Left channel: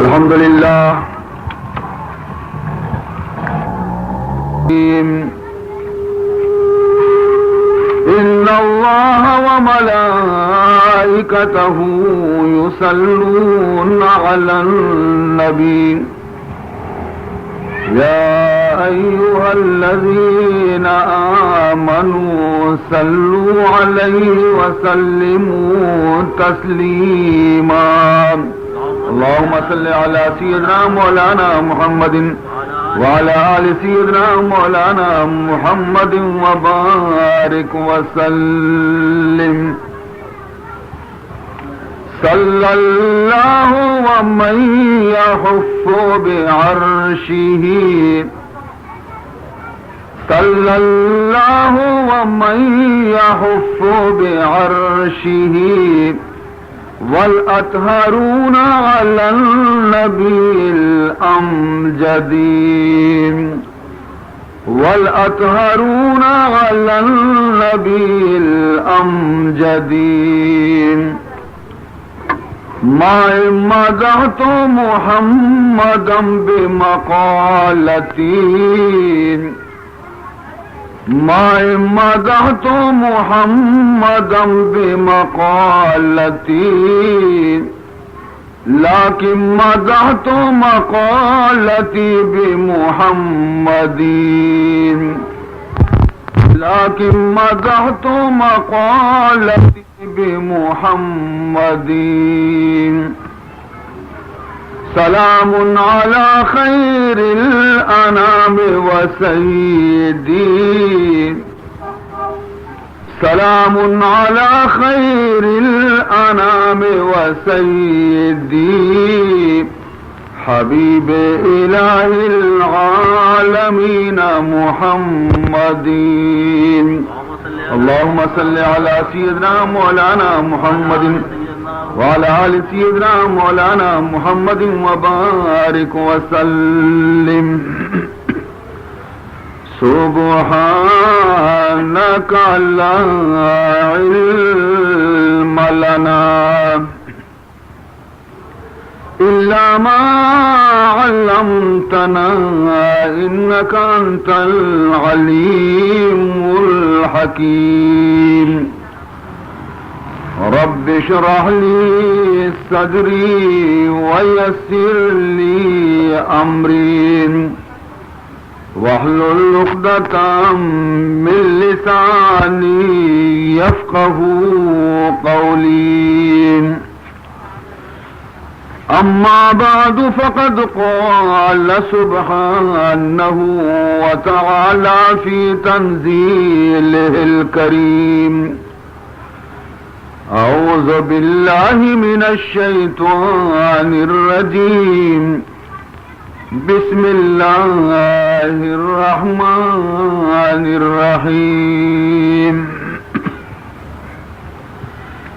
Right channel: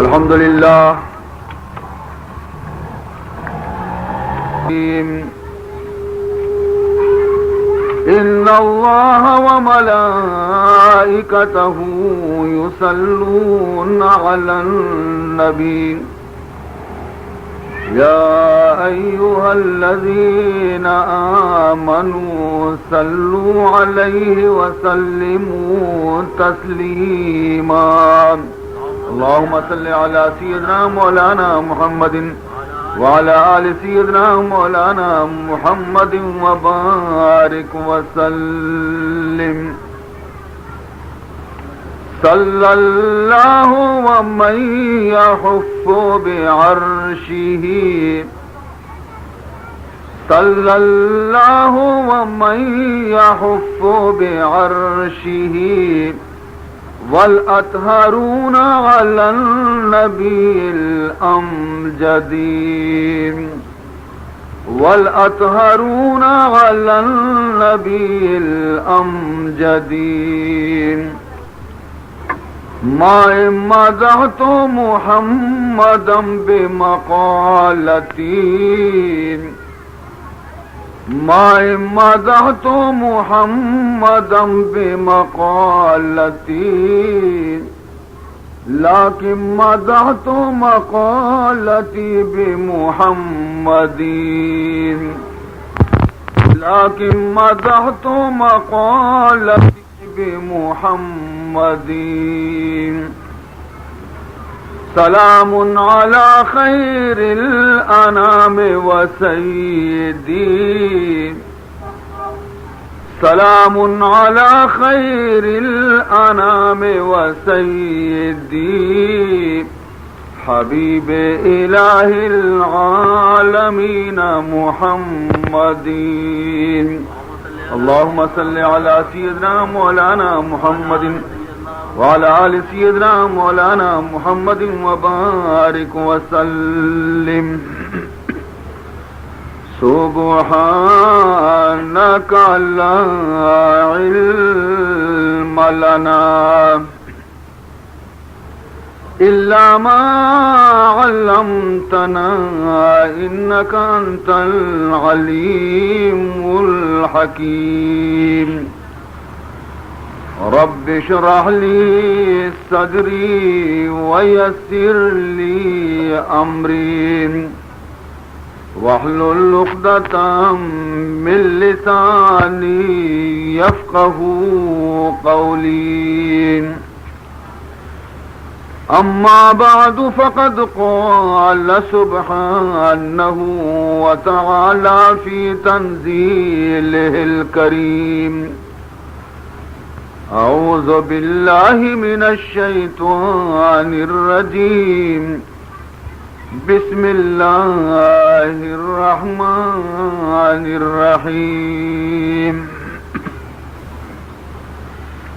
الحمد لله إن الله وملائكته يصلون على النبي يا أيها الذين آمنوا صلوا عليه وسلموا تسليما اللهم صل على سيدنا مولانا محمد وعلى آل سيدنا مولانا محمد وبارك وسلم صلى الله ومن يحف بعرشه صلى الله ومن يحف بعرشه والأطهرون على النبي الأمجد والأطهرون على النبي الأمجد ما مدحت محمدا بمقالتي ما مدحت محمدا بمقالتي لكن مدحت مقالتي بمحمد لكن مدحت مقالتي بمحمد سلام على خير الأنام وسيدي سلام على خير الأنام وسيدي حبيب إله العالمين محمد اللهم صل على سيدنا مولانا محمد وعلى آل سيدنا مولانا محمد وبارك وسلم سبحانك لا علم لنا إلا ما علمتنا إنك أنت العليم الحكيم رب اشرح لي صدري ويسر لي أمري واحلل عقدة من لساني يفقه قولي أما بعد فقد قال سبحانه وتعالى في تنزيله الكريم أعوذ بالله من الشيطان الرجيم بسم الله الرحمن الرحيم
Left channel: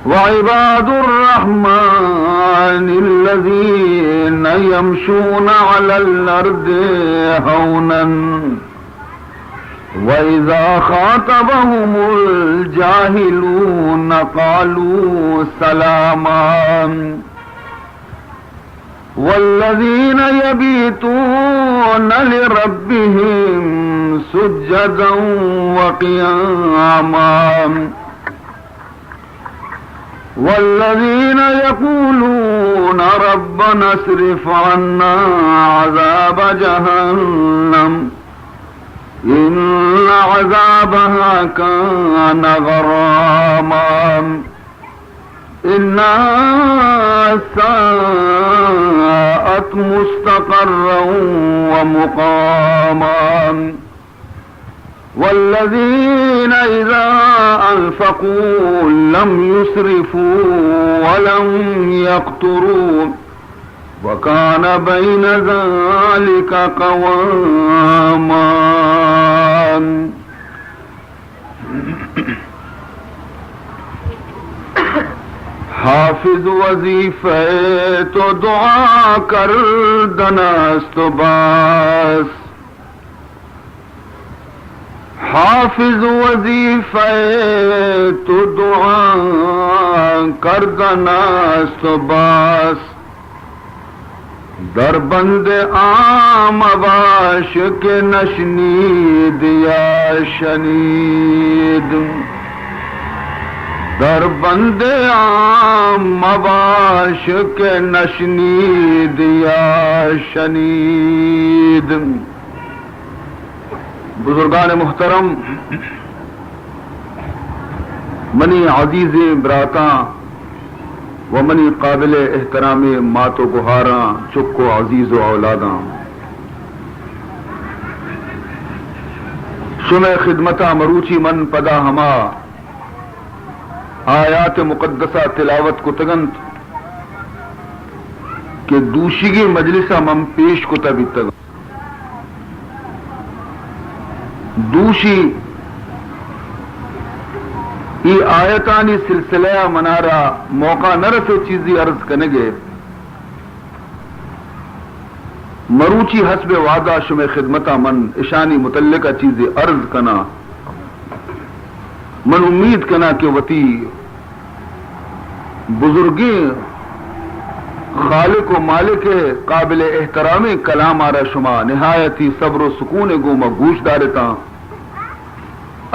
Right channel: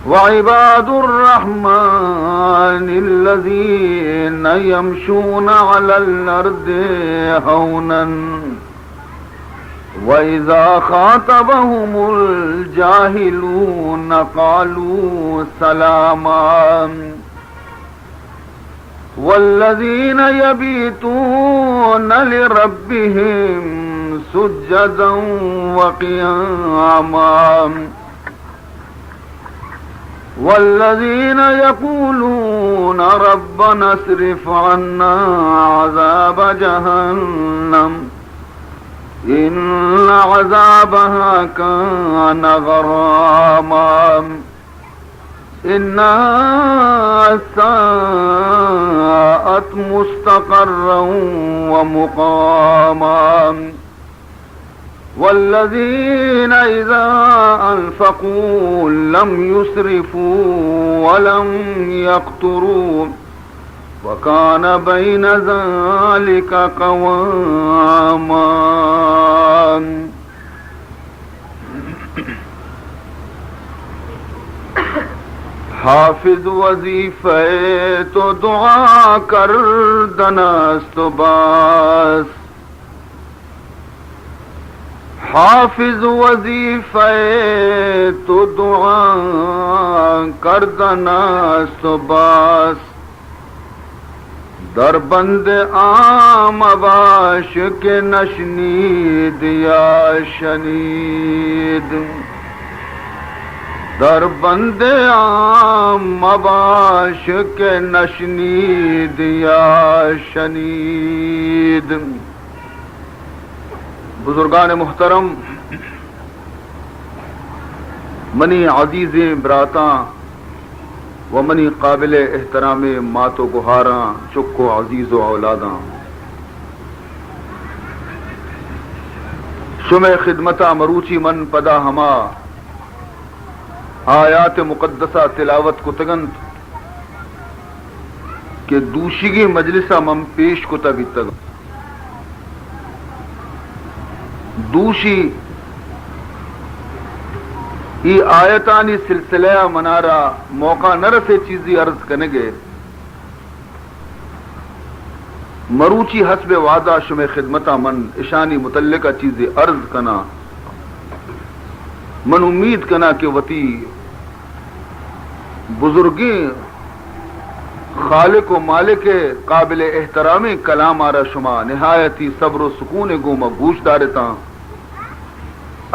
وعباد الرحمن الذين يمشون على الأرض هونا وإذا خاطبهم الجاهلون قالوا سلاما والذين يبيتون لربهم سجدا وقياما والذين يقولون ربنا اصرف عنا عذاب جهنم إن عذابها كان غراما إنها ساءت مستقرا ومقاما والذين إذا أنفقوا لم يسرفوا ولم يقتروا وكان بين ذلك قواما حافظ وظیفے تو دعا کر دنست باس حافظ وظیفے تو دعا کر دنست باس در بند عام باش کے نشنید یا شنید در بند عام باش کے نشنید یا شنید. بزرگان محترم، منی عزیز براتاں و منی قابل احترام مات و گہاراں چکو عزیز و اولاداں، شمع خدمتہ مروچی من پدا ہما آیات مقدسہ تلاوت کو تگنت کہ دوشیگی مجلسہ من پیش کو تبی تگ دوشی یہ آیتانی سلسلہ منارا موقع نہ رسے چیزی عرض کرنے گے مروچی حسب وعدہ شمع خدمتہ من اشانی متعلقہ چیزی عرض کنا من امید کنا کہ وتی بزرگیں خالق و مالک قابل احترامی کلام آرہ شما نہایتی صبر و سکون گوما گوش دارتا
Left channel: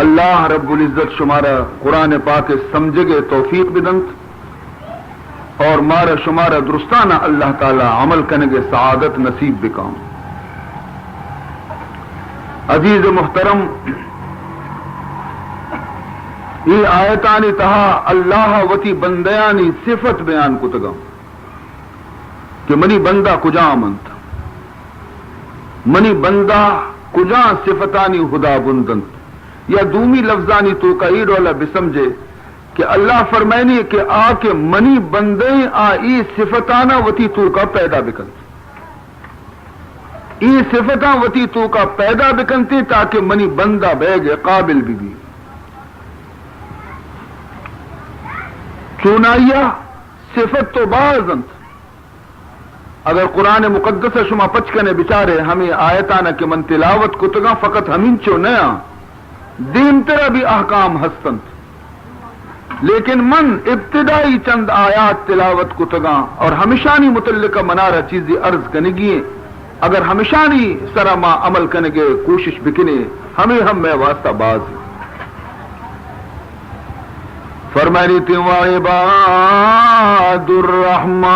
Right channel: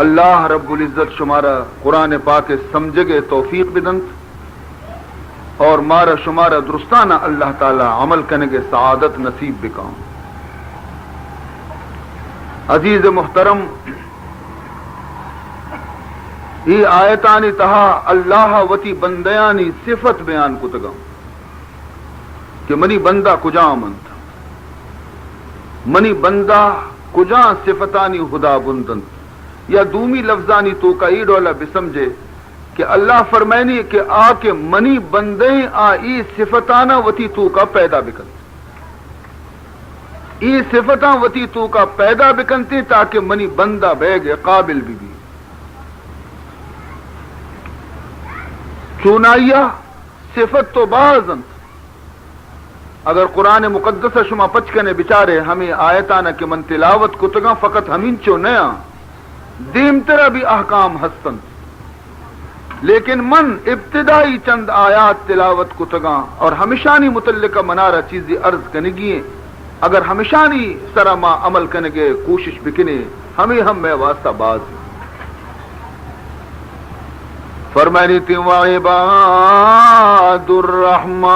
اللہ رب العزت شمارا قرآن پاک سمجھگے توفیق بدنت اور مارا شمارا درستانہ اللہ تعالی عمل کنگے سعادت نصیب بکام. عزیز محترم، یہ آیتانی تہا اللہ وتی بندیانی صفت بیان کتگا کہ منی بندہ کجا منت منی بندہ کجا صفتانی خدا بندن یا دومی لفظانی تو کا ای رولا بسمجھے کہ اللہ فرمائنی کہ آ کے منی بندے ای صفتانہ وتی تو کا پیدا بکن ای صفتاں وتی تو کا پیدا بکنتی تاکہ منی بندہ بیگے قابل بھی چونائیا صفت تو بازنت. اگر قرآن مقدس شما پچکنے بچارے ہمیں آیتانہ کے من تلاوت کتگاں فقط ہمیں چو نیا دین ترہ بھی احکام ہستند، لیکن من ابتدائی چند آیات تلاوت کتگاں اور ہمیشانی متعلقہ منارہ چیزی عرض کنگی اگر ہمیشانی سرا ما عمل کنگے کوشش بکنے ہمیں ہم میں واسطہ باز فرمائنی تھی وعباد الرحمن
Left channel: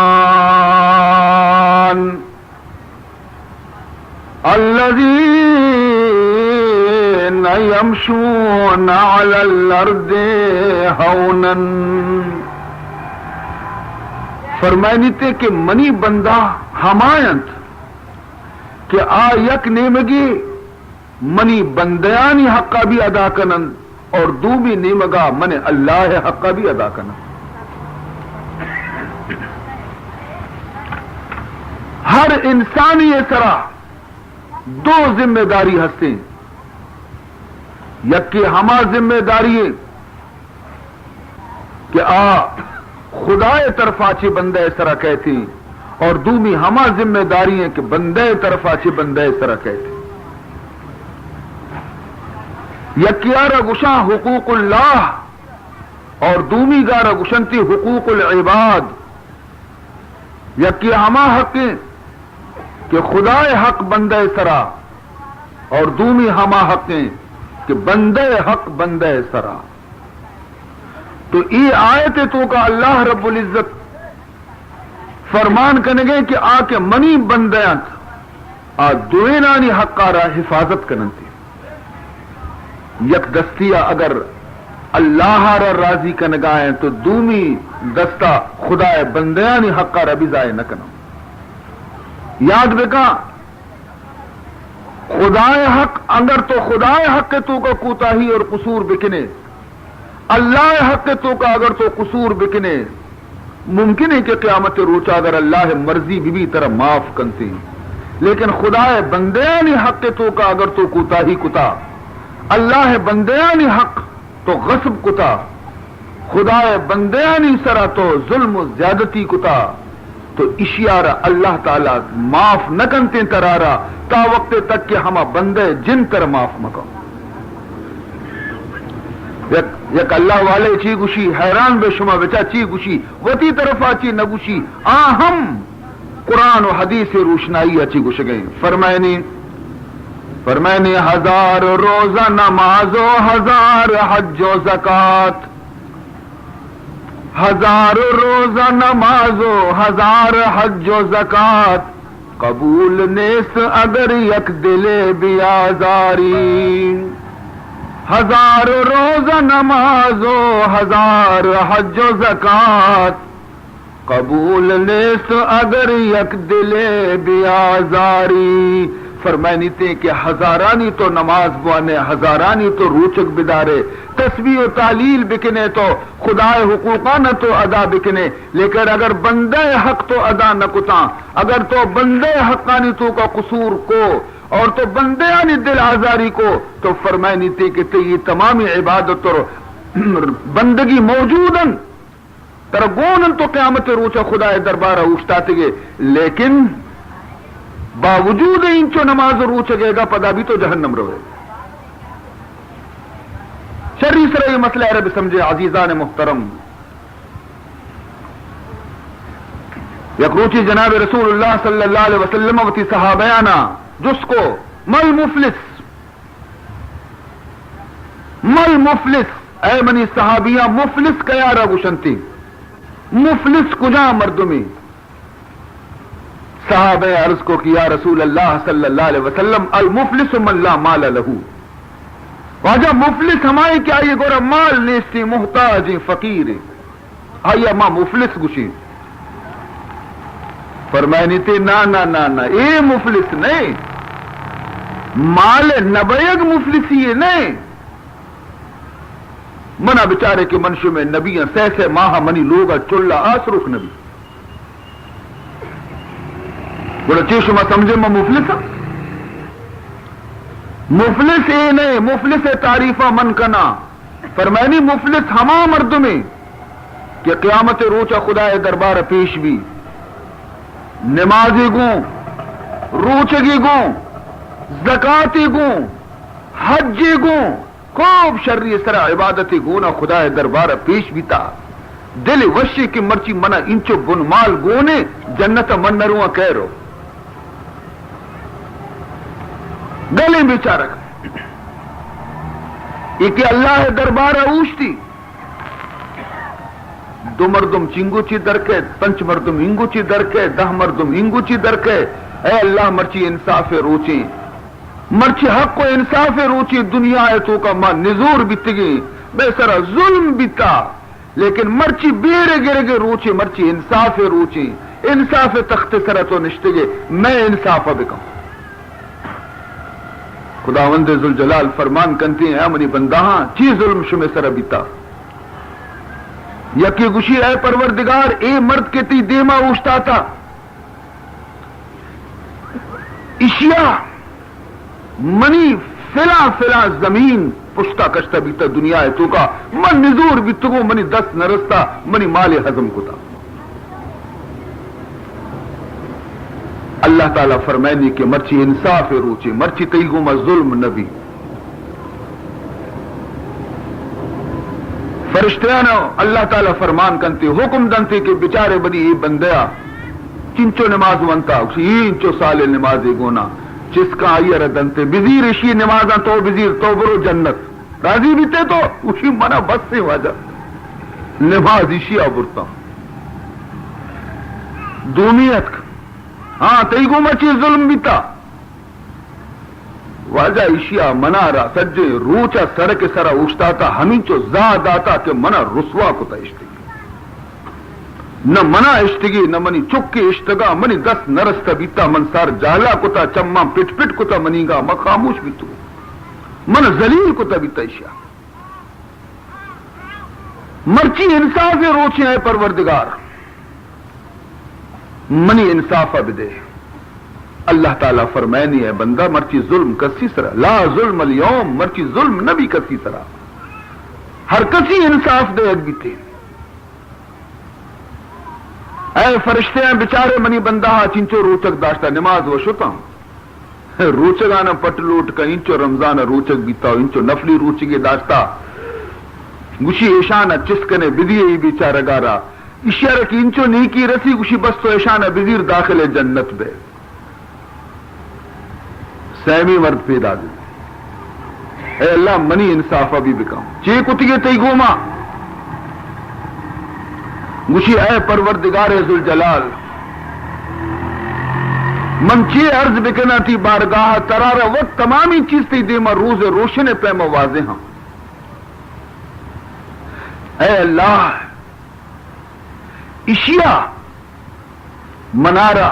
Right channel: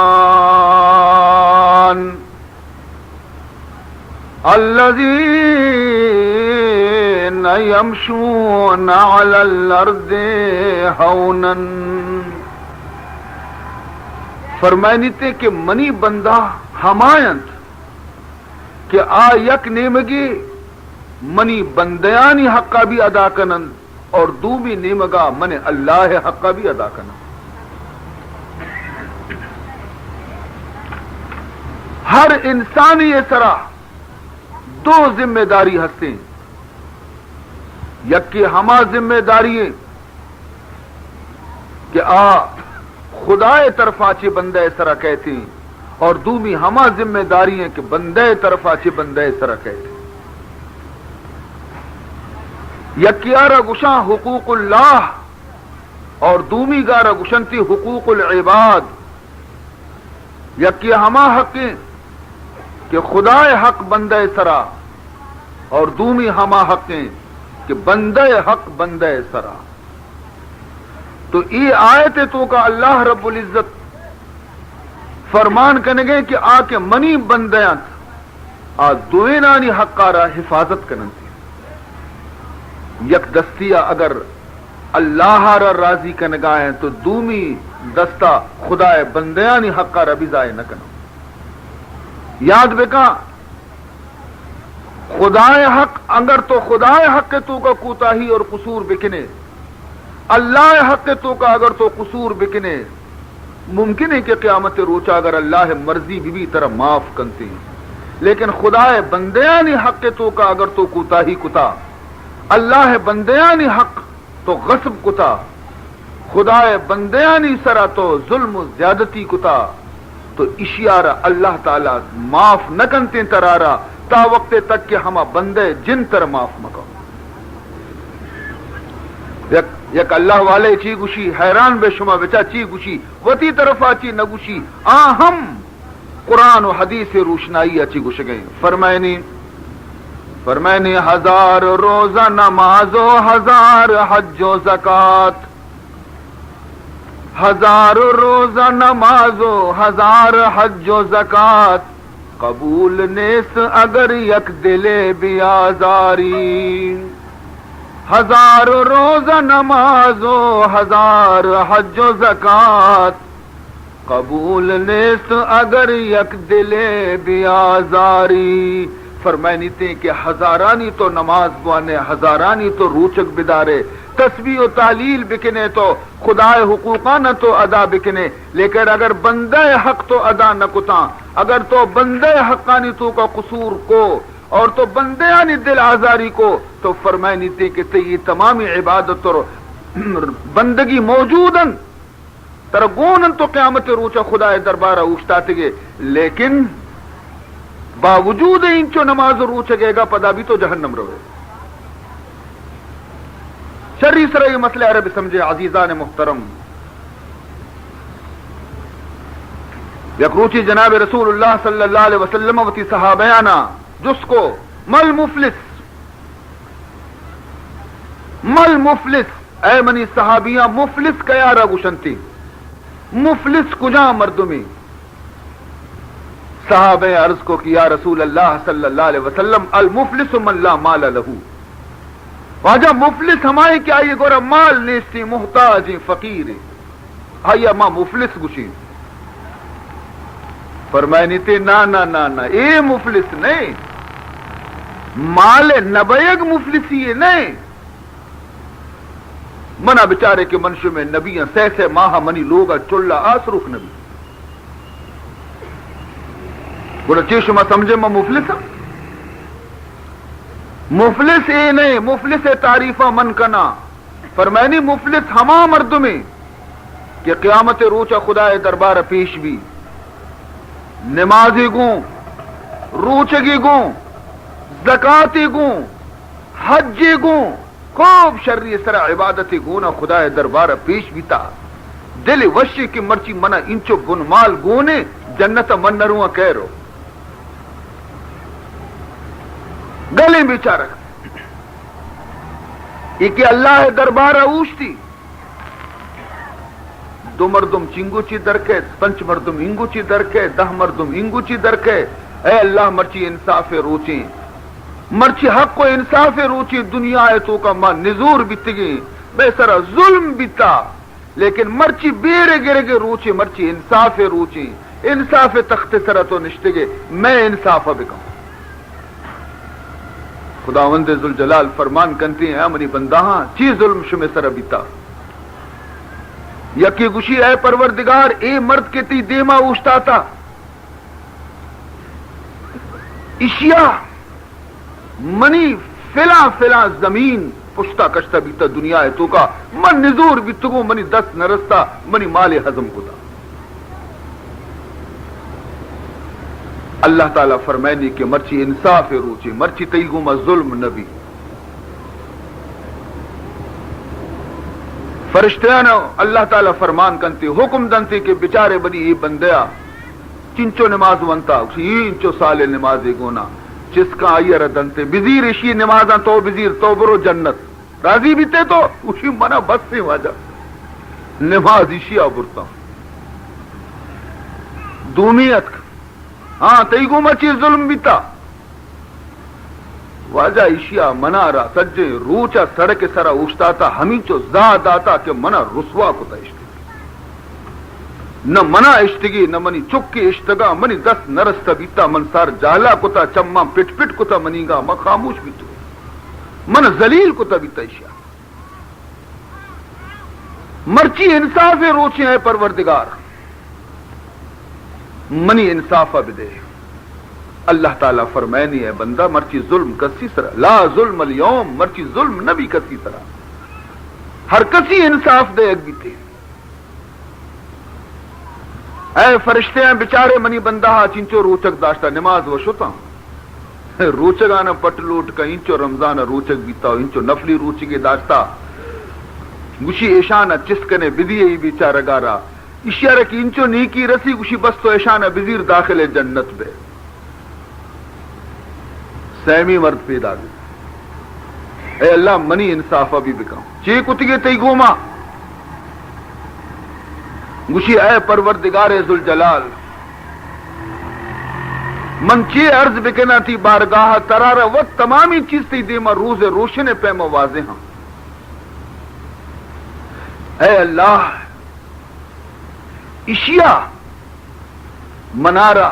الذین یمشون علی الارض ہونا. فرمائنی تھی کہ منی بندہ ہمایت کہ آ یک نیمگی منی بندیانی حقہ بھی ادا کنن اور دو بھی نیمگا من اللہ حقہ بھی ادا کرنا. ہر انسانی طرح دو ذمہ داری ہستے یکی ہما ذمہ داری ہے کہ خدا طرف آچے بندے سرا کہتی اور دومی ہما ذمہ داری ہے کہ بندے طرف آچے بندے سرا کہتی. یکیارہ گشاں حقوق اللہ اور دومی گارہ گشنتی حقوق العباد. یکی ہما حق کہ خدا حق بندے سرا اور دومی ہما حق کہ بندے حق بندے سرا. تو یہ آیت تو کا اللہ رب العزت فرمان کرنے گئے کہ آ کے منی بندیاں دوینانی حق آرہ حفاظت کرنتی یک دستیا اگر اللہ را راضی کا نگاہیں تو دومی دستہ خدا بندیانی حق را بھی ضائع نہ کرنا. یاد رکھا خدا حق اگر تو خدا حق تو کا کوتاہی اور قصور بکنے اللہ حق تو کا اگر تو قصور بکنے ممکن ہے کہ قیامت روچا اگر اللہ مرضی بھی طرح معاف کرتے ہیں، لیکن خدا بندیانی حق تو کا اگر تو کوتاہی کتا اللہ بندیانی حق تو غصب کتا خدا بندیانی سرا تو ظلم و زیادتی کتا تو اشیارہ اللہ تعالی معاف نہ کنتے ترارا تا وقت تک کہ ہما بندے جن کر معاف مکو. یک اللہ والے چی گوشی حیران بے شما بچا چی گوشی وتی طرف آچی نہ گوشی ہم قرآن و حدیث روشنائی اچھی گش گئی. فرمائنی ہزار روزہ نماز و ہزار حج و زکات، ہزار روزہ نماز و ہزار حج و زکات، قبول نیست اگر یک دل بیازاری. ہزار روزہ نماز و ہزار حج و زکات، قبول نیست اگر یک دل بیازاری. فرمائنی تھے کہ ہزارانی تو نماز بوانے، ہزارانی تو روچک بدارے، تسبیح و تعلیل بکنے تو خدائے حقوقانہ تو ادا بکنے، لیکن اگر بندہ حق تو ادا نہ کتاں، اگر تو بندہ حقانی تو کا قصور کو اور تو بندیانی دل آزاری کو، تو فرمائنی تھے کہ یہ تمامی عبادت اور بندگی موجودن ترگونن تو قیامت روچا خدائے دربارہ اوشتاتے گے، لیکن باوجود انچو نماز روچ گئے گا پدا بھی تو جہنم روے. شرعی سرا یہ مسئلہ عرب سمجھے عزیزان محترم. یک روچی جناب رسول اللہ صلی اللہ علیہ وسلم وتی صحابیانا جس کو مل مفلس اے منی صحابیہ مفلس کیا را گشنتی، مفلس کجا مردمی. صحابہ عرض کو کیا رسول اللہ صلی اللہ علیہ وسلم المفلس من لا مال لہو. واجہ مفلس ہمائے کیا یہ گورا مال نیستی، محتاج فقیر آیا ماں مفلس گشی. فرمائنی تھی نا اے مفلس نہیں، مال نبیگ مفلسی نہیں. منا بچارے کے منشو میں نبی سہ ماہ منی لوگا چلا آسرخ نبی بولا چیز شما سمجھے میں مفلس ہوں. مفلس اے نہیں، مفلس تعریفہ من کنا. فرمائنی مفلس ہما مرد میں کہ قیامت روچا خدائے دربار پیش بھی نمازی گوں، روچگی گوں، زکاتی گوں، حجی گوں، خوب شرعی سرا عبادتی گونا خدائے دربار پیش بھی تا. دل وشی کی مرچی منا انچو بنمال گونے جنت من نرواں کہہ رو گلے بیچارک یہ اللہ دربار اوشتی. دو مردم چنگوچی درکے، پنچ مردم انگوچی درکے، 10 مردم انگوچی درکے. اے اللہ مرچی انصاف روچی، مرچی حق و انصاف روچی. دنیا ہے تو کا ماں نزور بیتگی بے سرا ظلم بیتا، لیکن مرچی بیرے گرے گے روچی، مرچی انصاف روچی. انصاف تخت سرا تو نشتگے میں انصاف بکم. خداوند ذوالجلال فرمان کنتی ہیں منی بندہاں چی ظلم شمع سر بیتا. یکی گشی اے پروردگار اے مرد کے تی دیما اوشتا تھا اشیاء منی فلا زمین پشتا کشتا بیتا دنیا ہے تو کا من نزور بیتگو منی 10 نرستا منی مال حضم کتا. اللہ تعالیٰ فرمائنی کہ مرچی انصاف روچی، مرچی تیگو ما ظلم نبی. فرشتیانا اللہ تعالیٰ فرمان کنتی حکم دنتی کہ بچارے بڑی یہ بندیا چنچو نماز ونتا یہ انچو سال نمازی گونا جس کا آئی ردنتے بزیر اشی نمازاں تو بزیر تو برو جنت راضی بیتے تو اسی منا بس سے واجہ نماز اشی آبرتا دونیت ہاں تیگو مچی ظلم بیتا واجہ اشیاء منا را سجے روچا سڑک سرا اوشتا تھا ہمیں چو زاد آتا کہ منا رسوا کو تا اشتگی نہ منا اشتگی نہ منی چکی اشتگا منی 10 نرستا بیتا منصار جالا کو تا چما پٹ کو تا منی گا ما خاموش بیتو من ذلیل کو تا بیتا اشیاء. مرچی انصاف روچے ہیں پروردگار منی انصافہ بدے. اللہ تعالیٰ فرمائنی ہے بندہ مرچی ظلم کسی طرح لا ظلم اليوم، مرچی ظلم نبی کسی طرح ہر کسی انصاف دے بیتے. اے فرشتے ہیں بچارے منی بندہ چنچو روچک داشتا نماز و شتا روچگانا پٹ لوٹ کا انچو رمضان روچک بیتا انچو نفلی روچگی داشتا گوشی ایشانا چسکنے بدیے بیچارہ گارا اشارہ کی انچو نیکی رسی گوشی بس تو ایشانہ بزیر داخل جنت بے سیمی مرد پیدا دی اے اللہ منی انصافہ بھی بکاؤں چی کتگے تی گوما گوشی اے پروردگار ذوالجلال من چی عرض بکنا تھی بارگاہ ترارا وقت تمامی چیز تھی دیما روز روشن پیما واضح ہم اے اللہ اشیاء منارہ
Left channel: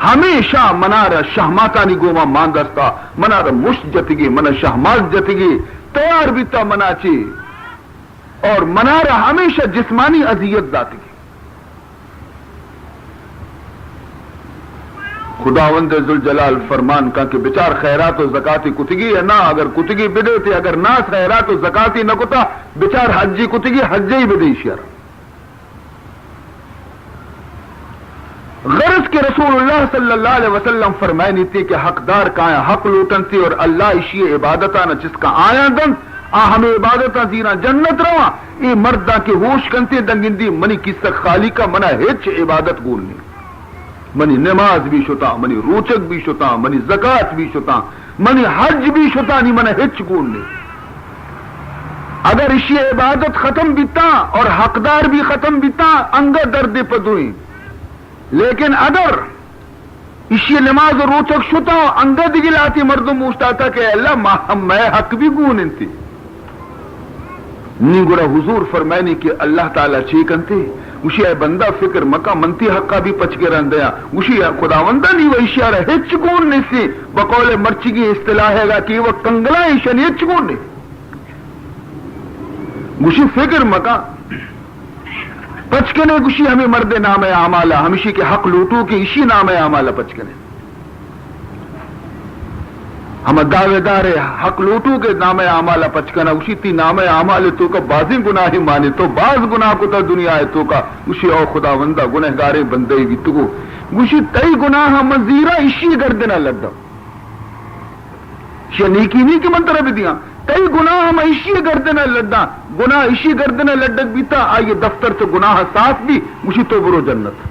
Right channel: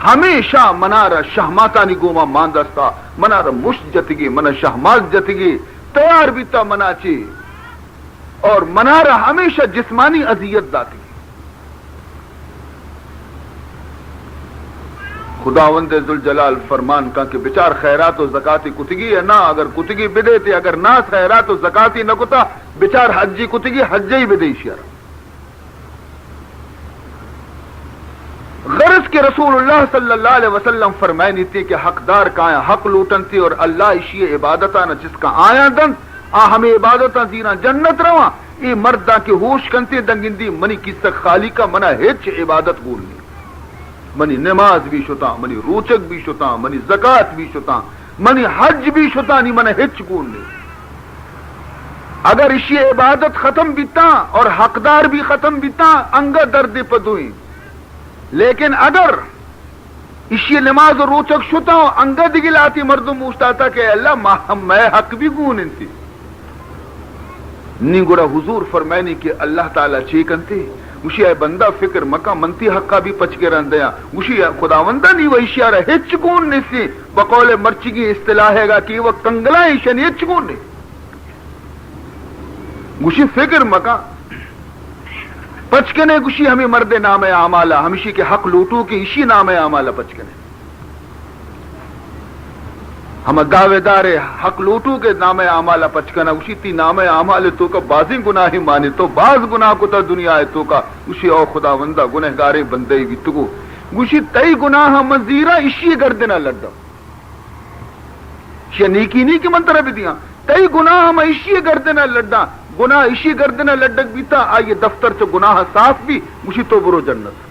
ہمیشہ منارہ شہماتانی گوما ماندستا منارہ مشت جتگی منہ شہمات جتگی تیار بیتا مناچی اور منارہ ہمیشہ جسمانی اذیت داتی خداوند ذوالجلال فرمان کا کہ بچار خیرات و زکاتی کتگی ہے نہ اگر کتگی بدے تھے اگر نہ خیرات و زکاتی نہ کتا بچار حجی کتگی حجی بدے شیرہ غرض کے رسول اللہ صلی اللہ علیہ وسلم فرمائنی تھی کہ حقدار کائیں حق لوٹن تھی اور اللہ اشی عبادتہ نہ جس کا آیا دن ہمیں عبادتہ زیرہ جنت رواں یہ مردہ کے ہوش کنتے دنگندی منی کس تک خالی کا منہ ہچ عبادت بولنی منی نماز بھی شتا منی روچک بھی شتا منی زکات بھی شتا منی حج بھی شتا نہیں منہ ہچ بولنی اگر اشی عبادت ختم بیتا اور حقدار بھی ختم بیتا انگا درد پدوئیں لیکن اگر اسی نماز و روچک شتا انگا دگلاتی مردم پوچھتا تھا کہ اللہ میں حق بھی گون انتی نی گڑا حضور فرمائنی کہ اللہ تعالیٰ چیکنتے اسی اے بندہ فکر مکہ منتی حقا بھی پچ کے رہن دیا اسی خداوندہ نہیں وہ اشیارہ ہچ گون نہیں سی بقول مرچگی اصطلاح ہے گا کہ وہ کنگلائیں شنی ہچ گون نہیں اسی فکر مکہ پچکنے گشی ہمیں مرد نام اعمالہ ہمیشی کے حق لوٹو کی اسی نام اعمالہ پچکنے ہم دعوے دار حق لوٹو کے نام اعمالہ پچکنا اسی تی نام اعمال تو کا بازی گناہی مانے تو باز گناہ کو تا دنیا ہے تو کا اسی او خداوندہ گنہگارے بندے گی تو گشی تئی گناہ مزیرہ اسی گردنا لڑا نیکی نہیں کہ منترہ بھی دیا کئی گناہ ہم اسی گردنا لڑا گناہ اسی گردنا لڑک بھی تھا آئیے دفتر سے گناہ صاف بھی اسی تو برو جنت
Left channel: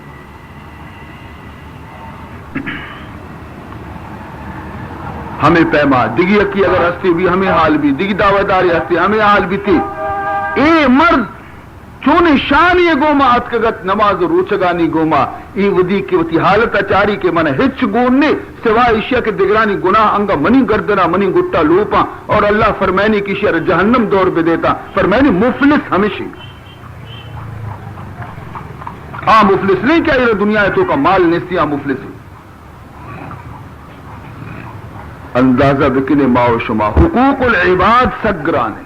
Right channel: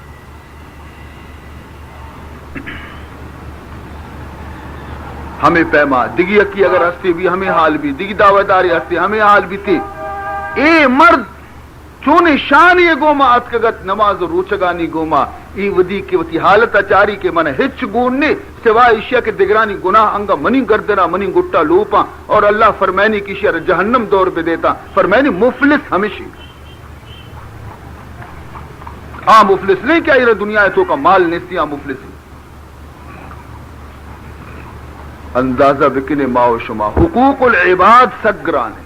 ہمیں پیما دگی کی اگر ہستی بھی ہمیں حال بھی دگی دعوے داری ہستی ہمیں حال بھی تھی اے مرد چون شان یہ گوما اتکگت نماز روچگانی گوما ای ودی کی وتی حالت اچاری کے من ہچ گوننے سوائے اشیاء کے دگرانی گناہ انگا منی گردنا منی گٹا لوپا اور اللہ فرمائنی کی شر جہنم دور بے دیتا فرمائنی مفلس ہمیشہ مفلس نہیں کیا یہ دنیا ہے تو کا مال نیستی مفلس اندازہ بکنے ماو شما حقوق العباد سگرانے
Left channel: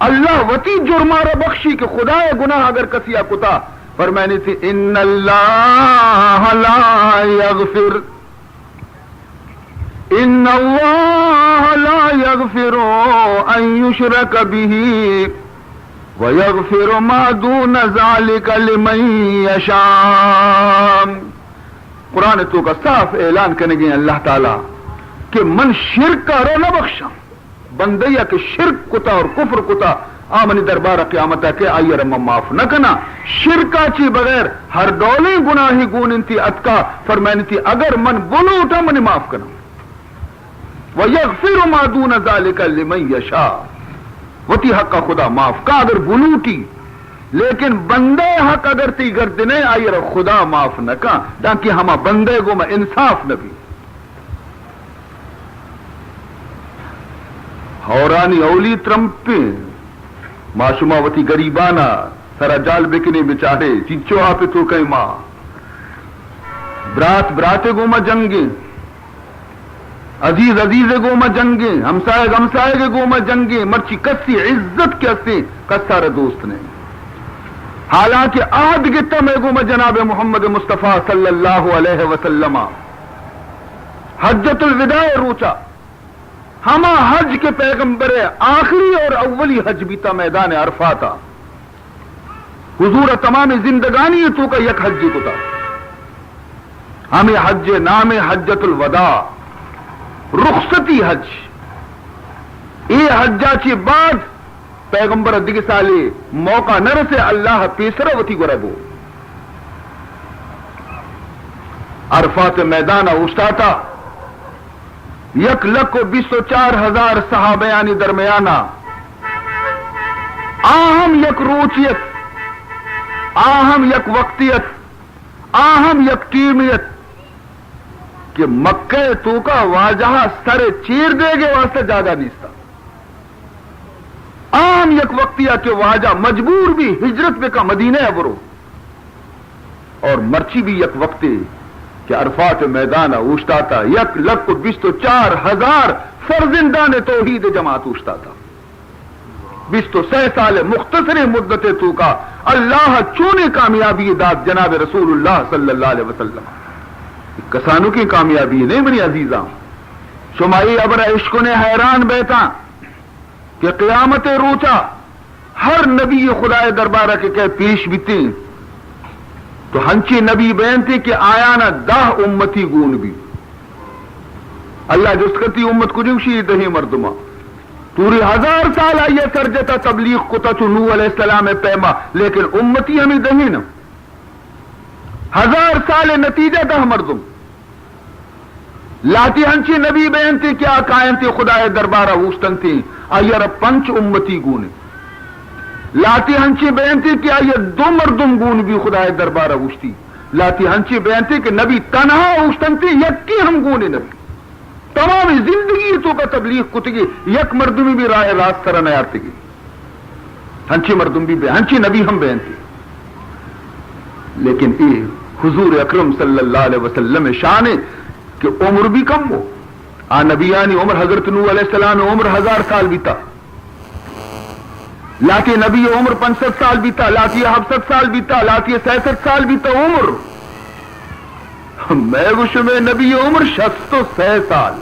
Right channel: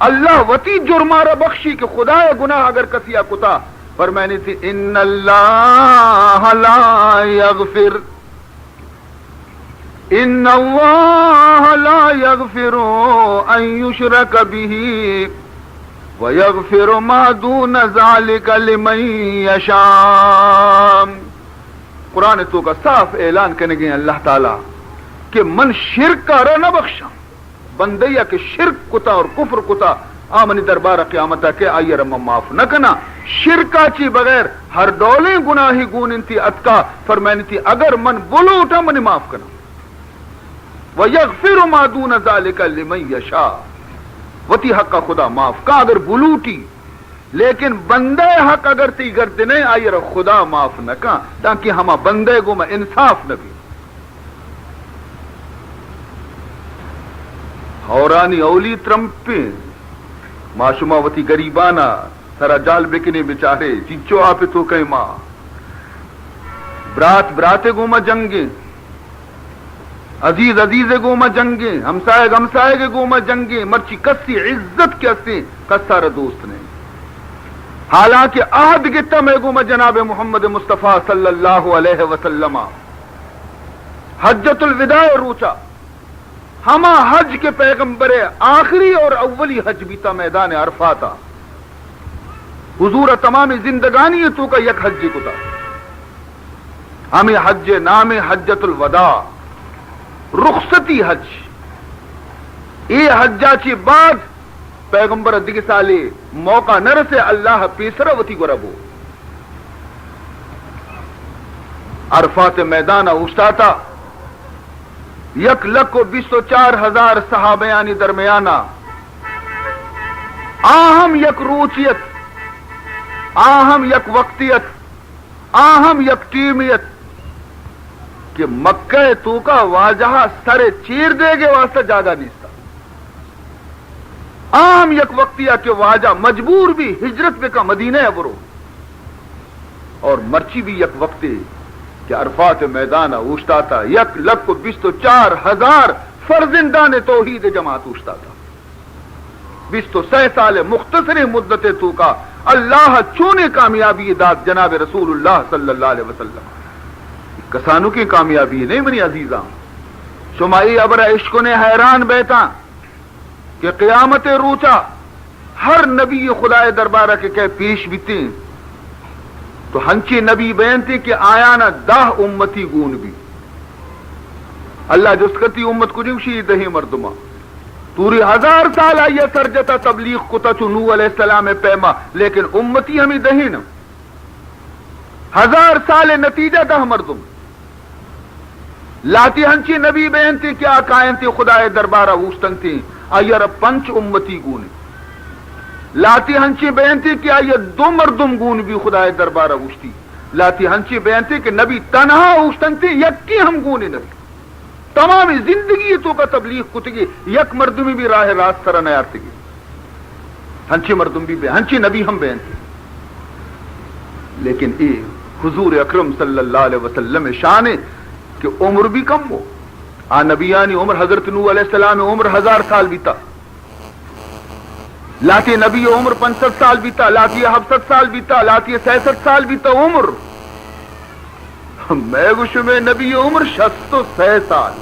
اللہ وتی جرمارہ بخشی کہ خدا گناہ اگر کسیا کتا فرمائنی تھی ان اللہ لا یغفر ان اللہ لا یغفر ان یشرک به ویغفر ما دون ذلک لمن یشاء قرآن تو کا صاف اعلان کرنے گئے اللہ تعالی کہ من شرک کا رو نہ بخشا بندیا کہ شرک کتا اور کفر کتا آمنی دربار قیامت کے آئیے رم معاف نہ کنا شرکا چی بغیر ہر ڈولیں گناہی گون انتی اتکا فرمائنی تھی اگر من بولو اٹھا منی معاف کنا وَيَغْفِرُ مَا دُونَ ذَلِكَ لِمَنْ يَشَاءُ وتی حق کا خدا معاف کا اگر بلوٹی لیکن بندے حق اگر تی گردنے آئیے رہ خدا معاف نہ کا تاکہ ہما بندے گو میں انصاف نہ بھی ہورانی اولی ترمپیں معصومہ وتی گریبانا سرا جال بکنے بچارے چیچو آپ تو کئی ماں برات براتے گوما جنگیں عزیز عزیز گوما جنگیں ہمسائے ہمسائے کے گوما جنگیں مرچی کسی عزت کے ہستے کسارے دوست نے حالانکہ عہد گتا میں گوما جناب محمد مصطفیٰ صلی اللہ علیہ وسلم حجت الوداع روچا ہما حج کے پیغمبر آخری اور اولی حج بیتا میدان عرفاتا حضور تمام زندگانی تو کا یک حج کو تھا ہمیں حج نام حجت الوداع رخصتی حج یہ حجا چی بعد پیغمبر دیگه سالی موقع نرسه اللہ پیسرا وتی گربو عرفات میدان اوشتاتا 1,24,000 صحابیانی درمیانا آہم یک روچیت آہم یک وقتیت آہم یک ٹیمیت کہ مکہ تو کا واجہ سر چیر دے گے واسطے جاگا نیستا آہم یک وقتیہ کہ واجہ مجبور بھی ہجرت بے کا مدینہ برو اور مرچی بھی یک وقتی کہ عرفات میدان اوشتا تھا 1,24,000 فرزندان توحید جماعت اوشتا تھا 26 سال مختصر مدت تو کا اللہ چونے کامیابی داد جناب رسول اللہ صلی اللہ علیہ وسلم کسانوں کی کامیابی نہیں بنی عزیزاں شمائی ابر عشق نے حیران بیٹا کہ قیامت روچا ہر نبی خدا دربارہ کے کہ پیش بیتے تو ہنچی نبی بیان تھی کہ آیا نہ 10 امتی گون بھی اللہ جس کرتی امت کو جمشی دہی مردمہ پوری 1000 سال آئیے سرجتا تبلیغ کتا تو نوح علیہ السلام پیما لیکن امتی ہمیں دہی نا 1000 سال نتیجہ 10 مردم لاتی ہنچی نبی بیان تھی کیا قائم تھی خدا دربارہ وستن تھی آئیے رب 5 امتی گون لاتی ہنچی بیان تھی کہ آئیے 2 مردم گون بھی خدا دربارہ وستی لاتی ہنچی بیان تھی کہ نبی تنہا وستن تھی یکی ہم گونے نبی تمام زندگی تو کا تبلیغ کتگی یک مردمی بھی راہ راست سرہ نیارتگی ہنچی مردم بھی ہنچی نبی ہم بیان تھی لیکن اے حضور اکرم صلی اللہ علیہ وسلم شان کہ عمر بھی کم ہو نبیانی عمر حضرت نوح علیہ السلام عمر 1000 سال بیتا لاتی نبی عمر 65 سال بیتا لاتی 67 سال بیتا لاتی 66 سال بیتا عمر میں گوش میں نبی عمر 66 سال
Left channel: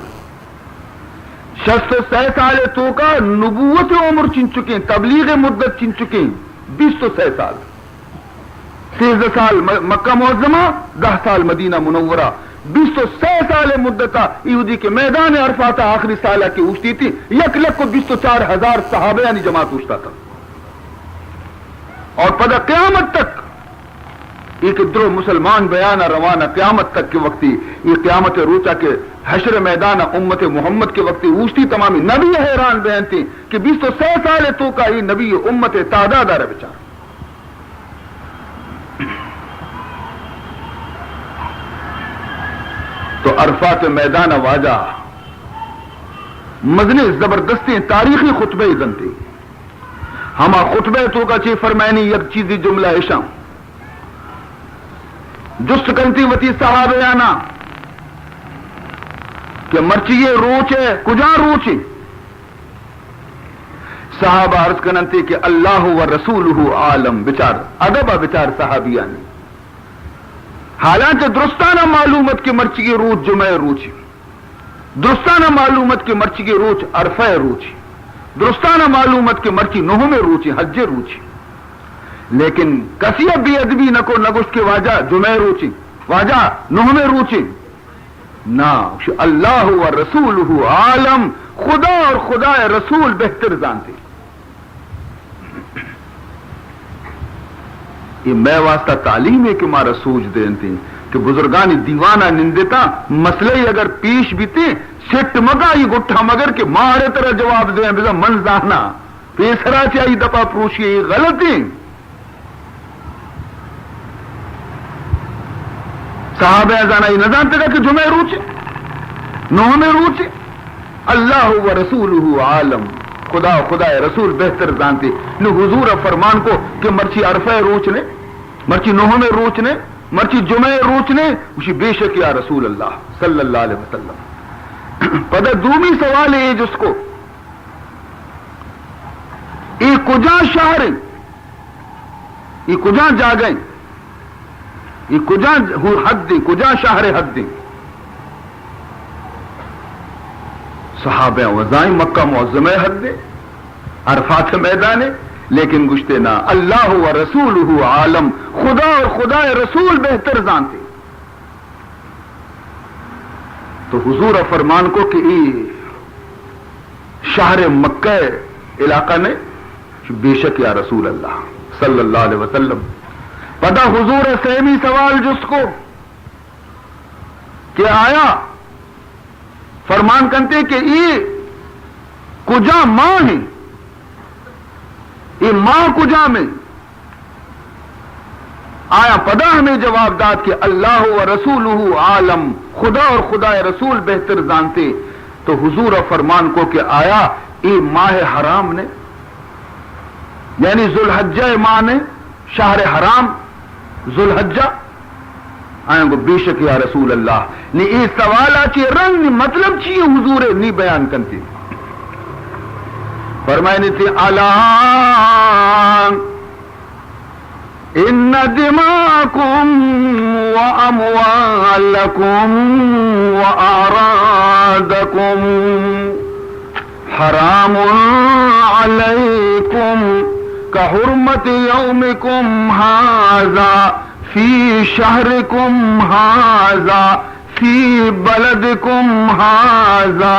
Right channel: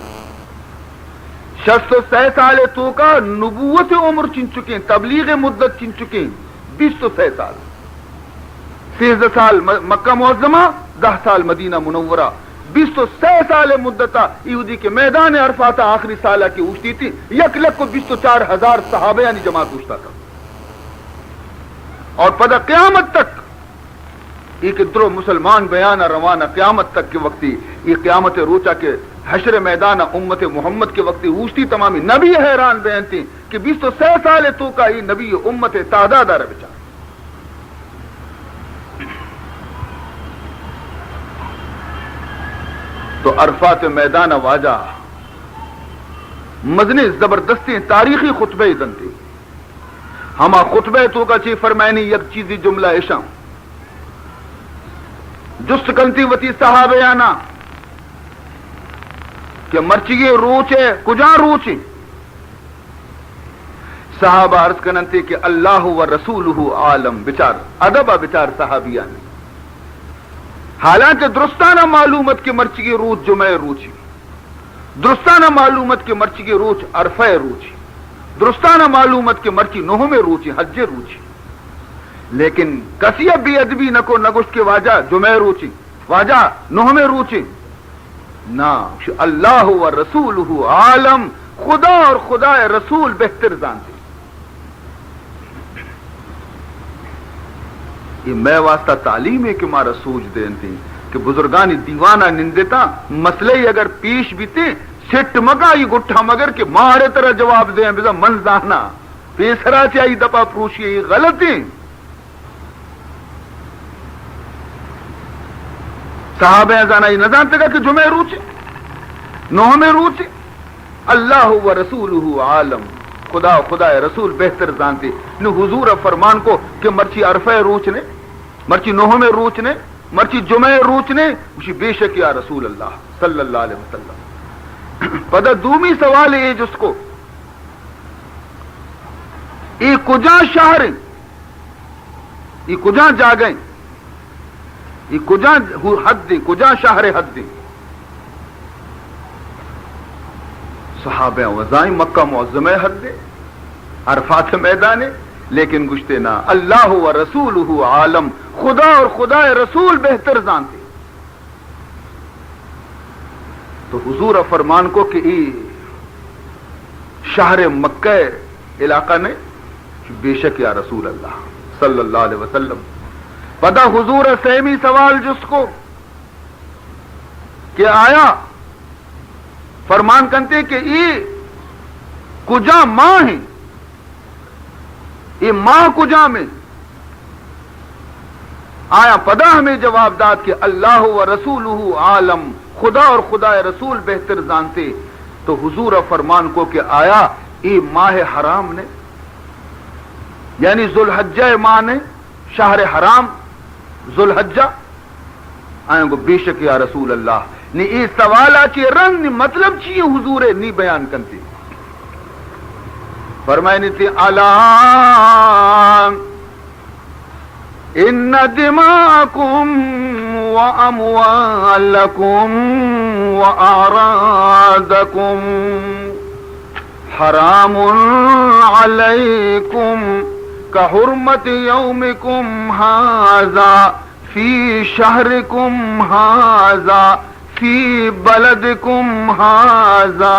66 سال تو کا نبوت عمر چن چکے تبلیغ مدت چن چکے 26 سال 13 سال مکہ معظمہ 10 سال مدینہ منورہ 26 سال مدتا یہودی کے میدان عرفات آخری سالہ کی اوشتی تھی 1,24,000 صحابہ یعنی جماعت اوشتا تھا اور پدا قیامت تک ایک درو مسلمان بیانہ روانہ قیامت تک کے وقتی یہ قیامت روچا کے حشر میدان امت محمد کے وقتی اوشتی تمامی نبی حیران بیان تھی کہ 26 سال تو کا یہ نبی امت تعداد آ رہا بچار تو عرفات میدان واجہ مدنی زبردستی تاریخی خطبہ ازن تھی ہما خطبہ تو کا چی فرمائنی یک چیزی جملہ اشام جست کنتی وتی صحابیانا کہ مرچی روچ ہے کجا روچ صحابہ عرض کننتی کہ اللہ و رسولہ عالم بچار ادبا بچار صحابیانی حالانکہ درستانہ معلومت کے مرچی کی روچ جمعہ روچی درستانہ معلومت کے مرچی کی روچ عرفہ روچی درستانہ معلومت کے مرچی نوہ میں روچی حج روچی لیکن کسی بھی ادبی نکو نگوش کے واجہ جمعہ روچی واجہ نوہ میں روچی نا اللہ و رسولہ عالم خدا اور خدا رسول بہتر جانتے یہ میں واسطہ تعلیم ہے کہ مارا سوچ دین تھی کہ بزرگانی دیوانہ نندتا مسئلے اگر پیش بھی تھے سٹ مگا یہ گٹھا مگر کہ مارے طرح جواب دیں بزا من زانا پیسرا چاہیے دپا پروشی یہ غلط ہے صحابہ ازانا یہ نہ جانتے گا کہ جمعہ روچے نوہ میں روچے اللہ و رسولہ عالم خدا خدا رسول بہتر جانتے نو حضور فرمان کو کہ مرچی عرفہ روچ نے مرچی نوہ میں روچ نے مرچی جمعہ روچ نے اسی بے شک یا رسول اللہ صلی اللہ علیہ وسلم پدہ دومی سوال ہے جس کو ای کجا شہر ای کجا جاگئیں ای کجا حد دیں کجا شہر حد دیں صحابہ وزائیں مکہ معظمہ حد دے عرفات میدانے لیکن گشتے نا اللہ و رسولہ عالم خدا اور خدا رسول بہتر جانتے تو حضور فرمان کو کہ ای شہر مکہ علاقہ نے بے شک یا رسول اللہ صلی اللہ علیہ وسلم پتا حضور سیمی سوال جس کو کہ آیا فرمان کرتے کہ یہ کجا ماں ہے، یہ ماں کجا میں آیا پدا ہمیں جواب داد کہ اللہ و رسولہ عالم، خدا اور خدا رسول بہتر جانتے. تو حضور فرمان کو کہ آیا یہ ماہ حرام نے، یعنی ذوالحجہ ماہ نے، شہر حرام ذوالحجہ آئیں گو بے شک یا رسول اللہ نے یہ سوال آچے رنگ مطلب چیئے حضور نہیں بیان کرتے. فرمائنے تھے الا ان دماءکم واموالکم واعراضکم حرام علیکم کحرمت یومکم ھذا فی شہرکم ھذا فی بلدکم ھذا.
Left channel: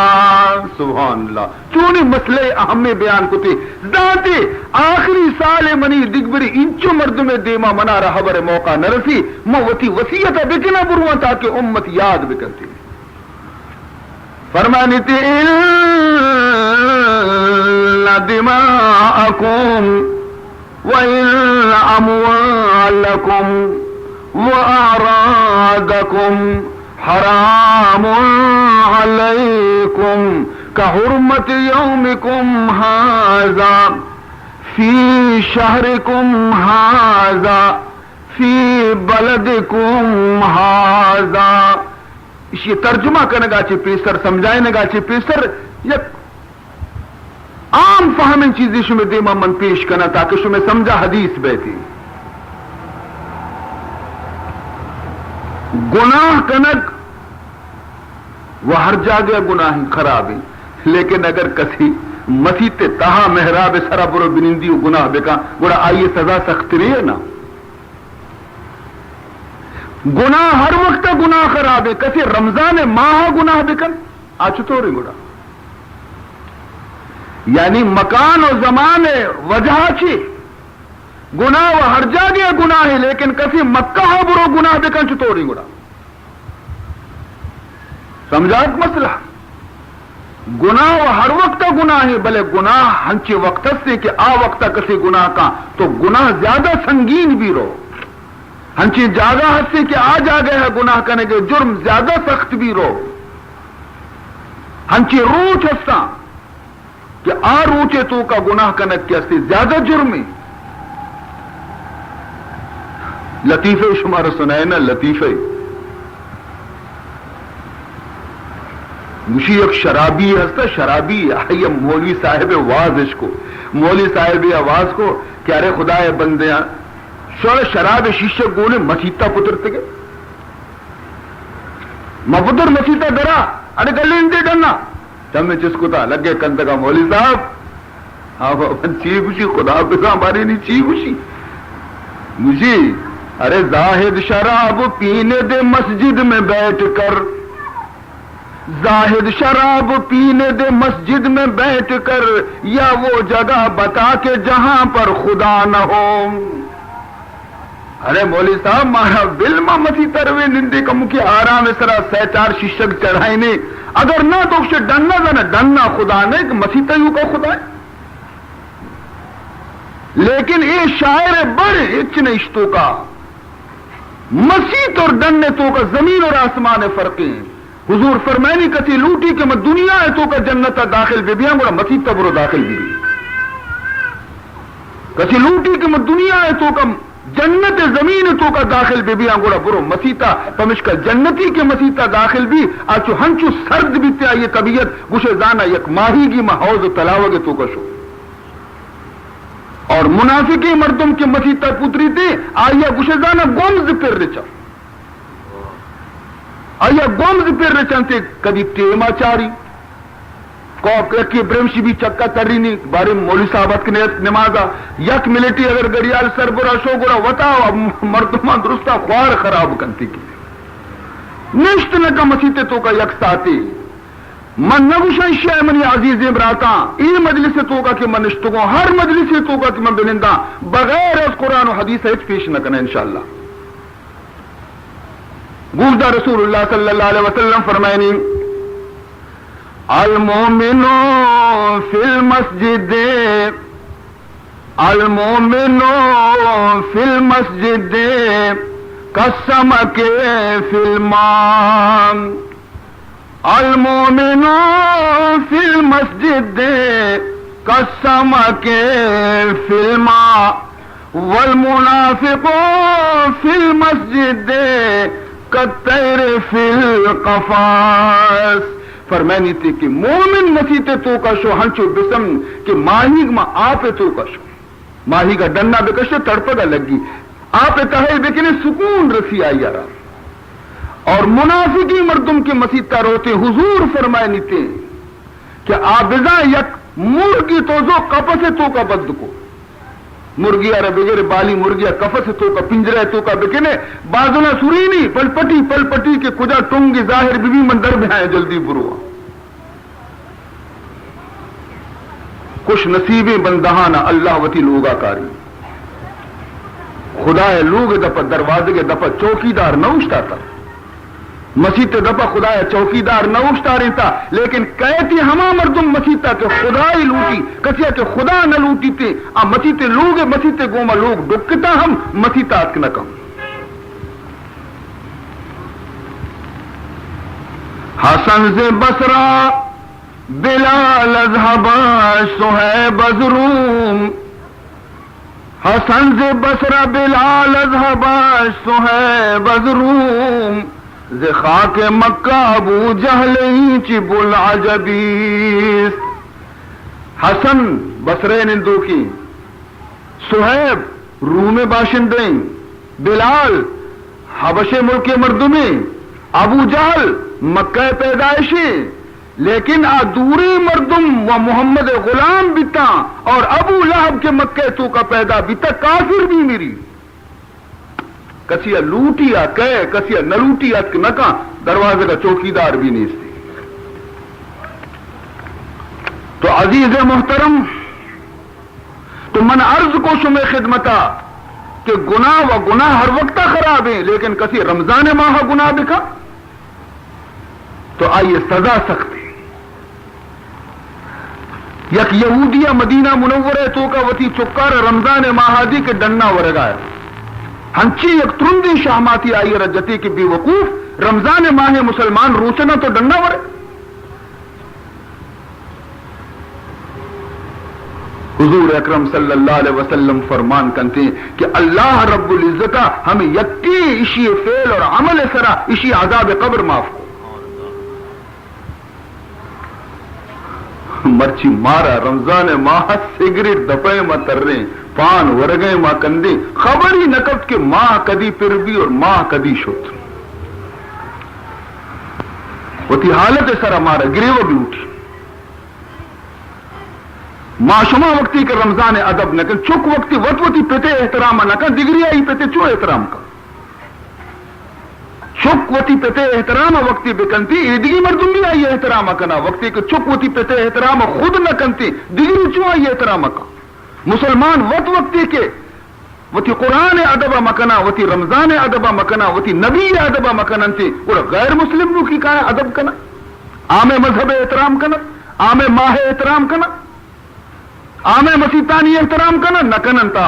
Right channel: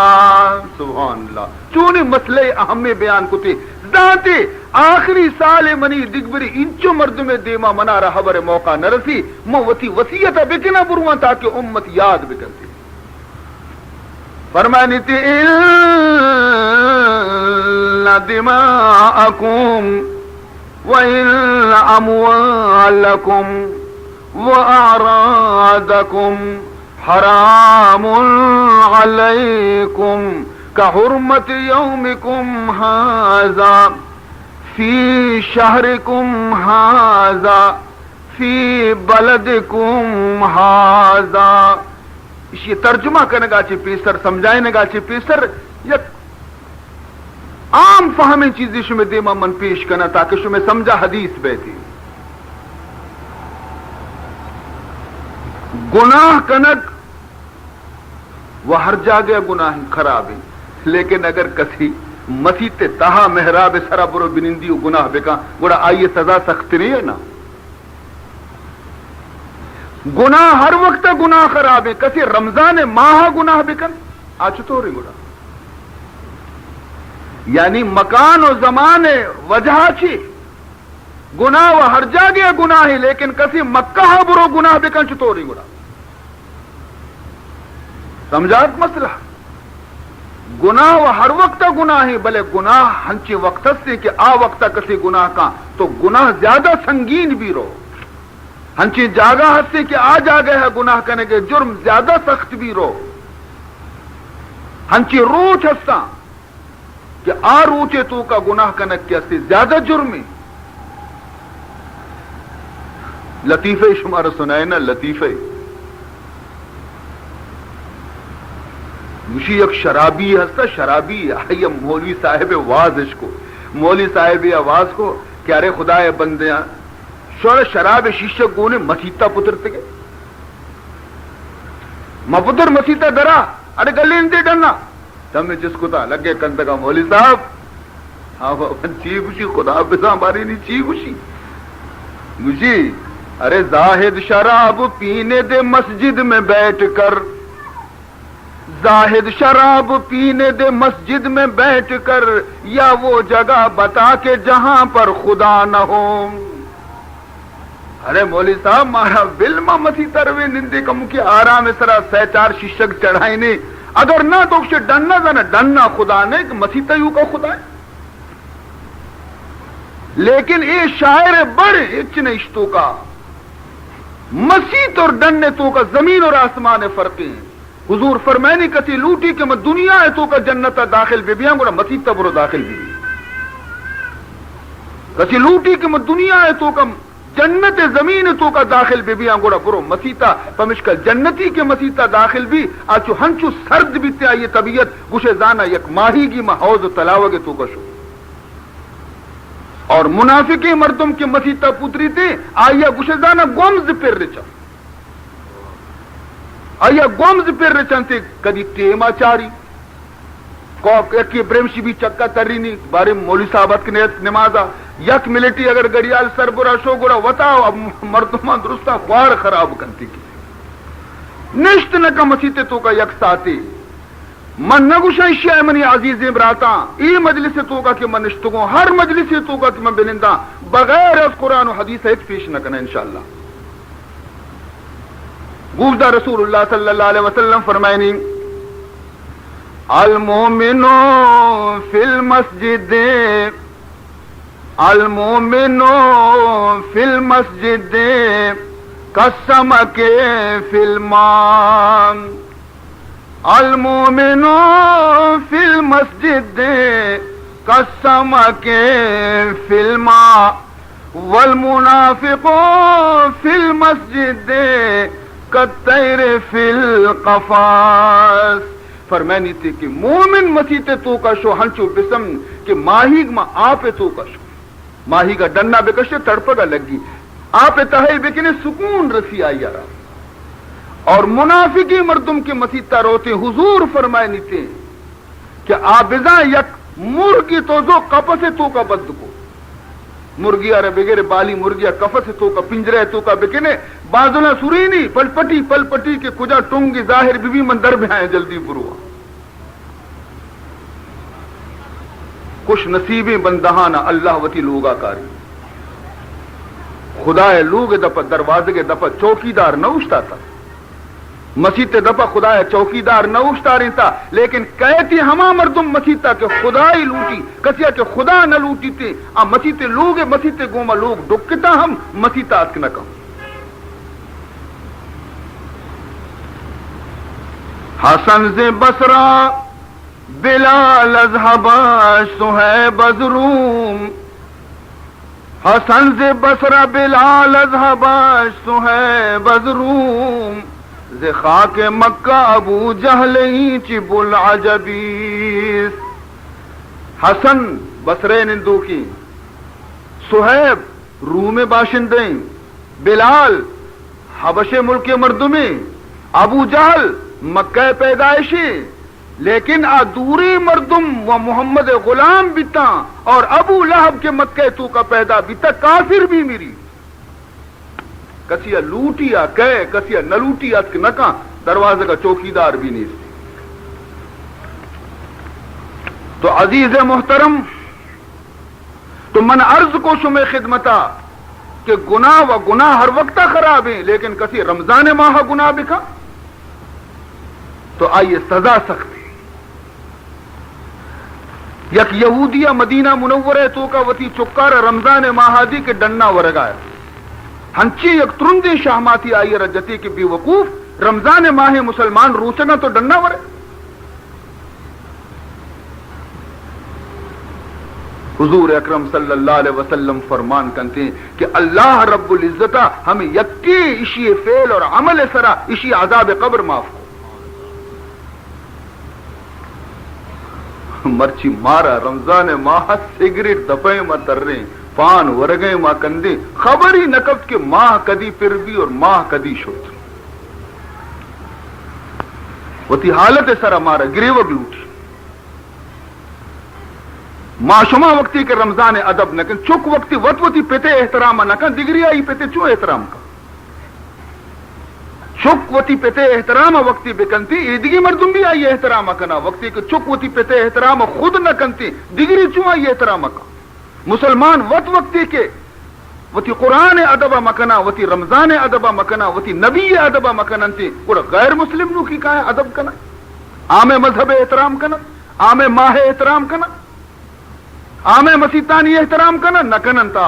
سبحان اللہ. چونی مسئلہ اہم میں بیان کو تھے داتے آخری سال منی دگبری انچو مردم دیما منا رہا بر موقع نرسی موتی وسیعت بکنا بروان تاکہ امت یاد بکرتی. فرمانی تھی ان دماءکم وان اموالکم واعراضکم حرام علیکم کحرمت یومکم ھذا فی شہرکم ھذا فی بلدکم ھذا. یہ ترجمہ کرنے گا چی پیسر سمجھائنے گا چی پیسر یک عام فہمیں چیزی شمی دیما من پیش کرنا تاکہ شمی سمجھا حدیث بیتی. گناہ کنک وہ ہر جاگے گناہ خراب ہے، لیکن اگر کسی مسیح تہا محراب سرا برو بنندی گناہ بکا گوڑا آئیے سزا سخت رہی ہے نا. گناہ ہر وقت گناہ خراب ہے، کسی رمضان ماہ گناہ بکن آج تو رہی گوڑا، یعنی مکان و زمان وجہ چی گناہ و ہر جاگے گناہ ہے، لیکن کسی مکہ برو گناہ بکن چطور رہی گوڑا. سمجھات مسئلہ گناہ و ہر وقت گناہ ہے، بلے گناہ ہنچے وقت سے کہ آ وقت کسی گناہ کا تو گناہ زیادہ سنگین بھی رو، ہنچے جاگہ حد سے کہ آ جاگہ ہے گناہ کرنے کے جرم زیادہ سخت بھی رو، ہنچے روچ ہستا کہ آ روچے تو کا گناہ کرنے کے زیادہ جرم ہے. لطیفے شمار سنائے نا لطیفے. مجھے ایک شرابی ہستا شرابی آئیے مولوی صاحب واز اس کو مولوی صاحب آواز کو کہ ارے خدا بندیاں شور شراب شیشہ گونے مسیطہ پترتے گئے مپتر مسیطہ درا ارے گلی اندے ڈنا تم نے جس کو تھا لگے کندگا مولوی صاحب آپ چی خوشی خدا بزا ہماری نہیں چی خوشی مجھے ارے زاہد شراب پینے دے مسجد میں بیٹھ کر، زاہد شراب پینے دے مسجد میں بیٹھ کر، یا وہ جگہ بتا کے جہاں پر خدا نہ ہو. ارے مولوی صاحب مارا بل ما مسی تروے نندے کا مکھی آرام سرا سہ چار شیشک چڑھائی نے اگر نہ تو اسے ڈننا تھا نا ڈننا خدا نے کہ مسی تیو کا خدا ہے. لیکن یہ شاعر بڑے اتنے اشتوں کا مسیح اور ڈننے تو کا زمین اور آسمان فرقے ہیں. حضور فرمائنی کسی لوٹی کہ میں دنیا ہے تو کا جنت داخل بھی بیاں گوڑا مسیح تبرو داخل بھی کسی لوٹی کہ میں دنیا ہے تو کا جنت زمین تو کا داخل بھی بیاں گوڑا برو مسیحا پمشکا جنتی کے مسیحا داخل بھی آچو ہنچو سرد بھی تے آئیے طبیعت گوشے زانا یک ماہی گی محوض تلاوگے تو کا شو اور منافقی مردم کے مسیحا پتری تے آئیے گوشے زانا گومز پر رچا آیا گومز پر رچنتے کدی ٹیما چاری کی برمشی بھی چکا تری نہیں بارے مولوی صاحبت کی نمازا یک ملٹی اگر گڑیال سر برا شو گڑا وطاو اب مردمان درستا خوار خراب کنتی کی نشت نکا مسیحتے تو کا یک ساتی من نگوشن شیع منی عزیز براتا ای مجلس توکا کہ من اشتگوں ہر مجلس توکا کہ من بنندہ بغیر از قرآن و حدیث ایت پیش نہ کرنے انشاءاللہ. گوشدہ رسول اللہ صلی اللہ علیہ وسلم فرمائنی المومن فی المسجد المومن فی المسجد کالسمک فی الماء المومن فی المسجد کالسمک فی الماء والمنافق فی المسجد کالطیر فی القفاص. فرمانی تھی کہ مومن مسیح تو کا شو ہنچو بسم کہ ماہی ما آپ تو کا شو ماہی کا ڈننا بکشتے تڑپگا لگی آپ تحیل بکنے سکون رسی آئی یارا. اور منافقی مردم کے مسیح روتے حضور فرمائے نیتے کہ آبزاں یک مرگی تو جو کپس تو کا بد کو مرگیا رہ بغیر بالی مرگیا کفت تو کا پنجرے تو کا بکنے بازنا سرینی پل پٹی کے کجا ٹونگی ظاہر بھی مندر میں آئے جلدی بروا. کچھ نصیبیں بندہانا اللہ وتی لوگا کاری خدا لوگ دپا دروازے کے دپا چوکیدار نہ اٹھتا تھا مسیح دپا خدا چوکیدار نہ اٹھتا رہتا لیکن کہتی ہما مردم مسیح کہ خدا ہی لوٹی کسیا کہ خدا نہ لوٹی تھے مسیح لوگ مسیح گوما لوگ ڈکتا ہم مسیح تاک نہ کم. حسن سے بسرا بلال اذهبا صہیب ازروم حسن سے بسرا بلال اذهبا صہیب ازروم ز خاک مکہ ابو جہل چب العجبیس. حسن بصرے نندو کی صہیب روم باشندیں بلال حبش ملک مردمیں ابو جہل مکہ پیدائشی لیکن ادوری مردم و محمد غلام بیتا اور ابو لہب کے مکہ تو کا پیدا بیتا کافر بھی میری کسیا لوٹیا کہے کسیا نہ لوٹیا نہ دروازے کا چوکیدار بھی نہیں تھی. تو عزیز محترم تو من عرض کو شمع خدمتا کہ گناہ و گناہ ہر وقت خراب ہیں لیکن کسی رمضان ماہ گناہ بکھا تو آئیے سزا سخت ہے. یک یہودیہ مدینہ منورہ تو کا وتی چکار رمضان ماہادی کے ڈننا ورگایا ہنچی یک ترندی شاہماتی آئی رجتی کی بے وقوف رمضان ماہ مسلمان روچنا تو ڈننا ورے. حضور اکرم صلی اللہ علیہ وسلم فرمان کرتے ہیں کہ اللہ رب العزتہ ہمیں یکی اشی فعل اور عمل سرا اشی عذاب قبر معاف کو. مرچی مارا رمضان ماہ سگریٹ دپے ما تر رہے پان ورگے ماں کندے خبر ہی نکب کہ ماہ کدی پھر بھی اور ماہ کدی شوت وتی حالت سر ہمارا گریو بھی اٹھی معشمہ وقتی کے رمضان ادب نہ کن چک وقتی وتی پیتے احترام نہ کن دگری آئی پیتے چو احترام کا چک وتی پیتے احترام وقتی بکنتی ایدگی مردم بھی آئی احترام کنا وقتی کہ چک وتی پیتے احترام خود نہ کنتی دگری چو آئی احترام کا. مسلمان وقتی کے وتی قرآن ادبہ مکنا وتی رمضان ادبہ مکنا وتی نبی ادبہ مکنن تھی اور غیر مسلم نو کی کہا ادب کنا عام مذہب احترام کنا عام ماہ احترام کنا عام مسیطانی احترام کنا نہ کنن تا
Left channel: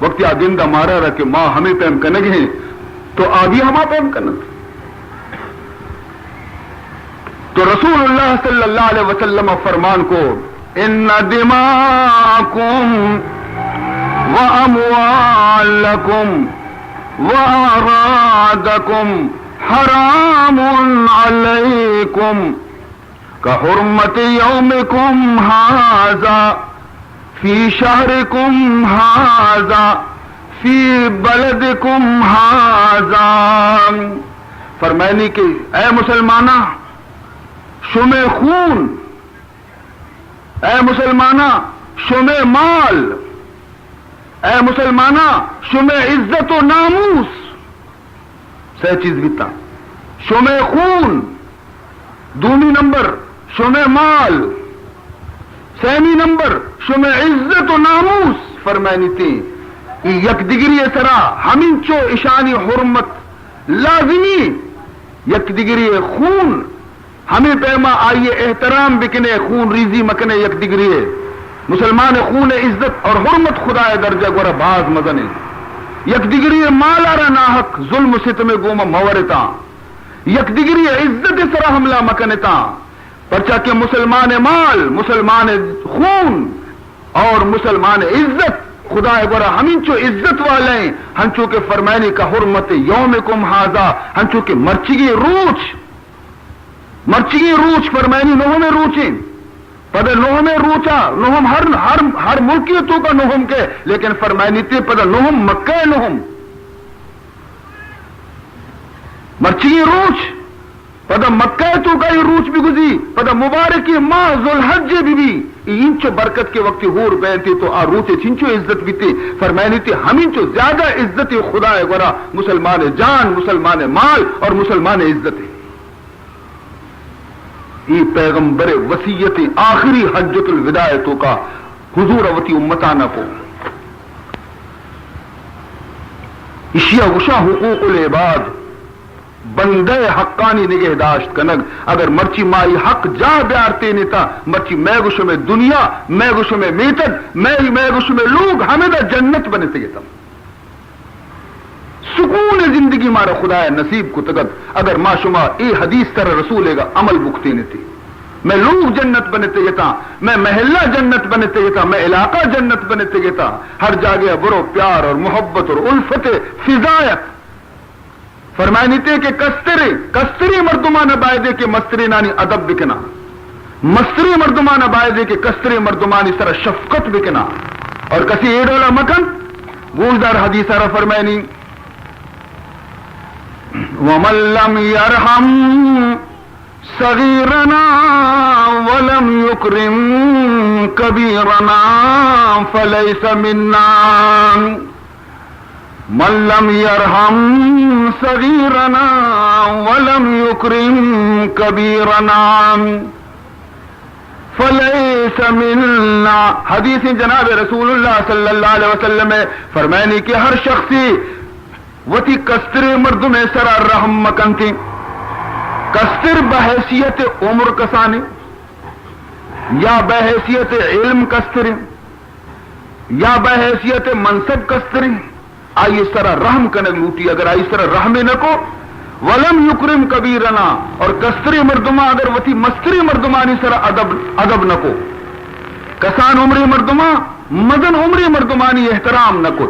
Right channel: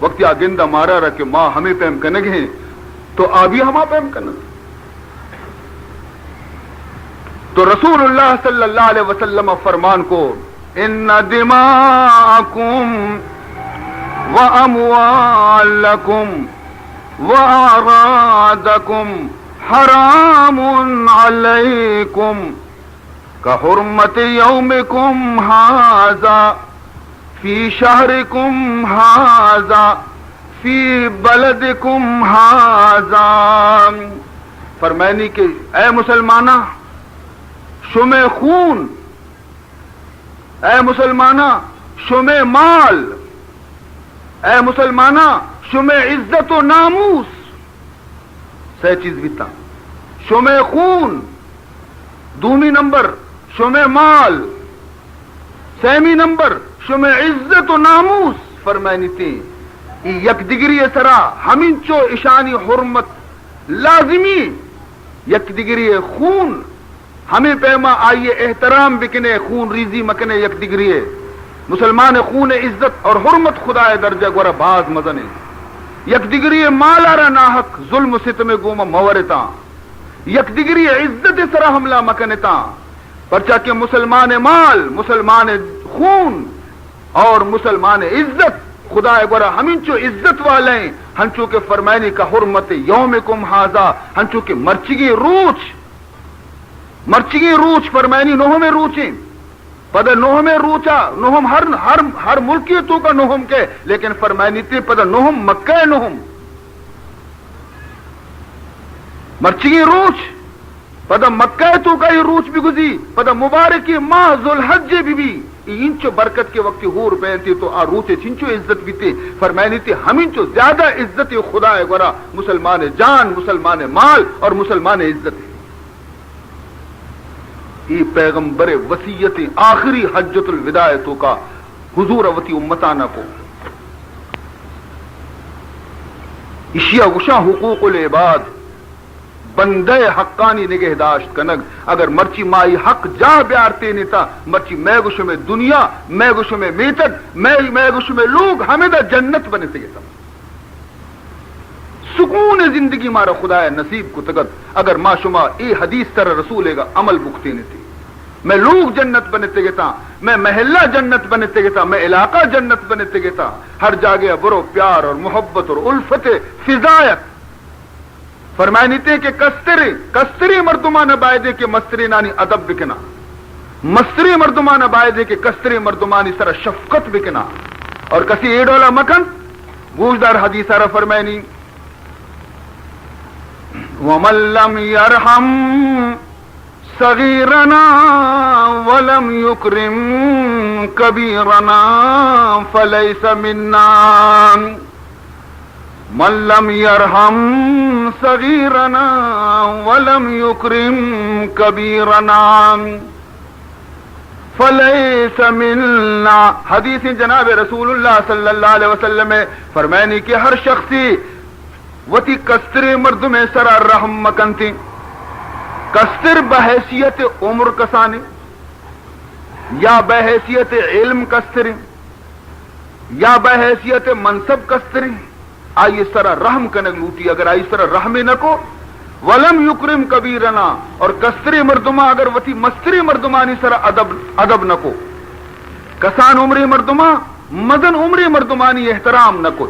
وقتی آگندہ مارا رہا کہ ماں ہمیں پہم کنگ ہیں تو آبی ہما پہم کنن. تو رسول اللہ صلی اللہ علیہ وسلم فرمان کو ان دماءکم واموالکم واعراضکم حرام علیکم کحرمت یومکم ھذا فی شہرکم ھذا فی بلدکم ھذا. فرمائنی کہ اے مسلمانہ شمع خون اے مسلمانہ شمع مال اے مسلمانہ شمع عزت و ناموس سہ چیز بیتا شمع خون دومی نمبر شمع مال، سیمی نمبر شمع عزت و ناموس فرمائنی تھی یک دیگری سرا ہمین چو اشانی حرمت لازمی، یک دیگری خون ہمیں پیما آئیے احترام بکنے، خون ریزی مکنے یک دیگری مسلمان خون عزت اور حرمت خدا درجہ گورا باز مزنے، یک دیگری مالارا ناحق ظلم ستم گوما مورتا، یک دیگری عزت سرا حملہ مکنتا، پرچا کہ مسلمان مال، مسلمان خون اور مسلمان عزت خدا گورا ہمین چو عزت والے ہنچو کے فرمائنی کا حرمت یومکم ھذا، ہنچو کے مرچگی روچ فرمائنی نوہ میں روچیں پدہ نوہ میں روچا، نوہم ہر ملکی تو کا نوہم کے، لیکن فرمائنی تے پدہ نوہم مکہ نوہم مرچگی روچ پدہ مکہ تو کا یہ روچ بھی گزی، پدہ مبارکی ماہ ذوالحج بھی انچو برکت کے وقت ہور بینتی تو آ روچے چنچو عزت بھی تے فرمائنی تے ہمینچو زیادہ عزت خدا گورا مسلمان جان، مسلمان مال اور مسلمان عزت ہے۔ یہ پیغمبر وصیت آخری حجت الوداع تو کا حضور وتی امتانہ کو اشیا وشا حقوق العباد بندے حقانی نگہداشت کنگ، اگر مرچی مائی حق جا بیارتے نیتا مرچی میں گوشو میں دنیا، میں گوشو میں میتد، میں گوشو میں لوگ ہمیں دا جنت بنے سکتا سکون زندگی مارا خدا نصیب کو تگت، اگر ما شما ای حدیث تر رسولے گا عمل بکتے نیتی، میں لوگ جنت بنتے گیتا، میں محلہ جنت بنتے گیتا، میں علاقہ جنت بنتے گیتا، ہر جاگے برو پیار اور محبت اور الفت فضایت فرمائنی تے کہ کستری مردمان بائدے کے مستری نانی ادب بکنا، مستری مردمان بائدے کے کستری مردمانی سر شفقت بکنا، اور کسی ایڈولا مکن گوشدار حدیث سارا فرمائنی وَمَن لَّمْ يَرْحَمْ صَغِيرَنَا وَلَمْ يُكْرِمْ كَبِيرَنَا فَلَيْسَ مِنَّا، مَن لَّمْ يَرْحَمْ صَغِيرَنَا وَلَمْ يُكْرِمْ كَبِيرَنَا فَلَيْسَ مِنَّا۔ حدیث جناب رسول اللہ صلی اللہ علیہ وسلم میں فرمائنی کہ ہر شخصی وتی کستر مرد میں سرا رحم مکن تھی، کستر بحیثیت عمر کسانی یا بحیثیت علم کستر یا بحیثیت منصب کستر، آئیے سرا رحم کنگ لوٹی، اگر آئی سرا رحم نہ کو ولم یکرم کبیرنا، اور کستری مردما اگر وتی مستری مردمانی سرا ادب نہ کو، کسان عمری مردما مدن عمری مردمانی احترام نہ کو،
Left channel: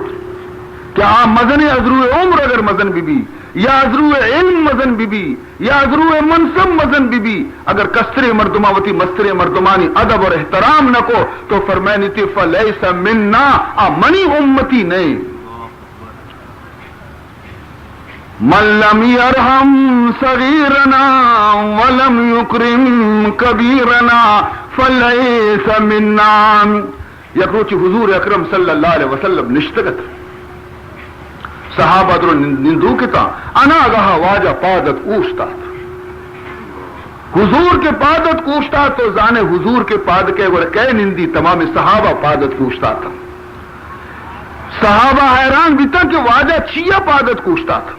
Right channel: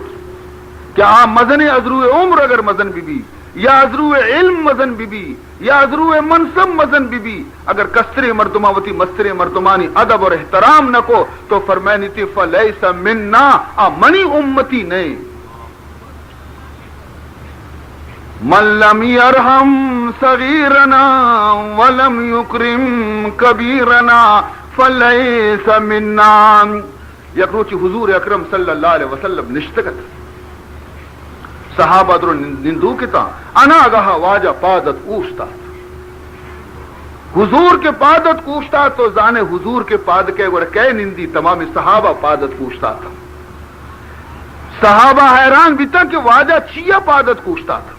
کیا مزن ازرو عمر اگر مزن بی یا ازرو علم مزن بی یا ازرو منصب مزن بی، اگر کستری مردماوتی مستری مردمانی ادب اور احترام نہ کو تو فرمائنی تھی فلیس منا، منی امتی نہیں، من لم یرحم صغیرنا ولم یکرم کبیرنا فلیس منا۔ یکروچی حضور اکرم صلی اللہ علیہ وسلم نشتگت صحابہ درو نندو کتا انا گہا واجہ پادت اوشتا، حضور کے پادت کوشتا تو زانے حضور کے پاد کے گوڑے کہے نندی تمام صحابہ پادت کوشتا تھا، صحابہ حیران بھی تھا کہ واجہ چیا پادت کوشتا تھا،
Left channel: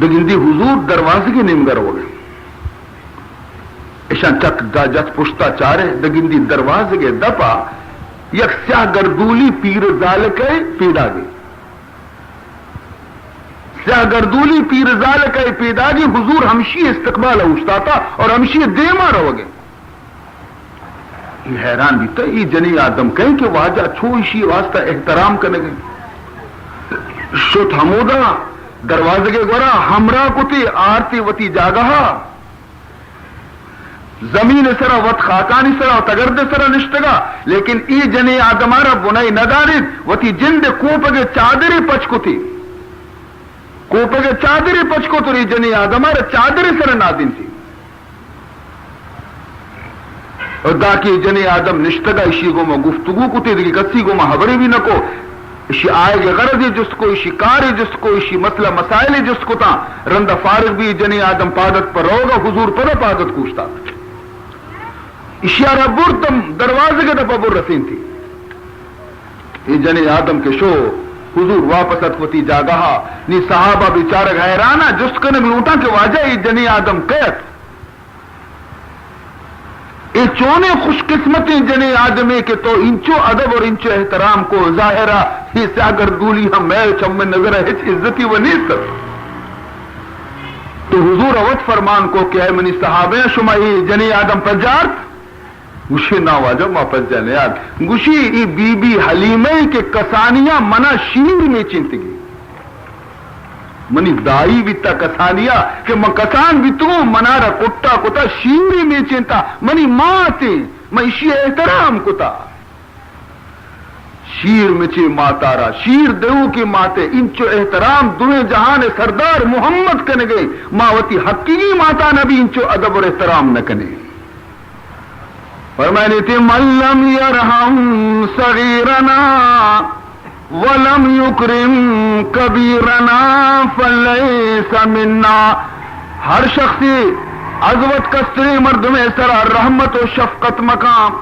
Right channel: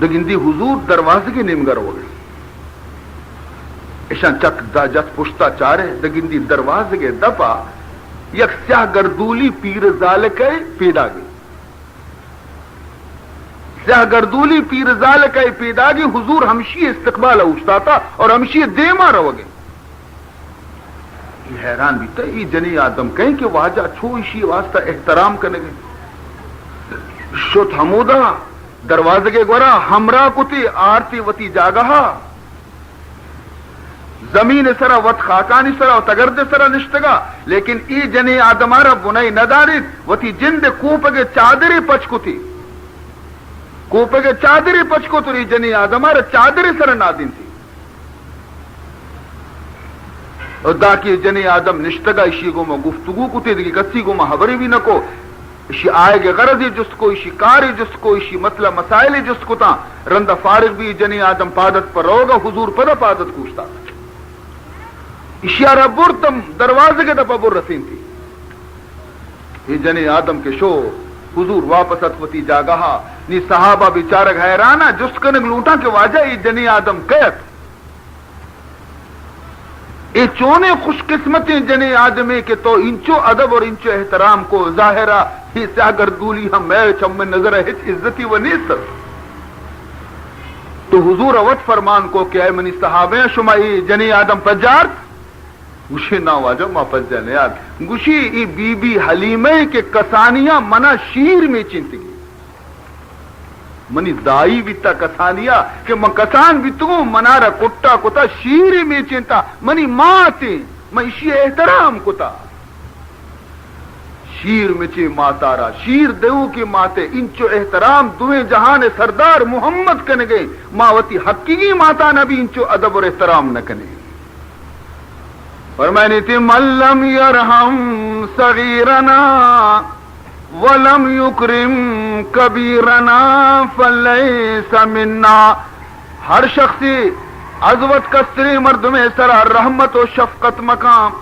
دگندی حضور دروازے کی نمگر ہو گئے ایشان چک دا جت پشتا چارے، دگندی دروازے کے دپا یک سیاہ گردولی پیر ذالکے پیدا گئی، سیاہ گردولی پیر ذالکے پیدا گئی، حضور ہمشی استقبال اوشتا تھا اور ہمشی دیما رو گئے، یہ حیران بھی تھا یہ جنی آدم کہیں کہ واجہ چھوشی واسطہ احترام کرنے گئے، شت حمودہ دروازے کے گورا ہمراہ کتی آرتی وتی جاگہا، زمین سرا وط خاکانی سرا و تگرد سرا نشتگا، لیکن ای جنی آدمارا بنائی ندارید وتی جند کوپگے چادری پچکو تھی، کوپگے چادری پچکو تو ای جنی آدمارا چادری سرا نادین تھی، اور دا کی جنی آدم نشتگا اشی گو ما گفتگو کتی دیگی کسی گو ما حبری بھی نکو، اشی آئے گے غرضی جس کو اشی کاری جس کو اشی مسئلہ مسائل جس کو تا رندہ فارغ بھی جنی آدم پادت پر ہوگا حضور پر پادت کوشتا اشیارہ برتم دروازے کے دفعہ بر رسین تھی یہ جنی آدم کے شو حضور واپس اتوتی جاگہا نی صحابہ بیچارہ حیرانہ جس کنگ لوٹا کے واجہ یہ جنی آدم قیت یہ چونے خوش قسمتیں جنے آدمی کے تو انچو ادب اور انچو احترام کو ظاہرہ ہی ساگر گولی ہم میل چم نظر ہے عزتی و نیست تو حضور اوت فرمان کو کہ اے منی صحابہ شما یہ جنے آدم پجارت گوشی نا واجہ ما پس جانے یاد گوشی ای بی بی حلیمہ کے کسانیاں منا شیر میں چنتگی منی دائی بیتا کسانیا کہ من کسان بیتوں منارا کتا کتا شیری میں چنتا منی ماں تے میں اسی احترام کتا شیر میں چے ماتارا شیر دیو کی ماتے انچو احترام دوہیں جہان سردار محمد کنے گئے ماوتی حقیقی ماتا نبی انچو ادب اور احترام نہ کنے فرمائنی تھی من لم یرحم صغیرنا وَلَمْ يُكْرِمْ كَبِيرَنَا فَلَيْسَ مِنَّا ہر شخصی عظمت کستری مردمے سرا رحمت و شفقت مقام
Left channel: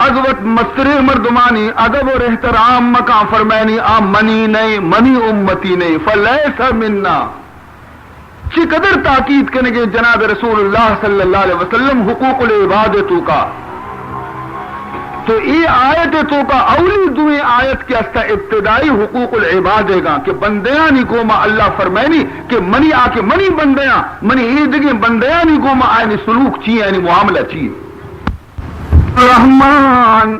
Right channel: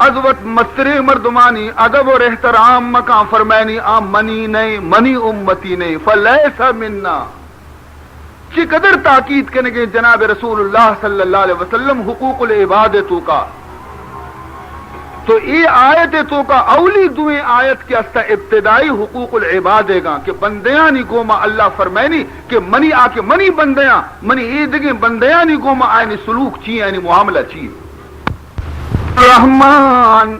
عظمت مستری مردمانی ادب اور احترام مقام فرمائنی منی نہیں منی امتی نہیں فَلَيْسَ مِنَّا چی قدر تاکید کرنے گے جناب رسول اللہ صلی اللہ علیہ وسلم حقوق العبادتوں کا تو یہ آیت تو کا اولی دوئیں آیت کے استا ابتدائی حقوق العبادے گا کہ بندیاں نی گوما اللہ فرمائنی کہ منی آ کے منی بندیاں منی عیدگیں بندیاں نی گوما آئینی سلوک چیئے یعنی معاملہ چیئے رحمان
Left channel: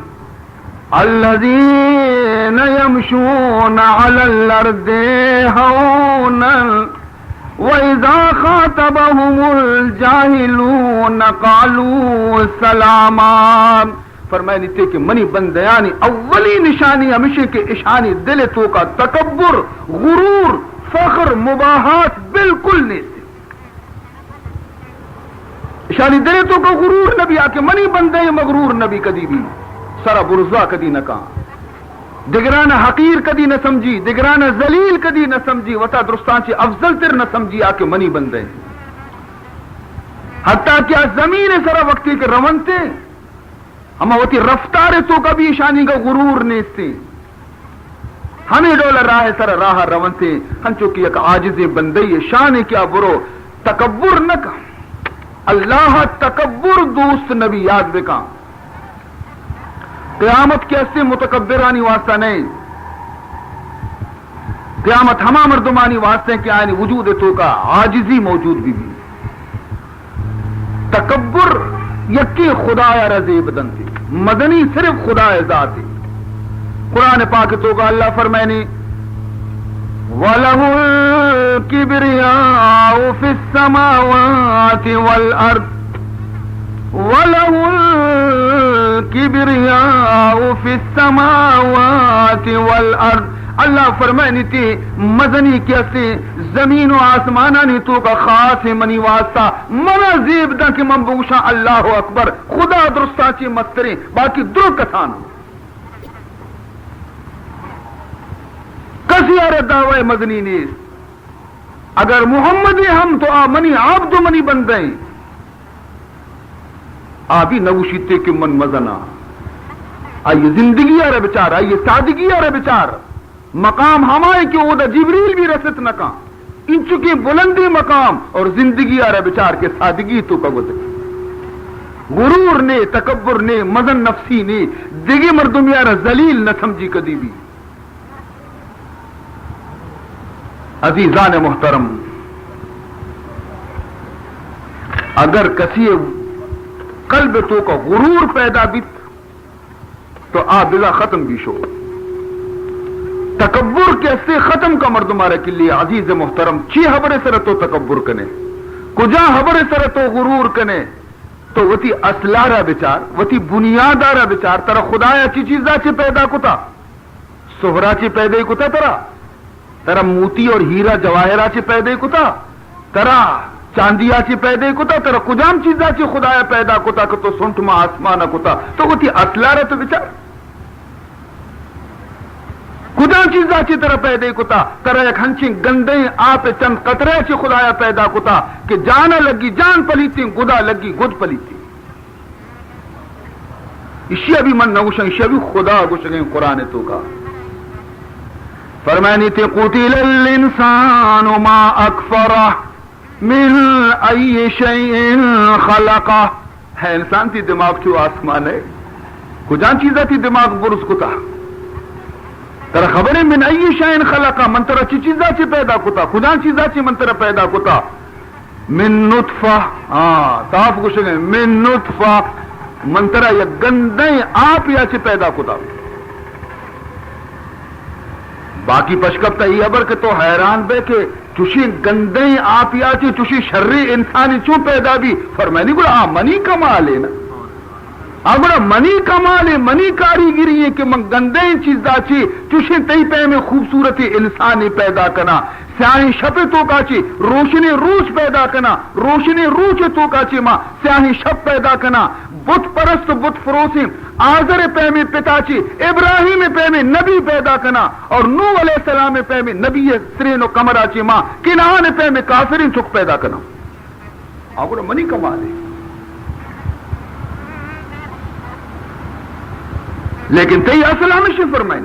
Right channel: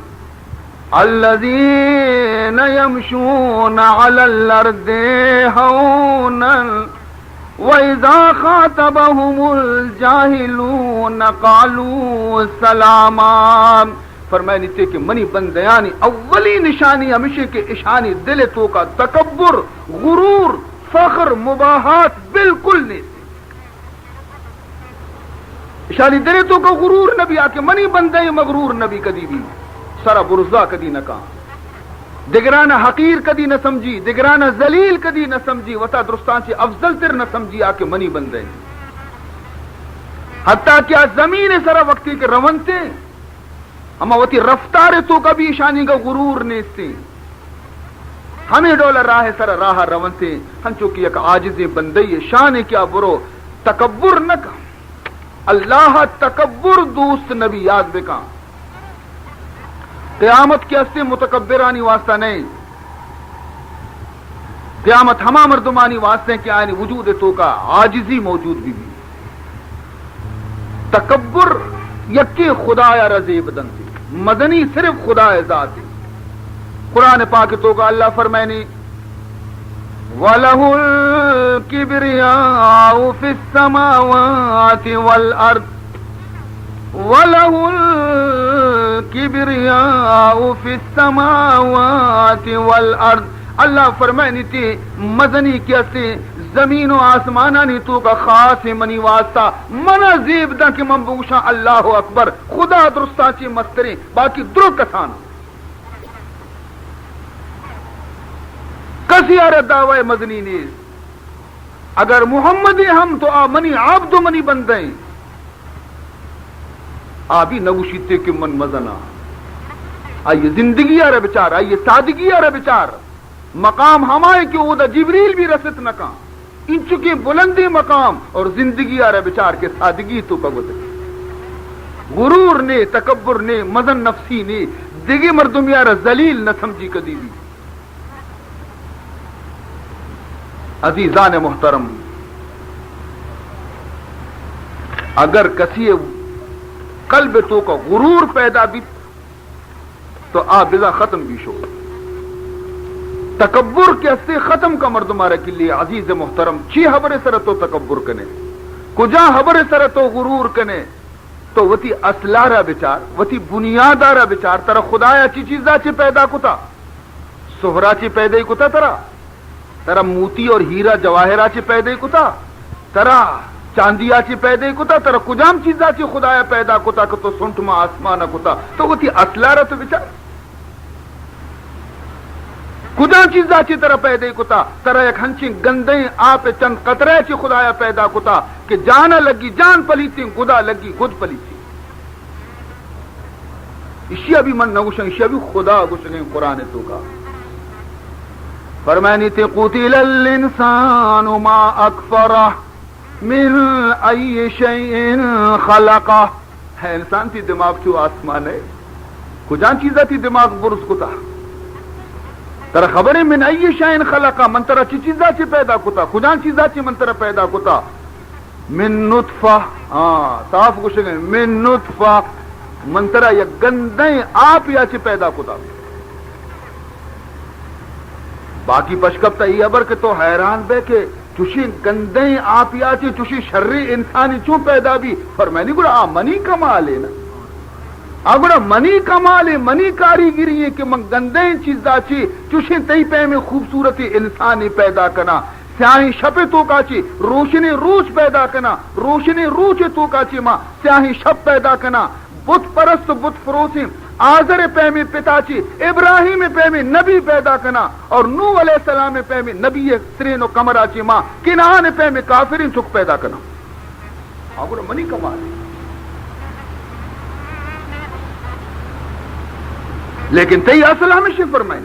الذین یمشون علی الارض ہونا وَإِذَا خَاطَبَهُمُ الْجَاهِلُونَ قَالُوا سَلَامًا فرمائنی تھے کہ منی بندیانی اولی نشانی ہمیشہ کے اشانی دل تو کا تکبر غرور فخر مباحات بالکل نہیں تھے اشانی دل تو کا غرور نبی آکے منی بندے مغرور نبی کدی بھی سرا برزا کدی نہ کہا دگرانہ حقیر کدی نہ سمجھی دگرانہ ذلیل کدی نہ سمجھی وطا درستان سے افضل تر نہ سمجھی آکے منی بندے حتیٰ کیا زمین سرا وقتی کے رونتے اما وتی رفتار تو کا بھی شانی کا غرور نیستے ہمیں ڈولا راہ سر راہ رونتے ہم چونکہ ایک عاجز بندی شان کیا برو تکبر نہ کا اللہ تکبر دوست نبی یاد بکا قیامت کے اسے متکبرانی واسطہ نہیں قیامت ہما مردمانی واسطے کہ آئینی وجود تو کا عاجزی موجود بھی تکبر یکی خدایا رضی بدن تھی مدنی صرف خدا ذات ہے قرآن پاک تو کا اللہ فرمائنی وَلَهُ الْكِبْرِيَاءُ فِي السَّمَاوَاتِ وَالْأَرْضِ وَلَهُ الْكِبْرِيَاءُ فِي السَّمَاوَاتِ وَالْأَرْضِ اللہ فرمائنی تھی مدنی کیسے زمین و آسمانانی تو کا خاص منی واسطہ منا زیب دا کہ من بوشا اللہ اکبر خدا درستا چی مستری باقی درو کسانا کسی آرہ دعوی مدنی نیست اگر محمدی ہم تو منی عبد منی بندیں آبی نوشیتے کہ من مزنا آئیے زندگی آرہ بچار آئیے سادگی آرہ بچار مقام ہمائے کہ وہ دا جبریل بھی رسط نہ کہاں ان چکی بلندی مقام اور زندگی آرہ بچار کے سادگی تو کا گزر غرور نے تکبر نے مزن نفسی نے دیگی مردم آرہ ذلیل نہ سمجھی کدی بھی عزیزان محترم اگر کسی قلب تو کا غرور پیدا بھی تو بلا ختم بھی شو تکبر کے سے ختم کا مرد مارے کے لیے عزیز محترم چی حبر سر تو تکبر کنے کجا حبر سر تو غرور کنے تو وتی اصلارا بچار وتی بنیادارا بچار ترا خدایا چی چیزا چی پیدا کتا سہرا چی پیدا کتا ترا موتی اور ہیرا جواہرا چی پیدا کتا ترا چاندیا چی پیدا کتا ترا کجام چیزا چی خدایا پیدا کتا کہ تو سنٹ ما آسمانا کتا تو وتی اصلارا تو بچار کجا چیزا چی طرح پیدا کتا طرح ایک ہنچیں گندیں آپ چند قطرے چی خدایا پیدا کتا کہ جانا لگی جان پلیتی گدا لگی گد پلیتی اسی ابھی من نگوشن اسی ابھی خدا گوشن قرآن تو کا فرمانی تھے قتل الانسان ما اکفرہ من ای شیء خلقہ ہے انسان تی دماغ چو آسمان ہے کجا چیزا تی دماغ برس کتا ترا خبر ہے من ای شیء خلقہ من ترا چی چیزا چی پیدا کتا کجا چیزا چی من ترا پیدا کتا من نطفہ صاف گوشن من نطفہ من ترا یا گندیں آپ یا چی پیدا کتا باقی پشکب یہ ابر کہ تو حیران بے کہ چوشی گندیں آپ یا چی چوشی شرری انسانی چوں پیدا بھی فرمانی گوڑا منی کمال ہے نا گوڑا منی کمال ہے منی کاریگری ہے کہ من گندیں چیزا چی چوشی تی پہ میں خوبصورتی انسانی پیدا کنا سیاہی شپ تو کاچی روشنی روش پیدا کنا روشنی روش تو کاچی ماں سیاہی شپ پیدا کنا بت پرست بت فروسی آزر پہ میں پتاچی ابراہیم پہ میں نبی پیدا کنا اور نوح علیہ السلام پہ میں نبی سرین و کمراچی ماں کنان پہ میں کافرین چک پیدا کنا آگو منی کمال ہے لیکن تی اصل ہمیشہ فرمائیں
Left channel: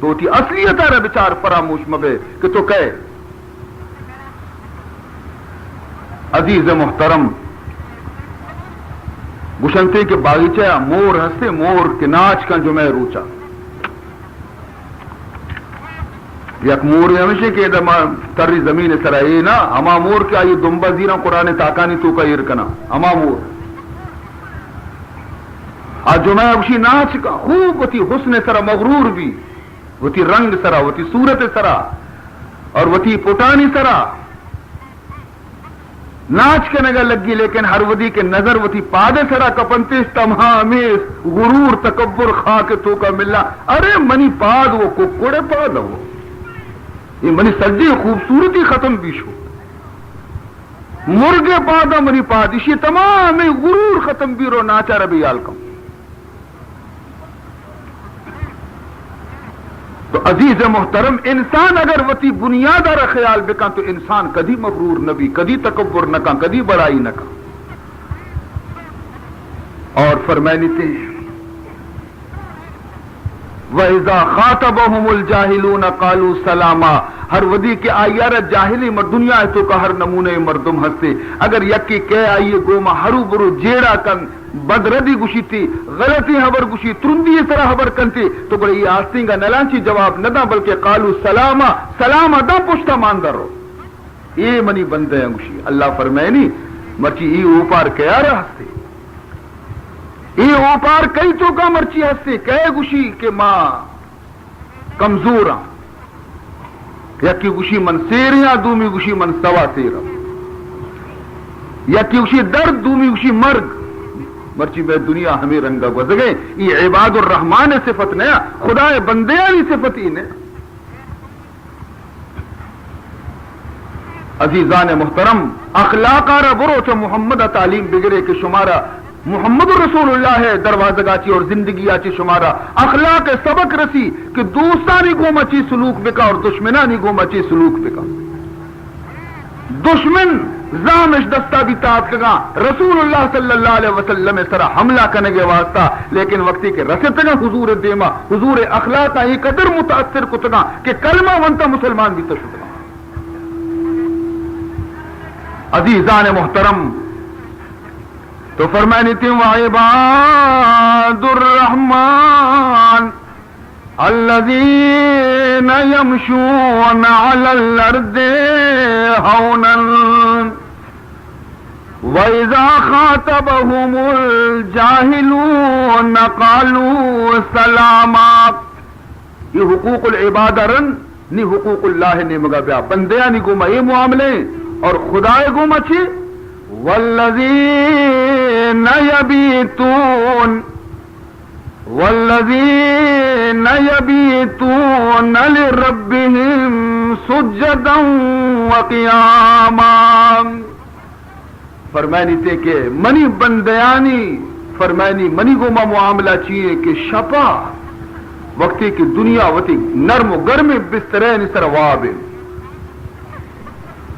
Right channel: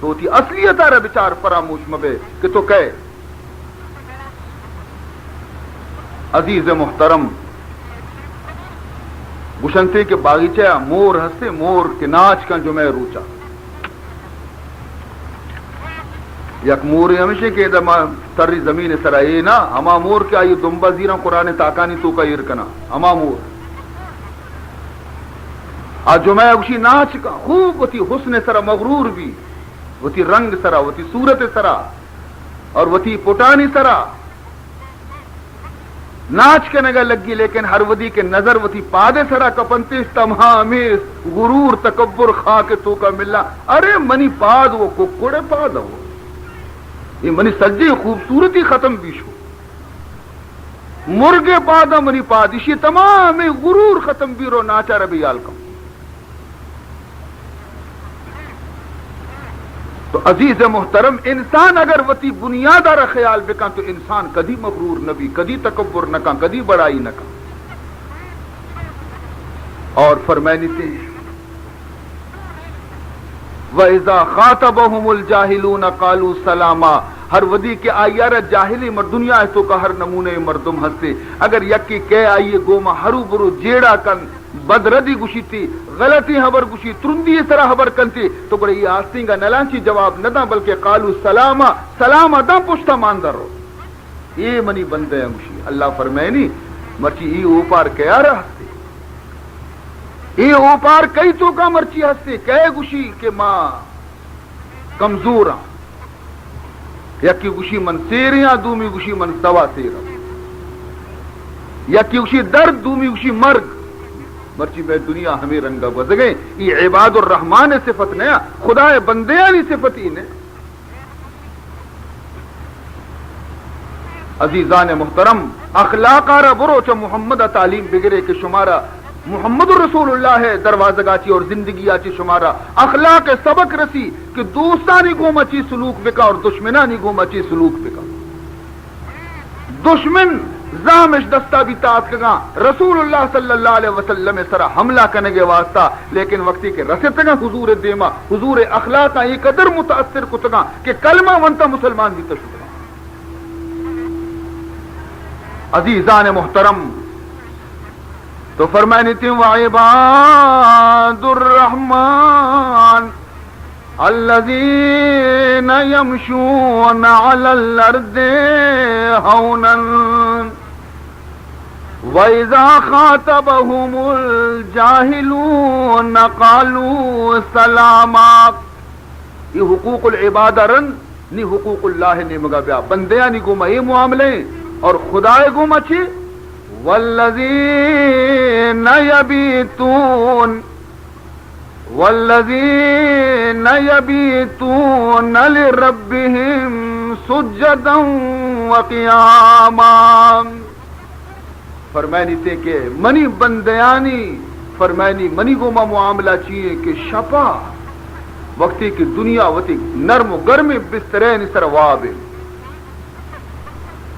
تو تی اصلیت آرہ بچار فراموش مبے کہ تو کہے عزیز محترم گشنتے کے باغیچہ مور ہستے مور کے ناچ کا جو میں روچا یک مور ہمیشہ کہ تری زمین سرائی نا ہما مور کیا یہ دمبا زیرہ قرآن تاکانی تو کا یرکنا ہما مور آج جو میں اسی ناچ کا خوب وتی حسن سرا مغرور بھی وتی رنگ سرا وتی صورت سرا اور وتی پٹانی سرا ناچ کے نگا لگی لیکن ہر ودی کے نظر وتی پادے سرا کپنتی تمام غرور تکبر خواہ کے تو کا ملنا ارے منی پاد وہ ککڑے پاد ہو یہ منی سجی خوبصورتی ختم بھی شو مرغے پادا منی پاد اسی تمام غرور ختم بھی رو ناچا ربی آلکم تو عزیز محترم انسان اگر وتی بنیادار خیال بکا تو انسان کدی مغرور نبی کدی تکبر نہ کان کدی بڑائی نہ کان اور فرمائنی تھے وَإِذَا خَاطَبَهُمُ الْجَاهِلُونَ قَالُوا سَلَامًا ہر ودی کے آئیار جاہلی مر دنیا ہے تو کا ہر نمونے مردم ہستے اگر یکی کہے آئیے گوما ہرو برو جیڑا کن بدردی گوشی تھی غلطی حبر گوشی ترندی طرح حبر کنتی تو بڑے یہ آستین کا نلانچی جواب نہ دا بلکہ قالوا سلاما سلاما دا پشتا ماندر رو یہ منی بندے ہیں گوشی اللہ فرمائے نہیں مرچی یہ اوپار کیا رہا ہستے یہ اوپار کئی تو کا مرچی ہستے کہے گوشی کہ ماں کمزور ہاں یکی گوشی من سیریاں دومی گوشی من سوا سیرا یکی گوشی درد دومی گوشی مرگ مرچی میں دنیا ہمیں رنگا گزرے یہ عباد الرحمن صفت نیا خدا بندیانی صفت ہی نے عزیزان محترم اخلاق آرہ برو چا محمد تعلیم بگرے کہ شمارا محمد رسول اللہ ہے دروازہ گاچی اور زندگی آچی شمارا اخلاق سبق رسی کہ دوستانی گوما چی سلوک بکا اور دشمنانی گوما چی سلوک بکا دشمن زامش دستا بھی تاعت کگا رسول اللہ صلی اللہ علیہ وسلم سرا حملہ کرنے کے واسطہ لیکن وقتی کے رستے گا حضور دیما حضور اخلاق ہی قدر متاثر کتگا کہ کلمہ ونتا مسلمان بھی تشکا عزیزان محترم تو فرمائنی تھی وعباد الرحمن الذین یمشون علی الارض ہونا وَإِذَا خَاطَبَهُمُ الْجَاهِلُونَ قَالُوا سَلَامًا یہ حقوق العبادہ رن نی حقوق اللہ نے مگا بیا بندیاں نی گوما یہ معاملے اور خدا گوما چی والذین یبیتون لربهم سجدا وقیاما فرمائنی تھے کہ منی بندیانی فرمائنی منی گوما معاملہ چیئے کہ شپا وقتی کی دنیا وتی نرم و گرم بسترین سرواب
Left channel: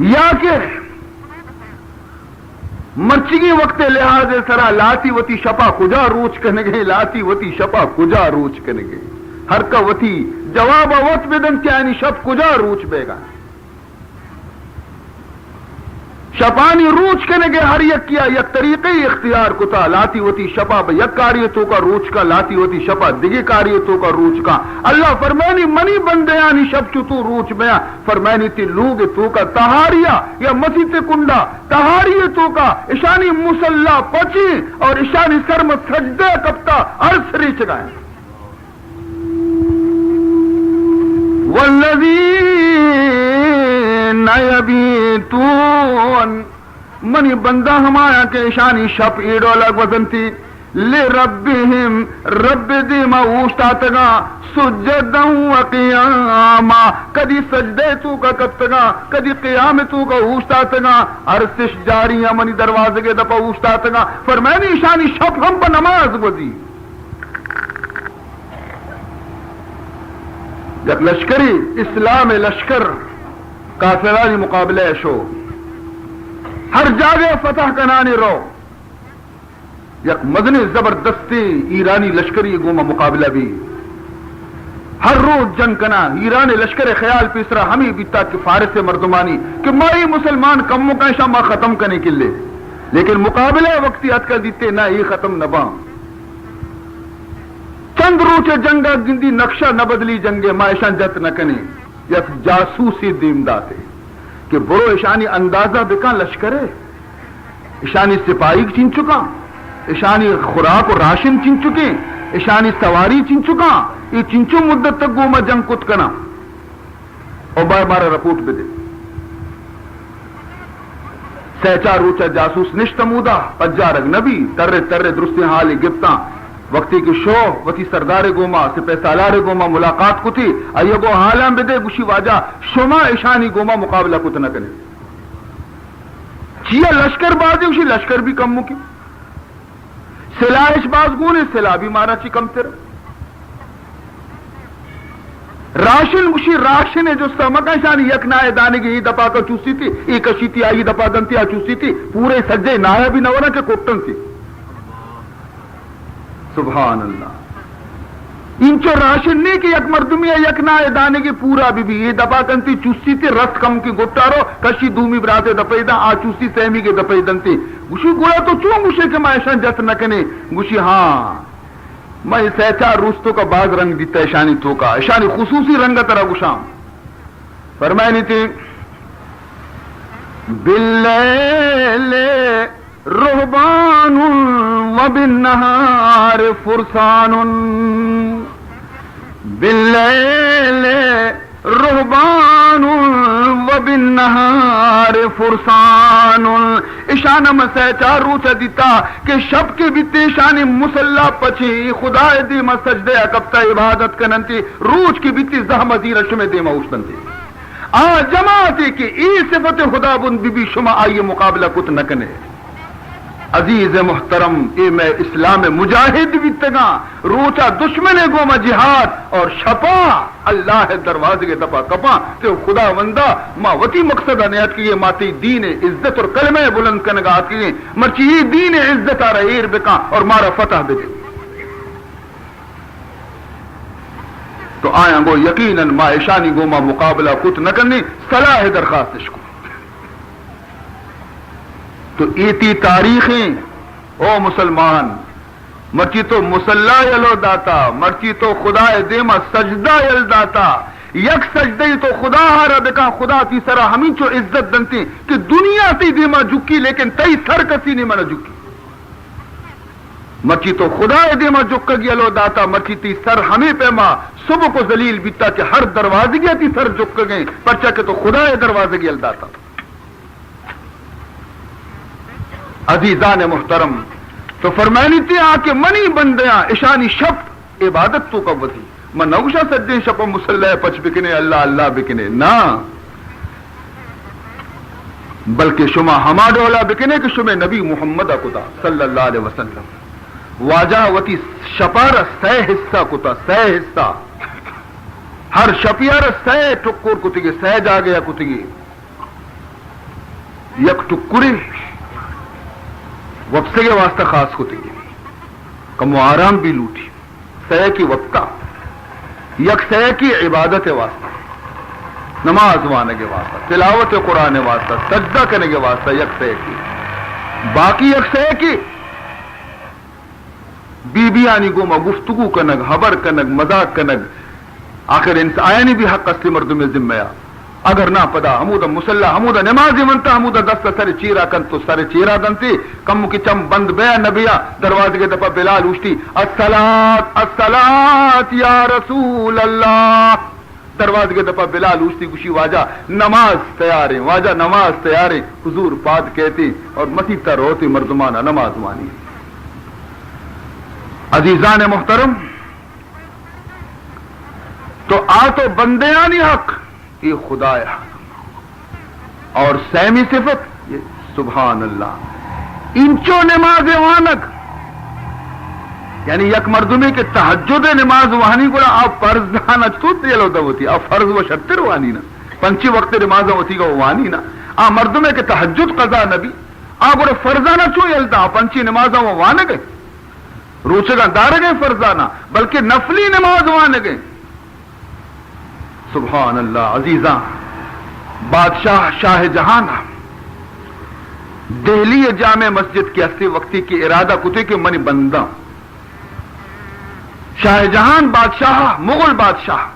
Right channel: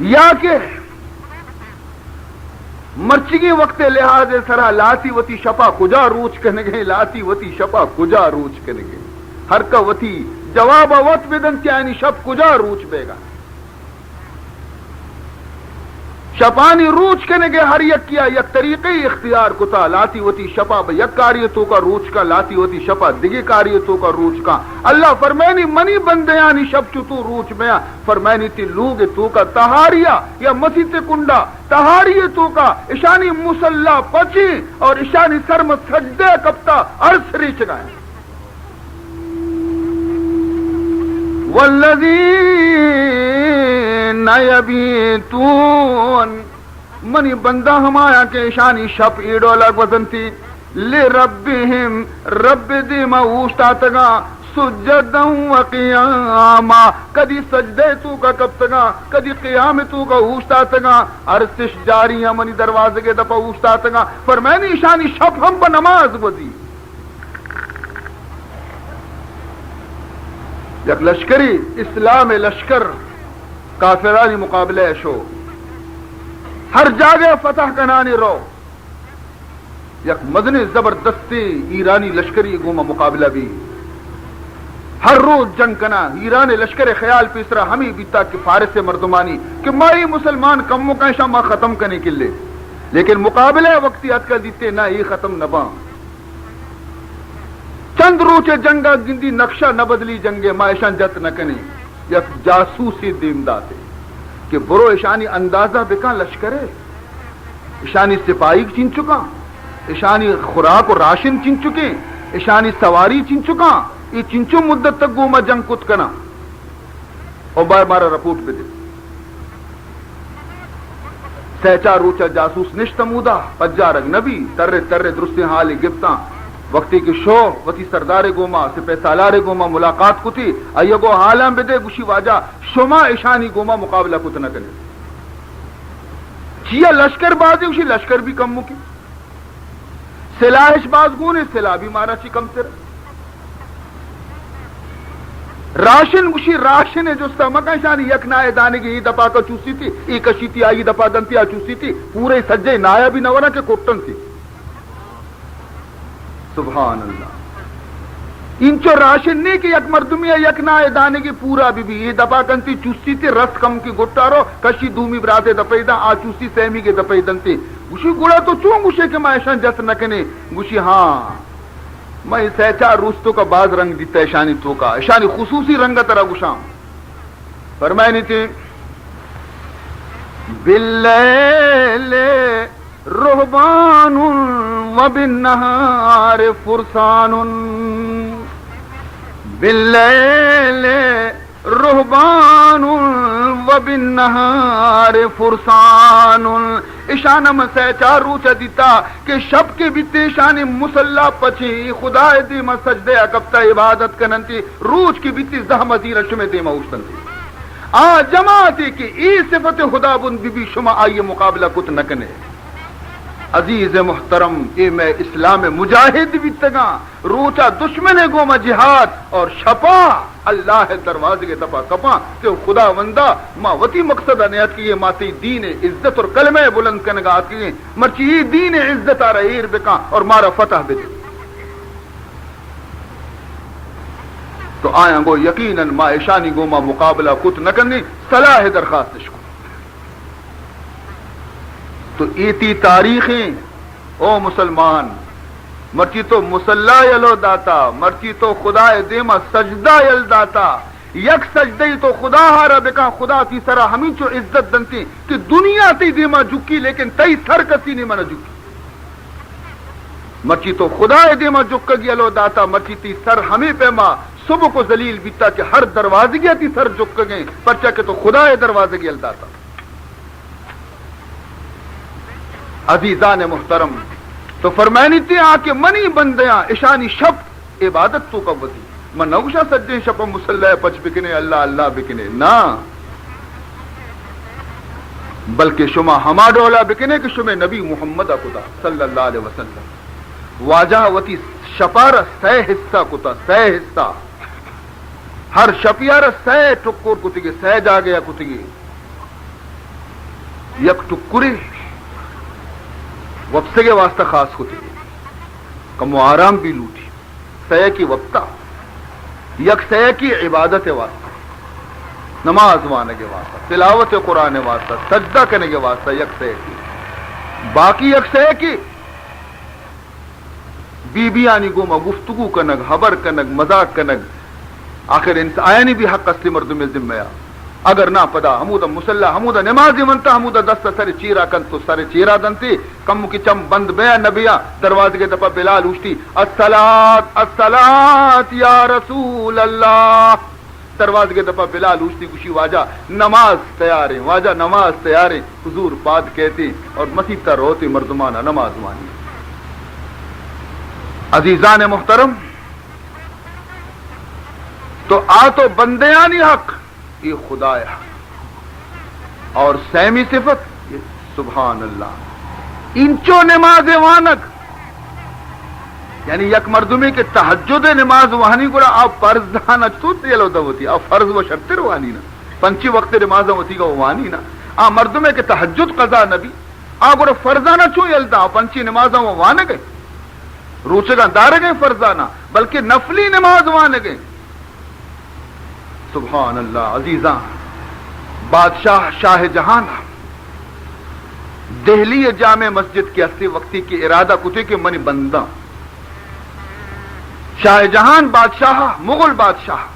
یا کہ مرچگی وقت لحاظ سرا لاتی وتی شپا کجا روچ کنگے لاتی وتی شپا کجا روچ کنگے ہر کا وتی جواب وقت بدن کیا یعنی شپ کجا روچ بے گا شپانی روچ کنگے ہر یک کیا یک طریقی اختیار کتا لاتی وتی شپا یک کاریتوں کا روچ کا لاتی وتی شپا دیگی کاریتوں کا روچ کا اللہ فرمانی منی بندیانی شب چتو روچ بیا فرمانی تی لوگ تو کا تہاریا یا مسیط کنڈا تہاریے تو کا اشانی مسلح پچی اور اشانی سرمت سجدے کپتا عرص ریچ گئے یبیتون منی بندہ ہمایا کے شانی شپ ایڈو لگ وزنتی لربہم رب دیما اوشتاتگا سجدہ و قیاما کدی سجدے تو کا کبتگا کدی قیام تو کا اوشتاتگا عرصش جاری ہے منی دروازے کے دپا اوشتاتگا فرمینی شانی شپ ہم با نماز وزی یک لشکری اسلام لشکر کافران مقابلہ شو ہر جاگے فتح کنانی رو یک مدنی زبردستی ایرانی لشکری گوما مقابلہ بھی ہر روز جنگ کنا ایرانی لشکر خیال پیسرا ہمیں بیتا کہ فارس مردمانی کہ مائی مسلمان کموں کا شامہ ختم کرنے کے لئے لیکن مقابلہ وقتی ات کر دیتے نہ یہ ختم نہ باں چند روچے جنگا گندی نقشہ نہ بدلی جنگے مائشان جت نہ کنی یک جاسوسی دیمدہ تھے کہ برو اشانی اندازہ بکا لشکر ہے اشانی سپاہی چن چکا اشانی خوراک و راشن چن چکے اشانی سواری چن چکا یہ چنچو مدت تک گوما جنگ کت کنا اور بار مارا رپورٹ پہ دے سہچار روچا جاسوس نشتمودا پجارگ نبی ترے ترے درستی حالی گپتا وقتی کی شو وتی سردار گوما سپہ سالار گوما ملاقات کو تھی ایگو حالاں بدے گوشی واجہ شما اشانی گوما مقابلہ کت نہ کرے چیا لشکر بازی اسی لشکر بھی کم مکی سلاحش باز گونے سلاح بھی مارا چی کم تر راشن گوشی راشن ہے جو سمکہ شانی یک نائے دانے کی دپا کا چوسی تھی ایک کشی تھی آئی دپا گنتی آ چوسی تھی پورے سجے نایا بھی نہ ہونا کہ کوٹن تھی سبحان اللہ انچو راشن نہیں کہ یک مردمی ہے یک نائے دانے کی پورا بھی یہ دپا کنتی چوسی تھی رس کم کی گٹارو کشی دومی براتے دپیدہ آ چوسی سہمی کے دپیدن تھی گوشی گوڑا تو چون گوشے کہ میں ایشان جت نکنے گوشی ہاں میں سہچار روستوں کا بعض رنگ دیتا ہے شانی تو کا شانی خصوصی رنگ ترہ گوشام فرمائنی تھی باللیل رہبان وبالنہار فرسان باللیل رہبان وبالنہار فرسان اشانہ مسیچار روچہ دیتا کہ شب کے بیتے شانی مسلح پچھی خدا دیما سجدے اکبتا عبادت کننتی روچ کی بیتی زہمہ زیرہ شمیں دیما اوشتنتی جماعتی کی ای صفت خدا بند بی شما آئیے مقابلہ کت نکنے عزیز محترم اے میں اسلام مجاہد بھی تگا روچا دشمن گوما جہاد اور شپا اللہ دروازے کے دپا کپا تو خدا وندہ ما وتی مقصد نیت کیے ماتی دین عزت اور کلمہ بلند کنگا کیے مرچی دین عزت آ رہیر بکا اور مارا فتح بکا تو آیا گو یقیناً ما اشانی گوما مقابلہ کت نہ کرنی صلاح درخواست کو تو ایتی تاریخیں او مسلمان مرچی تو مسلح یلو داتا مرچی تو خدا دیما سجدہ یل داتا یک سجدی تو خدا ہارا بکا خدا تی سرا ہمیں چو عزت دنتی کہ دنیا تی دیما جھکی لیکن تی سر کسی نہیں منا جھکی مرچی تو خدا دیما جھک یلو داتا مرچی تی سر ہمیں پیما صبح کو ذلیل بیتا کہ ہر دروازے گیا تی سر جھک گئے پرچا کہ تو خدا دروازے گیا داتا عزیزان محترم تو فرمائنی تھی آکے منی بندیاں اشانی شب عبادت تو کا وزی من نوشا سجدیں شب مسلح پچ بکنے اللہ اللہ بکنے نا بلکہ شما ہما ڈولا بکنے کہ شما نبی محمد خدا صلی اللہ علیہ وسلم واجہ وتی شپار سہ حصہ کتا سہ حصہ ہر شپیار سہ ٹکر کتگی سہ جا گیا کتگی یک ٹکری وپسے کے واسطہ خاص کتگی کم آرام بھی لوٹی سہ کی وقتہ یک سہ کی عبادت واسطہ نماز وانے کے واسطہ تلاوت قرآن واسطہ سجدہ کرنے کے واسطہ یک سہ کی باقی یک سہ کی بی بی آنی گوما گفتگو کنگ حبر کنگ مذاق کنگ آخر انسان آئینی بھی حق اصلی مردم ذمہ اگر نہ پدا حمودہ مسلح حمودہ نمازی منتا حمودہ دست سر چیرا کن تو سر چیرا دنتی کم کی چم بند بیا نبیا دروازے کے دفعہ بلال اوشتی الصلاۃ الصلاۃ یا رسول اللہ دروازے کے دفعہ بلال اوشتی گوشی واجہ نماز تیار ہے واجہ نماز تیار ہے حضور پاک کہتی اور مسیح تا روتی مردمانہ نماز وانی عزیزان محترم تو آ تو بندیانی حق یہ خدایا اور سیمی صفت یہ سبحان اللہ انچو نماز وانک یعنی یک مردمی کے تہجد نماز وانی کو آپ فرض دانا چوت یلو دوتی آپ فرض و شرطر وانی نا پنچی وقت نماز ہوتی گا وانی نا آ مردمی کے تہجد قضا نبی آپ کو فرضانا چو یلتا پنچی نماز وانے گئے روچگاں دار گئے فرضانا بلکہ نفلی نماز وانے گئے سبحان اللہ عزیزاں بادشاہ شاہ جہان دہلی جامع مسجد کے ہستی وقتی کی ارادہ کتے کے منی بندہ شاہ جہان بادشاہ مغل بادشاہ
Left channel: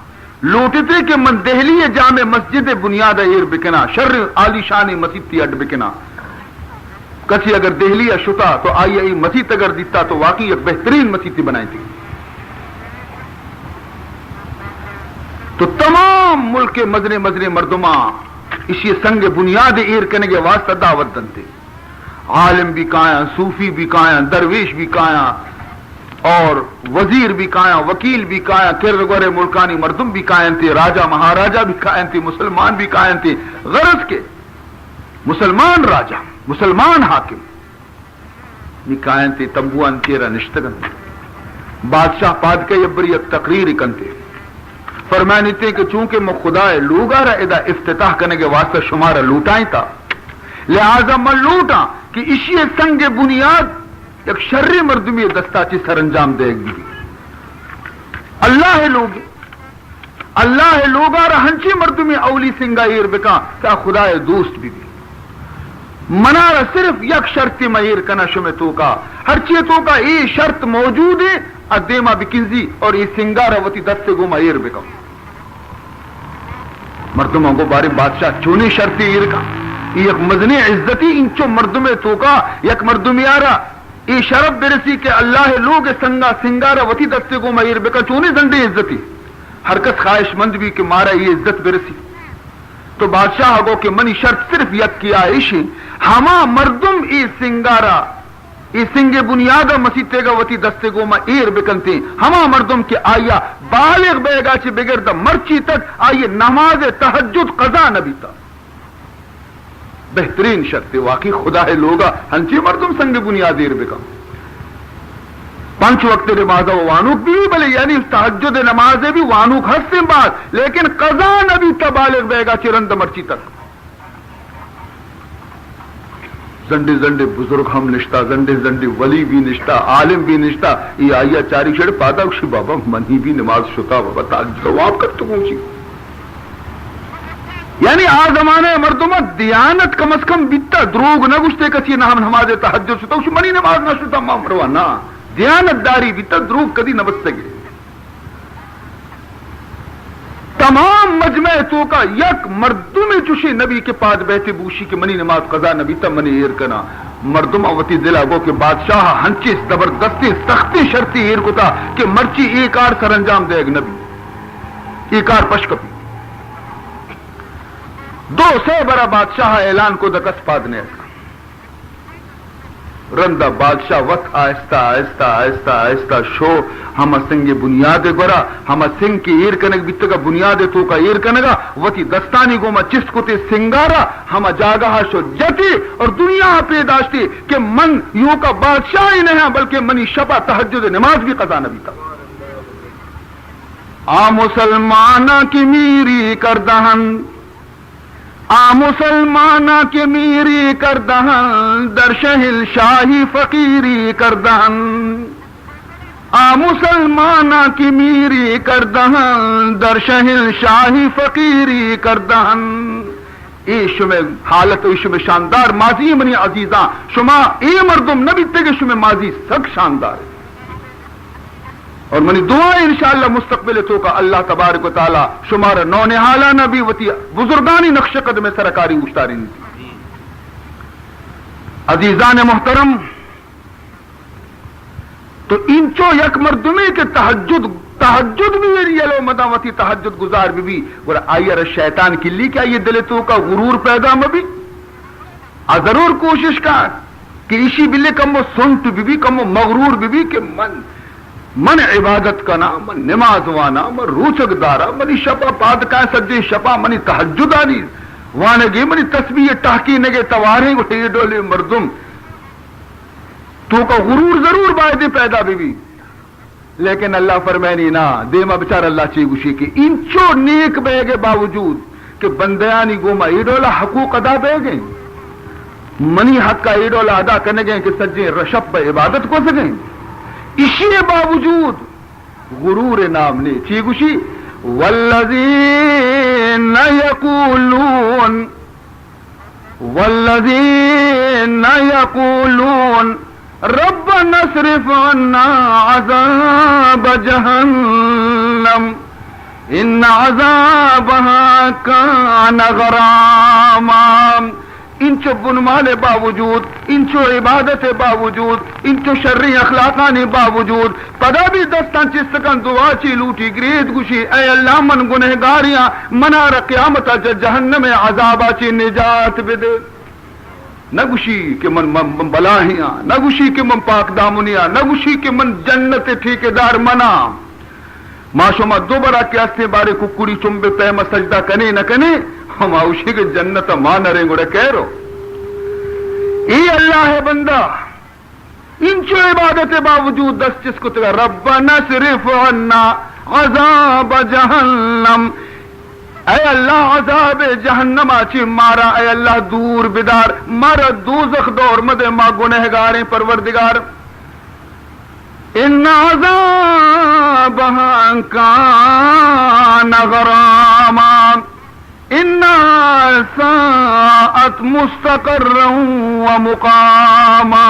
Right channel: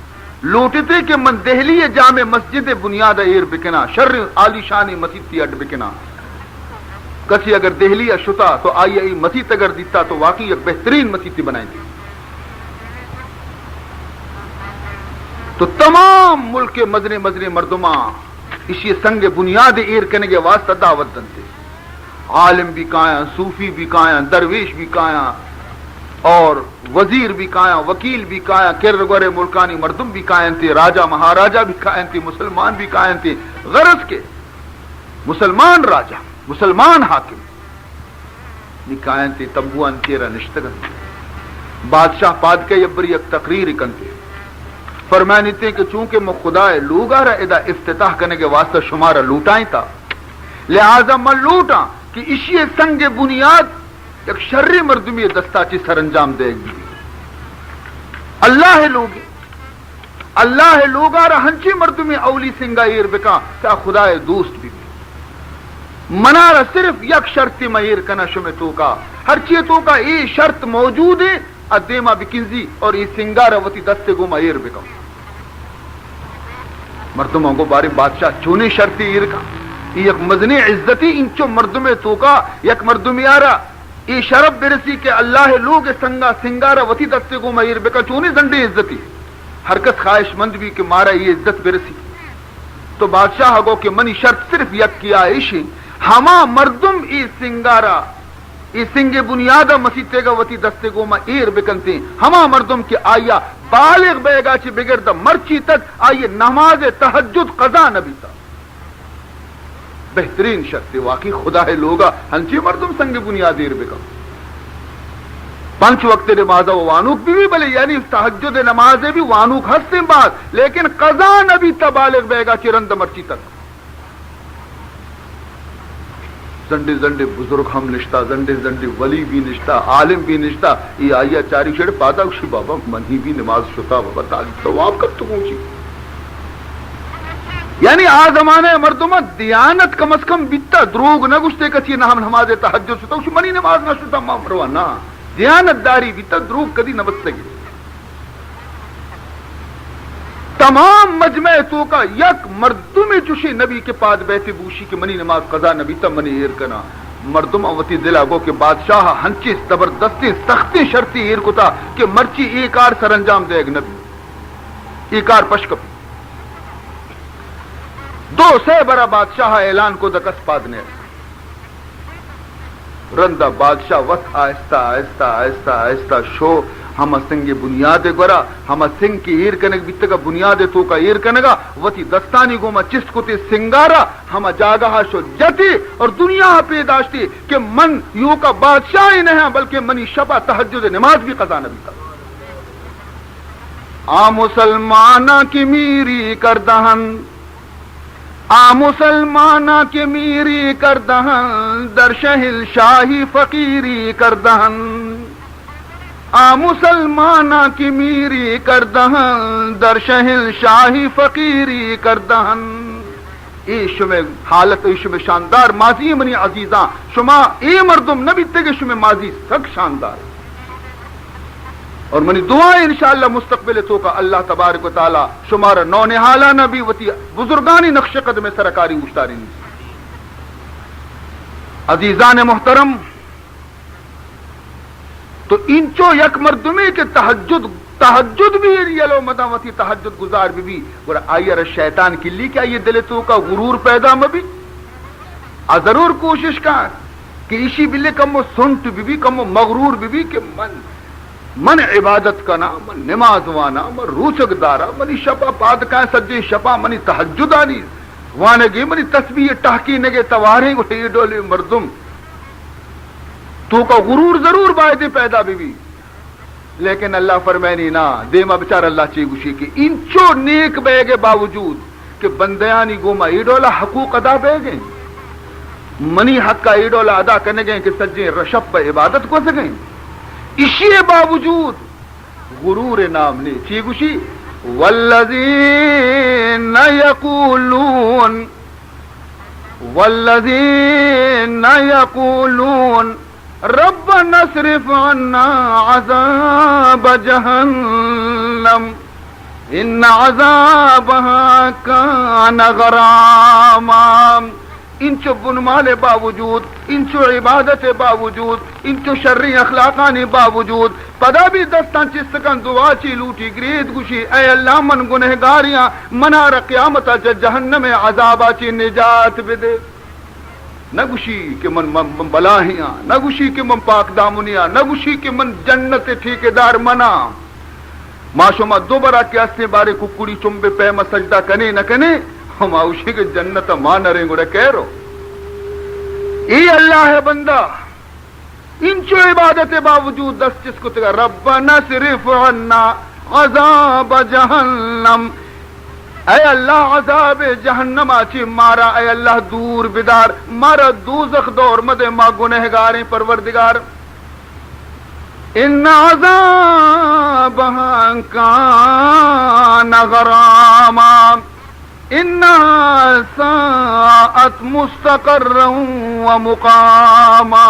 لوٹتے کہ من دہلی جامع مسجد بنیاد ایر بکنا شر عالی شانی مسجد تی اڈ بکنا کسی اگر دہلی شتا تو آئی ای مسجد اگر دیتا تو واقعی ایک بہترین مسجد بنائی تھی تو تمام ملک کے مزنے مزنے مردماں اسی سنگ بنیاد ایر کرنے کے واسطہ دعوت دنتے عالم بھی کائیں صوفی بھی کائیں درویش بھی کائیں اور وزیر بھی کائیں وکیل بھی کائیں کرگورے ملکانی مردم بھی کائیں تھے راجہ مہاراجہ بھی کائیں تھے مسلمان بھی کائیں تھے غرض کے مسلمان راجہ مسلمان حاکم بھی کائیں تھے تمبوان کیرا نشتگن بادشاہ پاد کے یبری ایک تقریر کنتے فرمانی تھے کہ چونکہ میں خدا لوگا ادا افتتاح کرنے کے واسطے شمارہ لوٹائیں تھا لہذا میں لوٹا کہ اسی سنگ بنیاد ایک شرری مردمی دستاتی سر انجام دے گی اللہ لوگا ہنچی مردمی اولی سنگا ایر بکا کہ خدا دوست بھی منارا صرف یک شرط مہیر کنا شمع تو کا ہر چیز تو کا یہ شرط موجود ہے ادیما بکنزی اور یہ سنگارا وتی دستے گو مہیر بکا مردموں کو بارے بادشاہ چونی شرطی ایر کا یہ ایک مزنی عزتی انچو مردمے تو کا یک مردمی آرا یہ شرف برسی کہ اللہ لوگ سنگا سنگارا وتی دستے گو مہیر بکا چونی زنڈی عزتی حرکت خواہش مند بھی کہ مارا یہ عزت برسی تو بادشاہ گو کہ منی شرط صرف یک کیا ایشی ہما مردم ای سنگارا ای سنگ بنیادہ مسیطے گا وتی دستے گو ما ایر بکنتے ہما مردم کے آیا بالغ بے گا چی بگردہ مرچی تک آئیے نماز تہجد قضا نبی تا بہترین شرط واقعی خدا ہے لوگا ہنچی مردم سنگ بنیاد ایر بکن پنچ وقت نمازہ وانوک بھی بلے یعنی تہجد نمازیں بھی وانوک ہستیں بات لیکن قضا نبی تا بالغ بے گا چی رند مرچی تک زنڈے زنڈے بزرگ ہم نشتا زنڈے زنڈے ولی بھی نشتا عالم بھی نشتا یہ آئیا چاری چھڑ پادا کشی بابا منی بھی نماز شتا بابا تاج جواب کر تو پوچھی یعنی آ زمانے مردمت دیانت کم از کم بیتا دروگ نہ گشتے کسی نہ ہم نماز تہجد شتا کشی منی نماز نہ شتا ماں مروا نا دیانت داری بیتا دروگ کدی نہ بچ سکے تمام مجمع تو کا یک مردم چوشی نبی کے پاس بیٹھے بوشی کہ منی نماز قضا نبی تا منی ایر کنا مردم اوتی دل آگو کہ بادشاہ ہنچی زبردستی سختی شرطی ایر کو تا کہ مرچی ایکار سر انجام دے گا نبی ایکار پشکپی دو سے برا بادشاہ اعلان کو دکس پادنے رندہ بادشاہ وقت آہستہ آہستہ آہستہ آہستہ شو ہم سنگ بنیاد گورا ہم سنگ کی ایر کنگ بیت کا بنیاد تو کا ایر کنگا وتی دستانی گوما چست کو تے سنگارا ہم جاگہ شو جتی اور دنیا پیداشتی کہ من یوں کا بادشاہ ہی نہیں ہے بلکہ منی شبہ تہجد نماز بھی قضا نبی کا آ مسلمانہ کی میری کردہن آ مسلمانہ کی میری کردہن در شہل شاہی فقیری کردہن آ مسلمانہ کی میری کردہن در شہل شاہی فقیری کردہن ای شمع حالت ای شمع شاندار ماضی منی عزیزاں شما ای مردم نبی تگے شمع ماضی سک شاندار اور منی دعائیں انشاءاللہ مستقبل تو کا اللہ تبارک و تعالی شمار نو نحالہ نبی وتی بزرگانی نقش قدم سرکاری اشتاری عزیزان محترم تو انچو یک مردمی کے تہجد بھی یلو مداوتی تہجد گزار بھی اور آئیر شیطان کی لی کیا یہ دل تو کا غرور پیدا مبی ضرور کوشش کر کہ اسی بلے کم سنٹ بھی کم مغرور بھی کہ من عبادت کنا من نماز وانا من روچک دارا منی شپا پاد کا سجے شپا منی تہجدانی وانگی منی تسبیح ٹاکی نگے توارے گٹے ڈولے مردم تو کا غرور ضرور باید پیدا بھی لیکن اللہ فرمائنی نا دیما بچار اللہ چی گوشی کی انچو نیک بے گے باوجود کہ بندیانی گوما ایڈولا حقوق ادا بے گئیں منی حق کا ایڈولا ادا کرنے گئیں کہ سجے رشب عبادت کو سکیں اسی باوجود غرور نام نے چی گوشی والذین یقولون ربنا اصرف عنا عذاب جہنم ان عذابها کان غراما انچو بنمال باوجود انچو عبادت باوجود انچو شرعی اخلاقانی باوجود پدا بھی دستان چستکن دعا چی لوٹی گرید گوشی اے اللہ من گنہگاریاں منار قیامت جہنم عذابا چی نجات بدے نہ گوشی کہ من بلاہیاں نہ گوشی کہ من پاک دامنیاں نہ گوشی کہ من جنت ٹھیکیدار منا ماشوما دو برا کیاستے بارے ککڑی چمبے پیما سجدہ کنے نہ کنے ہم اوشی کے جنت ماں نہ رہیں گوڑے کہہ رو اے اللہ ہے بندہ انچو عبادت باوجود دست جس کو تگا ربنا صرف عنا عذاب جہنم اے اللہ عذاب جہنم آچی مارا اے اللہ دور بدار مارا دوزخ دور مدے ما گنہگاریں پروردگار ان عذابها کان غراما انہا ساعت مستقرا و مقاما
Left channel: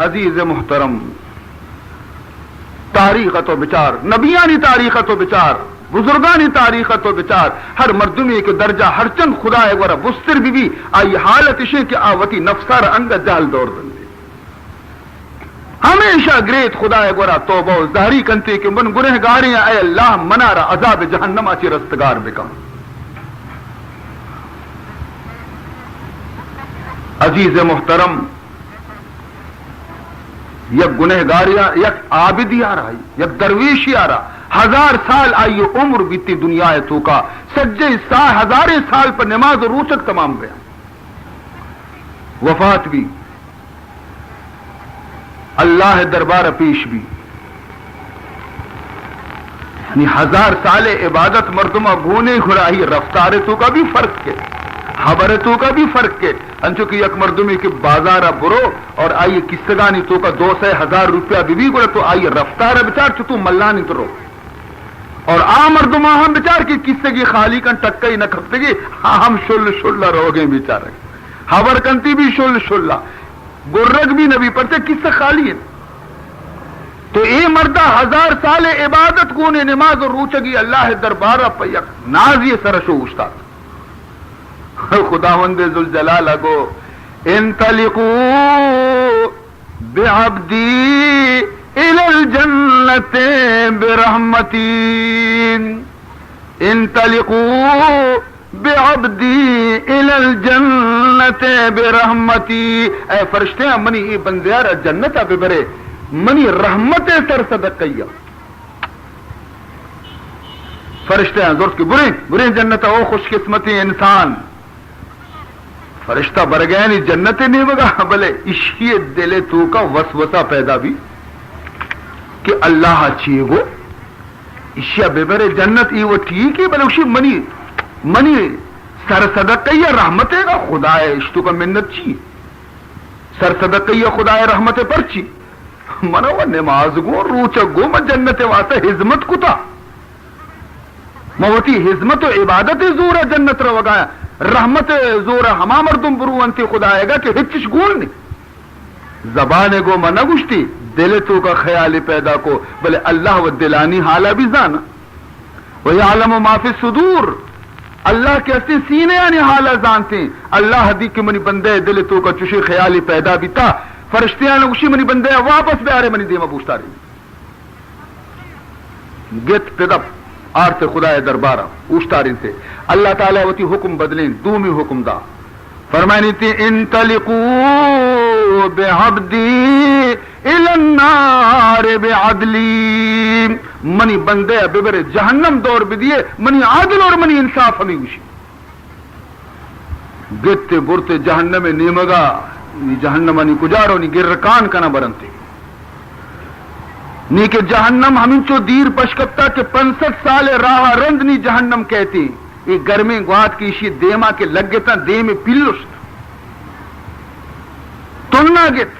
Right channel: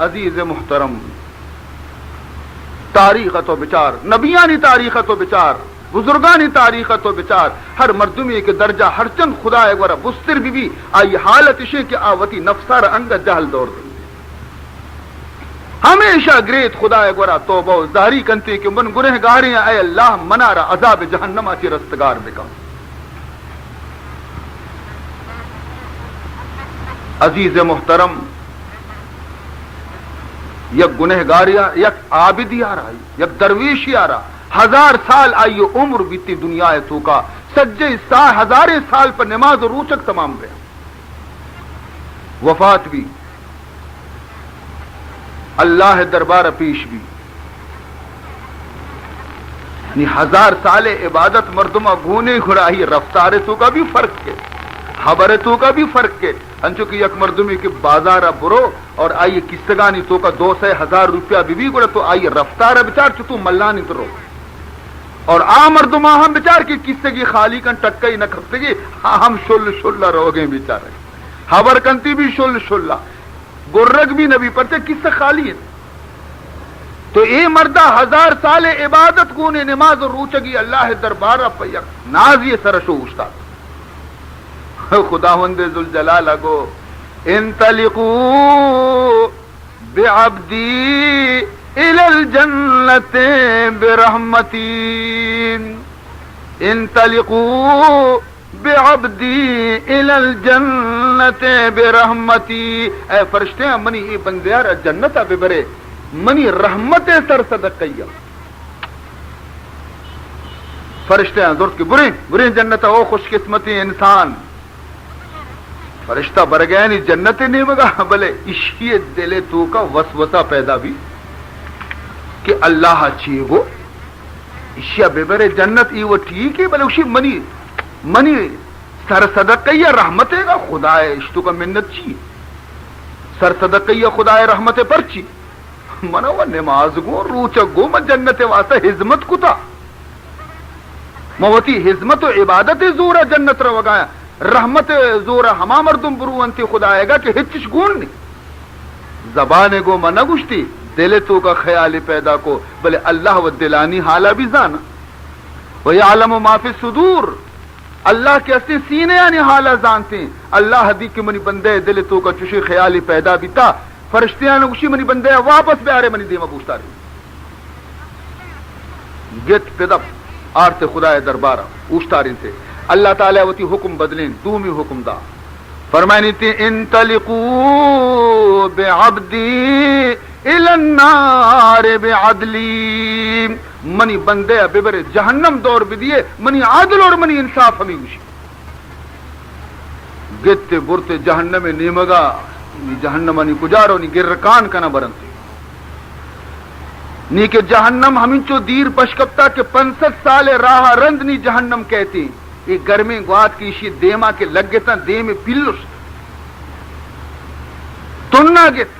عزیز محترم تاریخت و بچار نبیانی تاریخت و بچار بزرگانی تاریخت و بچار ہر مردمی کے درجہ ہر چند خدا ہے گورا بستر بھی آئی حالت اشے کہ آوتی نفسار انگا جہل دور دیں ہمیشہ گریت خدا ہے گورا توبہ و ظاہری کنتے کہ من گنہگاری اے اللہ منارا عذاب جہنم آتی رستگار بکا عزیز محترم یک گنہگاریاں یک عابدی آ رہا یک درویشی آ رہا 1000 سال آئیے عمر بیتی دنیا ہے تو کا سجے سال 1000 سال پر نماز و روچک تمام گیا وفات بھی اللہ دربار پیش بھی یعنی 1000 سال عبادت مردمہ گونے کھڑائی رفتار تو کا بھی فرق ہے خبر تو کا بھی فرق ہے انچو کہ یک مردمی کے بازار برو اور آئیے کسگانی تو کا 200,000 روپیہ بھی گوڑا تو آئیے رفتار بچار تو ملانی تو رو اور عام مردمہ ہم بچار کی کسگی خالی کن ٹکئی نہ کھپتگی ہم شل رو گئے بیچارے خبر کنتی بھی شل گرگ بھی نبی پڑتے کس سے خالی ہے تو اے مردہ 1000 سال عبادت گونے نماز اور روچگی اللہ دربارہ پیق نازی سرشو استاد خداوند ذوالجلال گو انطلقوا بعبدی الى الجنة برحمتی انطلقوا بعبدی الی الجنت برحمتی، اے فرشتے ہیں منی ای بندیار جنت بے برے منی رحمت سر صدقیہ. فرشتے ہیں درست کی برے جنت او خوش قسمتی انسان فرشتہ بر گیا نہیں جنت نہیں بگا بلے اشی دلے تو کا وسوسہ پیدا بھی کہ اللہ چیئے گو اشیا بے برے جنت ای وہ ٹھیک ہے بلے اسی منی سر صدقیہ رحمت گا خدا اشتو کا منت چی سر صدقیہ خدا رحمت پر چی منو وہ نماز گو روچک گو من جنت واسطہ حزمت کتا موتی حزمت و عبادت زورا جنت رو وگایا رحمت زورا ہما مردم بروانتی خدا آئے گا کہ ہچش گون نہیں زبانے گو منہ گشتی دل تو کا خیال پیدا کو بلے اللہ و دلانی حالا بھی زانا وَيَعْلَمُ مَا فِي الصُّدُورِ اللہ کے اصلی سینے یعنی حالا زانتے ہیں. اللہ حدیث کے منی بندے دل تو کا چشی خیالی پیدا بھی تا فرشتیاں نے اسی منی بندے واپس بھی آ رہے منی دیما پوچھتا رہی جت پدب آرتے خدا دربارہ اوشتا رہی تھے اللہ تعالیٰ ہوتی حکم بدلین دومی حکم دا فرمائنی تھی انطلقوا بعبدی الی النار بعدلی منی بندے ببر جہنم دور بدیے منی عادل اور منی انصاف ہمیں گوشی گتے برتے جہنم نیمگا جہنم نی کجارو نی گرکان کنا برنتے نی کہ جہنم ہمیں چو دیر پشکپتا کہ 65 سال راہ رند نی جہنم کہتی یہ گرمی گوات کی اسی دیما کے لگ گتا دے میں پلوس تننا گت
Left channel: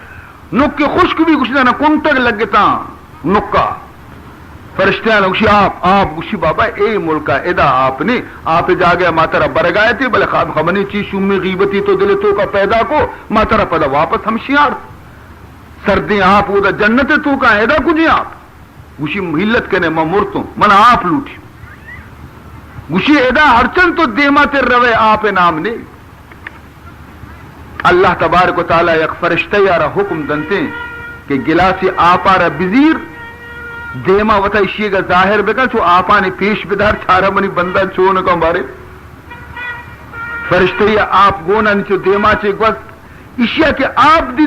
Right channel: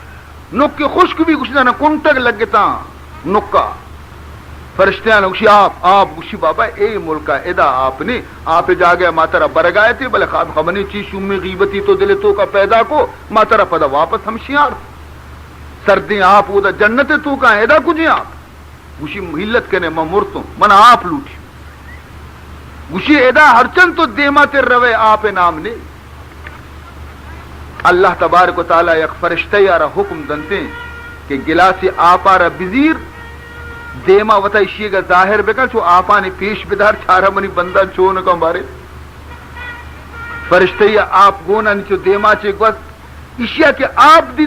نک کے خشک بھی کچھ نہ کنٹک لگ گتا نکا فرشتیاں گوشی آپ گوشی بابا اے ملکہ ادا آپ نے آپ جا گیا ماترہ برگائے تھے بلے خواب خبنی چیز شمی غیبتی تو دل تو کا پیدا کو ماترہ پدا واپس ہم شیار سردیں آپ وہ دا جنت تو کا ادا کجی آپ گوشی محلت کہنے میں مرتوں من آپ لوٹی گوشی ادا ہرچن تو دیما تیر روے آپ نام نے اللہ تبارک و تعالی یک فرشتہ یارا حکم دنتے ہیں کہ گلاسی آپا را بزیر دیما وطا اشیے گا ظاہر بکن چو آپا نے پیش بدار چھارا منی بندہ چون کا مارے فرشتہ یا آپ گونا نیچو دیما چے گوز اشیاء کے آپ دی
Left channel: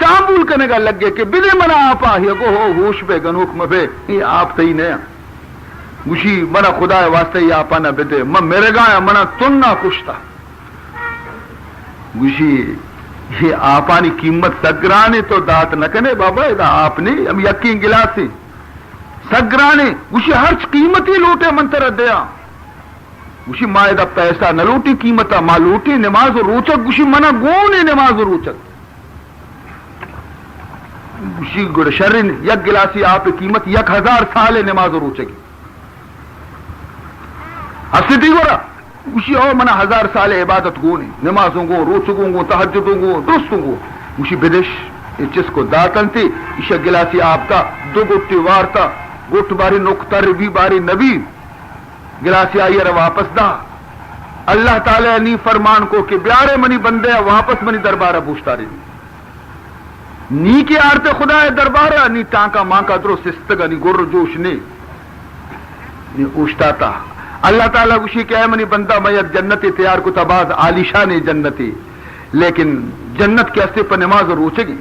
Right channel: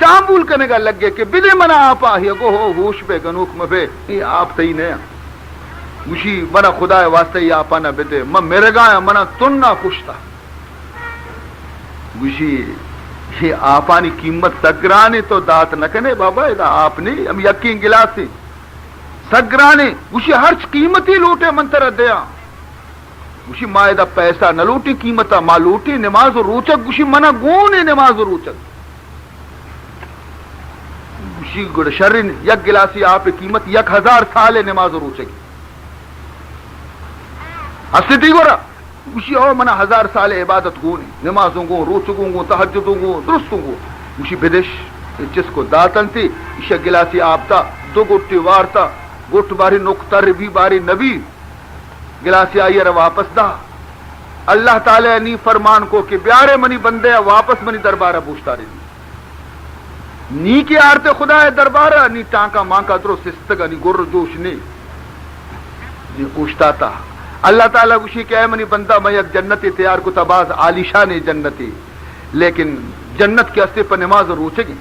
چامبول کرنے کا لگ گئے کہ بدے منا آپا ہی گو ہو ہوش بے گنوک مبے یہ آپ تھی نیا گوشی منا خدا واسطے یہ آپا نہ بدے میں میرے گایا منا تن نہ کشتا گوشی یہ آپانی قیمت سگرانی تو دات نہ کنے بابا ادا آپ نے ہم یقین گلاسی سگرانی گوشی ہر قیمتی لوٹے منتر دیا گوشی ماں ادا پیسہ نہ لوٹی قیمتا ماں لوٹی نماز و روچک گوشی منا گونی نماز و روچک گوشی گڑ شرین یک گلاسی آپ قیمت 1000 سال نماز و روچک ہستی تھی گورا گوشی اور منا 1000 سال عبادت گونی نمازوں گو روچکوں گو تحجدوں گو درستوں گو گوشی بدش جس کو داتن تھی اشیا گلاسی آپ تا 2 گٹی وارتا گٹ باری نکتر بھی باری نبی گلاسی آئی رہا واپس دا اللہ تعالی نی فرمان کو کہ بیارے منی بندے واپس منی دربارہ پوچھتا رہی نی کی آرتے خدا دربارہ نی ٹانکا مانکا درو سستگا نی گر جوش نی اوشتا تا اللہ تعالیٰ گوشی کہ اے منی بندہ میت جنتی تیار کو تباز عالیشان جنتی لیکن جنت کے اسے پر نماز روچے گی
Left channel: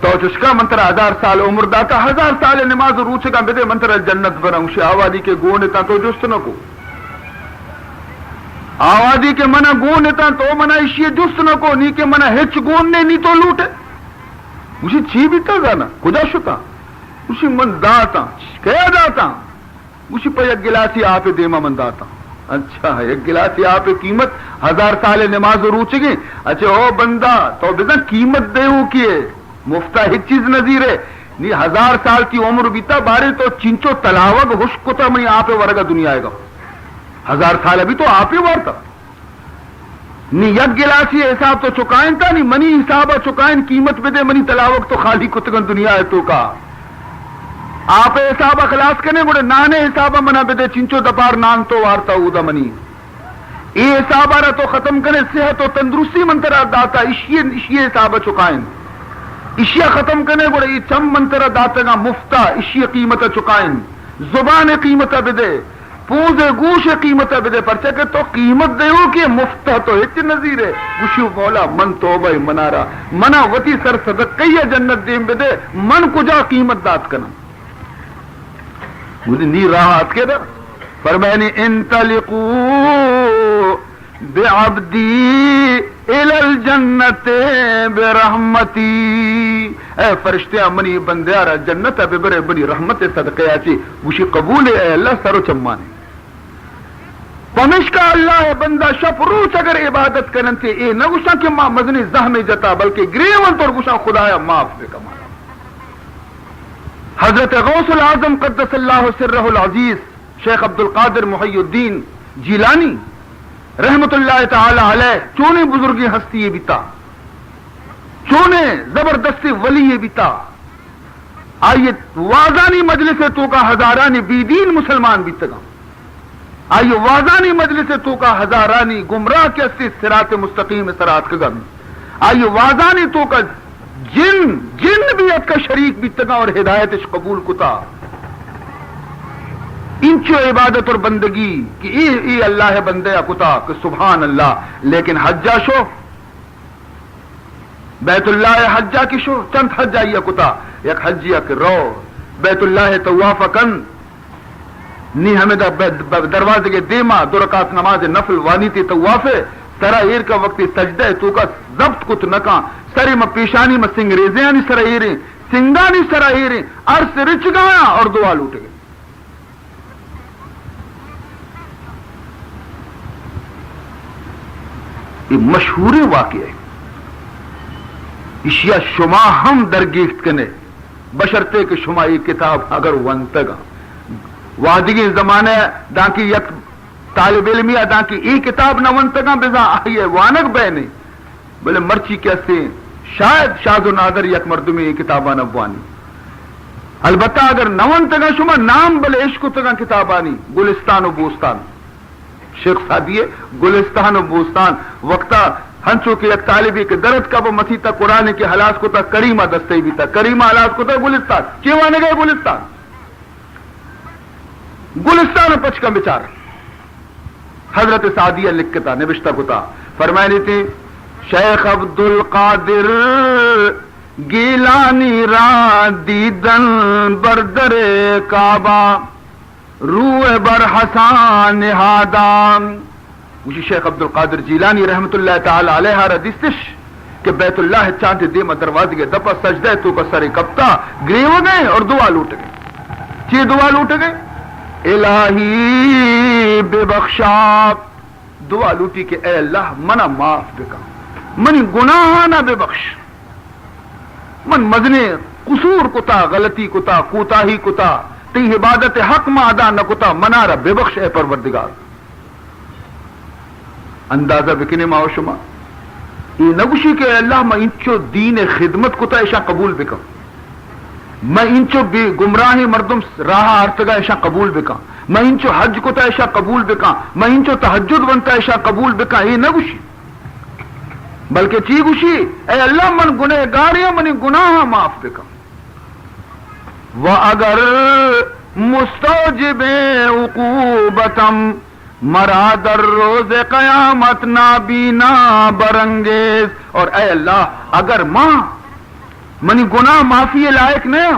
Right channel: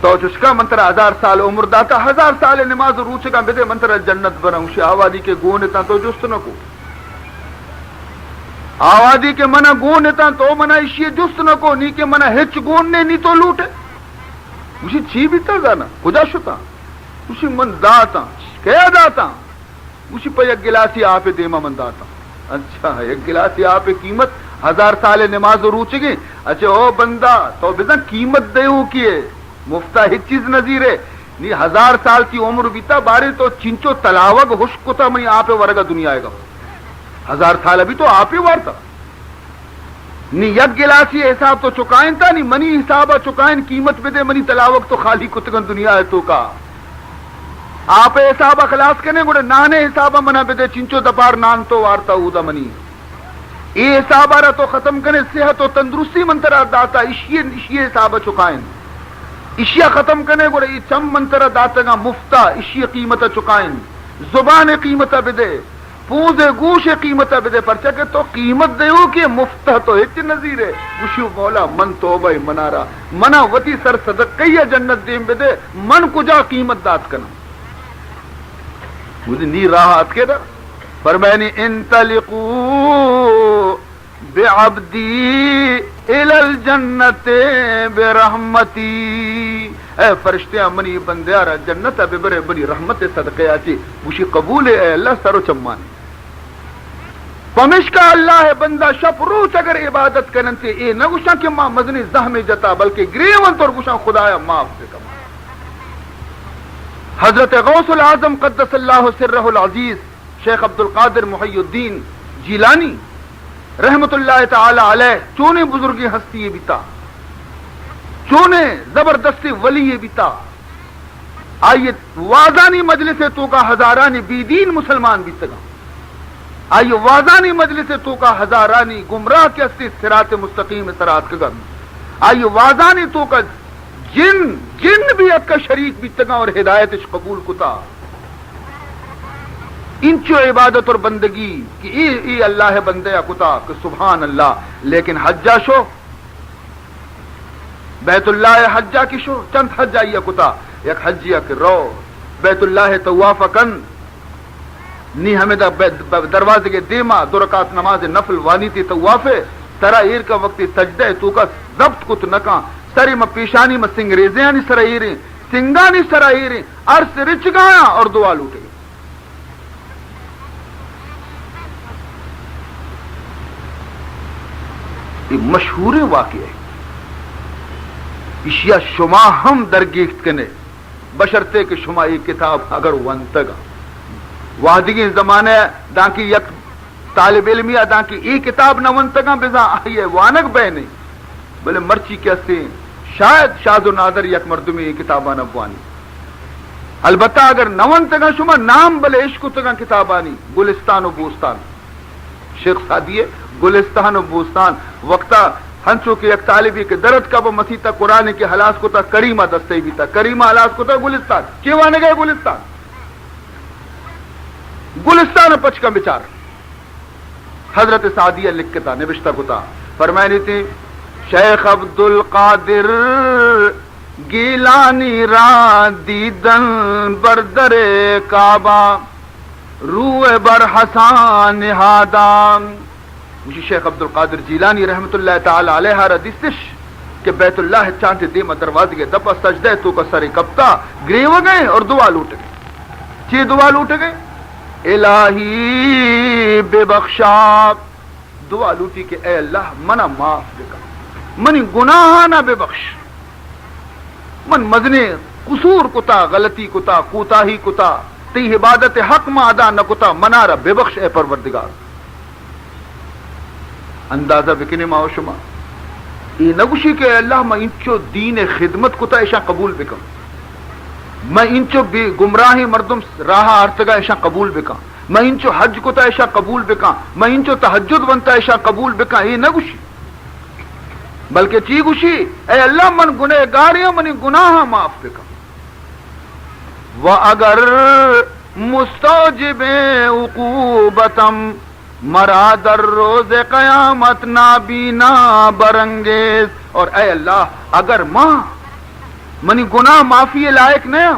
تو چسکا منتر 1000 سال عمر داتا 1000 سال نماز روچے گا بدے منتر جنت بنا اسی آوازی کے گونتا تو جست نہ کو آوازی کے منہ گونتا تو منہ اسی جست نہ کو نی کے منہ ہچ گوننے نی تو لوٹے اسی چھی بیتا گانا خدا شکا اسی من داتا کیا داتا اسی پر یک گلاسی آپ دیما من داتا اچھا یک گلاسی آپ قیمت 1000 سال نماز روچے گی اچھا او بندہ تو بزن قیمت دے ہو کیے مفتہ ہی چیز نظیر ہے نی 1000 سال کی عمر بیتا باری تو چنچو تلاوگ حشک کتا منی آپ ورگا دنیا آئے گا 1000 سال ابھی تو آپ ہی وارتا نی یک گلاسی حساب تو چکائن تا نی منی حسابہ چکائن قیمت بدے منی تلاوگ تو خالی کتگن دنیا ہے تو کا آپ حسابہ خلاص کرنے گوڑے نانے حسابہ منا بدے چنچو دپار نان تو وارتا ہو دا منی ای حسابہ را تو ختم کرنے صحت و تندرستی منترہ داتا اشی حسابہ چکائن اشیاء ختم کرنے گوڑے ای چم منترہ داتا گا مفتہ اشی قیمت چکائن زبان قیمت بدے پوزے گوش قیمت بدے پرچہ کہ تو قیمت دیو کہ مفتہ تو ہچ نظیر ہے گوشو مولا من توبہ منارا منا وتی سر صدقی جنت دیم بدے من کجا قیمت دات کنا مجھے نی راحت کے در فرمائنی انطلقو بعبدی الی الجنت برحمتی اے فرشتے منی بندیارا جنت اب بڑے بڑی رحمت صدقے آچی گوشی قبول اے اللہ سرو چمان پمش کا اللہ ہے بندہ شپ روچ اگر عبادت کرن تے اے نہ گوشا کہ ماں مزنی زہمی جتا بلکہ گریون طور گوشا خدایا معاف سے کمایا حضرت غوث العظم قدس اللہ سرہ العزیز شیخ عبد القادر محی الدین جیلانی رحمت اللہ تعالی علیہ چونے بزرگی ہستی یہ بیتا چونے زبردستی ولی یہ بیتا آئیے وازانی مجلس تو کا ہزارانی بیدین مسلمان بیتگا آئیے وازانی مجلس تو کا ہزارانی گمراہ کے اسی صراط مستقیم سرات کگم آئیے وازانی تو کا جن بھی ات کا شریک بیتگا اور ہدایت قبول کتا انچو عبادت اور بندگی کہ ای اللہ ہے بندے کتا کہ سبحان اللہ لیکن حجہ شو بیت اللہ حجہ کی شو چند حجہ یہ کتا یک حجیہ کہ رو بیت اللہ طواف کن نی ہمیں دروازے کے دیما دو رکعت نماز نفل وانی تی طوافے ترا ایر کا وقتی سجدہ تو کا ضبط کت نکا سری میں پیشانی میں سنگریزیاں سر ایریں سنگانی سر ایریں عرص رچ گایا اور دعا لوٹ گئے یہ مشہور واقعہ ہے اشیاء شما ہم درگیخت کنے بشرتے کہ شما یہ کتاب اگر ونتگا وادگی زمانے دانکی یک طالب علمی دانکی ای کتاب نہ ونتگا بزا آئیے وانک بے نہیں بلے مرچی کیسے شاید شاد و نادر یک مردمی یہ کتابان ابوانی البتہ اگر نہ ونتگا شما نام بلے عشق تگا کتابانی گلستان و بوستان شیخ سادیے گلستان و بوستان وقتا ہنچو کے ایک طالبی کے درد کا وہ مسیح قرآن کے حلاس کو تا کریمہ دستے بھی تھا کریمہ حلاس کو تا گلستان کیوانے گئے گلستان پچ کا بچار حضرت سعدیہ لکھتا نوشتہ کتا فرمائنی تھی شیخ عبد القادر گیلانی را دیدن بردر کعبہ روح بر حسان نہادام مجھے شیخ عبد القادر جیلانی رحمت اللہ تعالی علیہ ردستش کہ بیت اللہ چاند دیما دروازے کے دپا سجدہ تو کا سر کپتا گریو گئے اور دعا لوٹ گئے چی دعا لوٹ گئے الہی بے بخشا دعا لوٹی کہ اے اللہ منا معاف بکا منی گناہ نہ بے بخش من مزنے قصور کتا غلطی کتا کوتاہی کتا تی عبادت حق ما ادا نہ کتا منارا بے بخش اے پروردگار اندازہ بکنے ما و شما یہ نگوشی کہ اللہ میں انچو دین خدمت کتا ایشا قبول بکا میں انچو گمراہی مردم راہ ارتگا ایشا قبول بکا میں انچو حج کتا ایشا قبول بکا میں انچو تہجد بنتا ایشا قبول بکا یہ نگوشی بلکہ چی گوشی اے اللہ من گناہ گاریاں منی گناہ معاف بکا وَأَگَرْ مُسْتَوْجِبِ عُقُوبَتَمْ مرا در روز قیامت نابینا برنگیز اور اے اللہ اگر ماں منی گناہ معافی لائق نہیں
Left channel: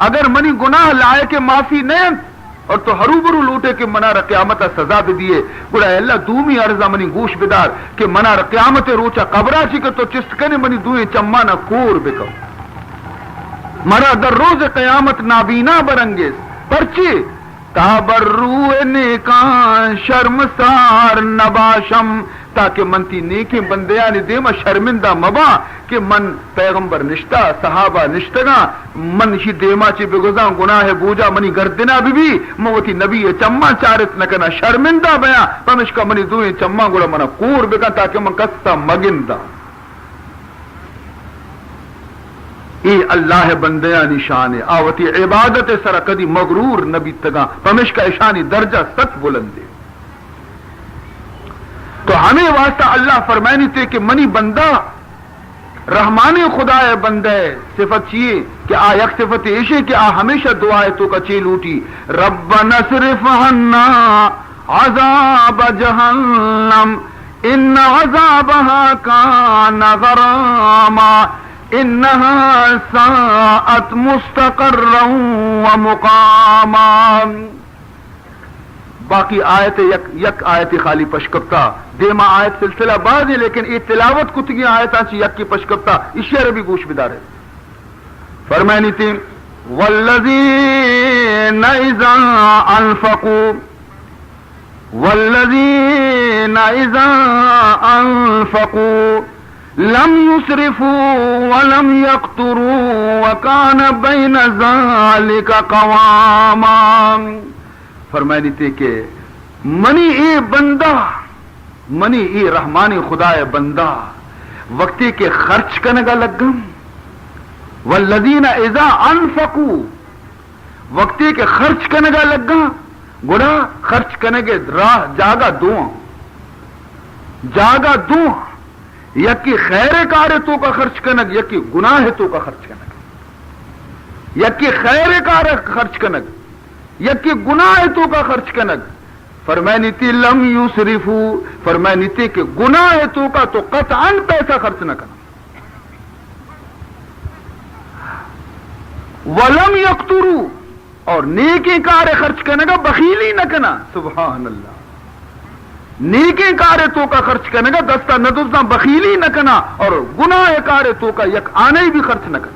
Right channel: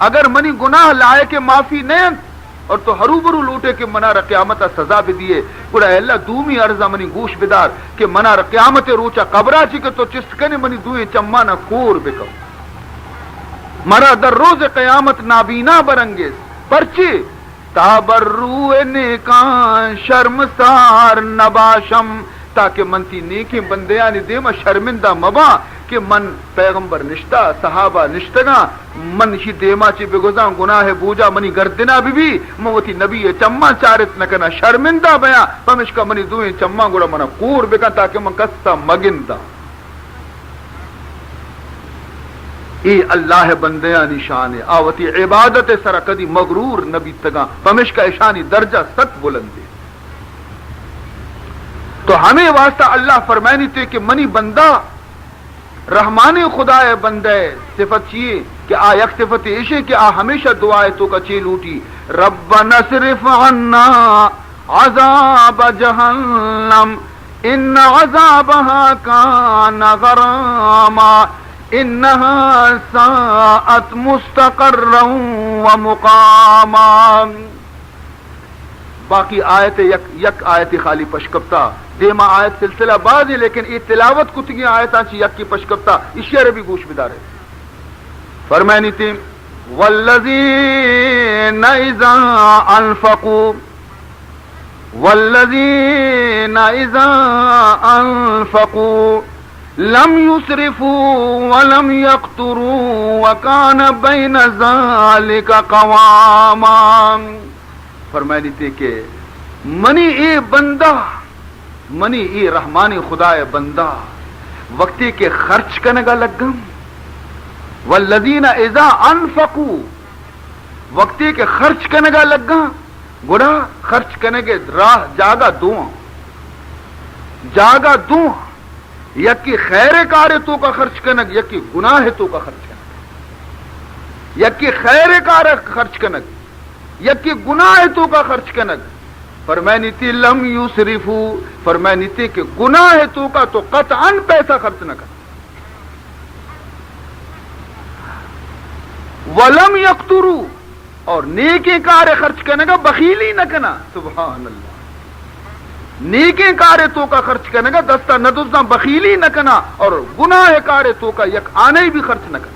اگر منی گناہ لائق معافی نہیں اور تو ہرو برو لوٹے کہ منار قیامت سزا بھی دیے بڑا اے اللہ دومی عرضہ منی گوش بدار کہ منار قیامت روچا قبرہ چی کہ تو چست کنے منی دوئیں چمانا کور بکو مرا در روز قیامت نابینا برنگیز پرچی تابر روح نیکان شرمسار نباشم تاکہ منتی نیکی بندیانی دیما شرمندہ مبا کہ من پیغمبر نشتا صحابہ نشتنا من شی دیما چی بگزاں گناہ بوجا منی گردنا بھی موتی نبی چما چارت نکنا شرمندہ بیاں پمشکا منی دوئیں چما گوڑا منا کور بکن تاکہ من کستا مگندہ ای اللہ بندیانی شان آوتی عبادت سر کدی مغرور نبی تگا پمش کا اشانی درجہ ست بلندے تو ہمیں واسطہ اللہ فرمائنی تھے کہ منی بندہ رحمانی خدا بندے صفت چیئے کہ آ یک صفت ایشی کہ آ ہمیشہ دعائے تو کا چیل اوٹی ربنا اصرف عنا عذاب جہنم ان عذابها کان غراما انها ساءت مستقرا ومقاما. باقی آیت یک آیت خالی پشکپتا دیما آیت سلسلہ بعد ہے لیکن یہ تلاوت کتگی آیتاں چی یک کی پشکپتا اسی عربی گوش بدارے فرمائنی تھی والذین اذا انفقوا والذین اذا انفقوا لم يسرفوا ولم يقتروا وكان بين ذلك قواما. فرمائنی تھی کہ منی اے بندہ منی ای رحمانی خدا بندہ وقتی کے خرچ کرنے گا لگم والذین اذا انفقوا وقتی کے خرچ کرنے گا لگا گڑا خرچ کرنے کے راہ جاگا دوں یکی خیر کار تو کا خرچ کرنے یکی گناہ تو کا خرچ کرنے یکی خیر کار خرچ کرنے یکی گناہ تو کا خرچ کرنے فرمائنی تھی لم یسرفو فرمائنی تھی کہ گناہ ہے تو کا تو قطعاً پیسہ خرچ نہ کرنا ولم یقترو اور نیکی کار خرچ کرنے کا بخیلی نہ کرنا. سبحان اللہ. نیکی کار تو کا خرچ کرنے کا دستہ ندزہ بخیلی نہ کرنا اور گناہ کار تو کا یک آنے بھی خرچ نہ کرنا.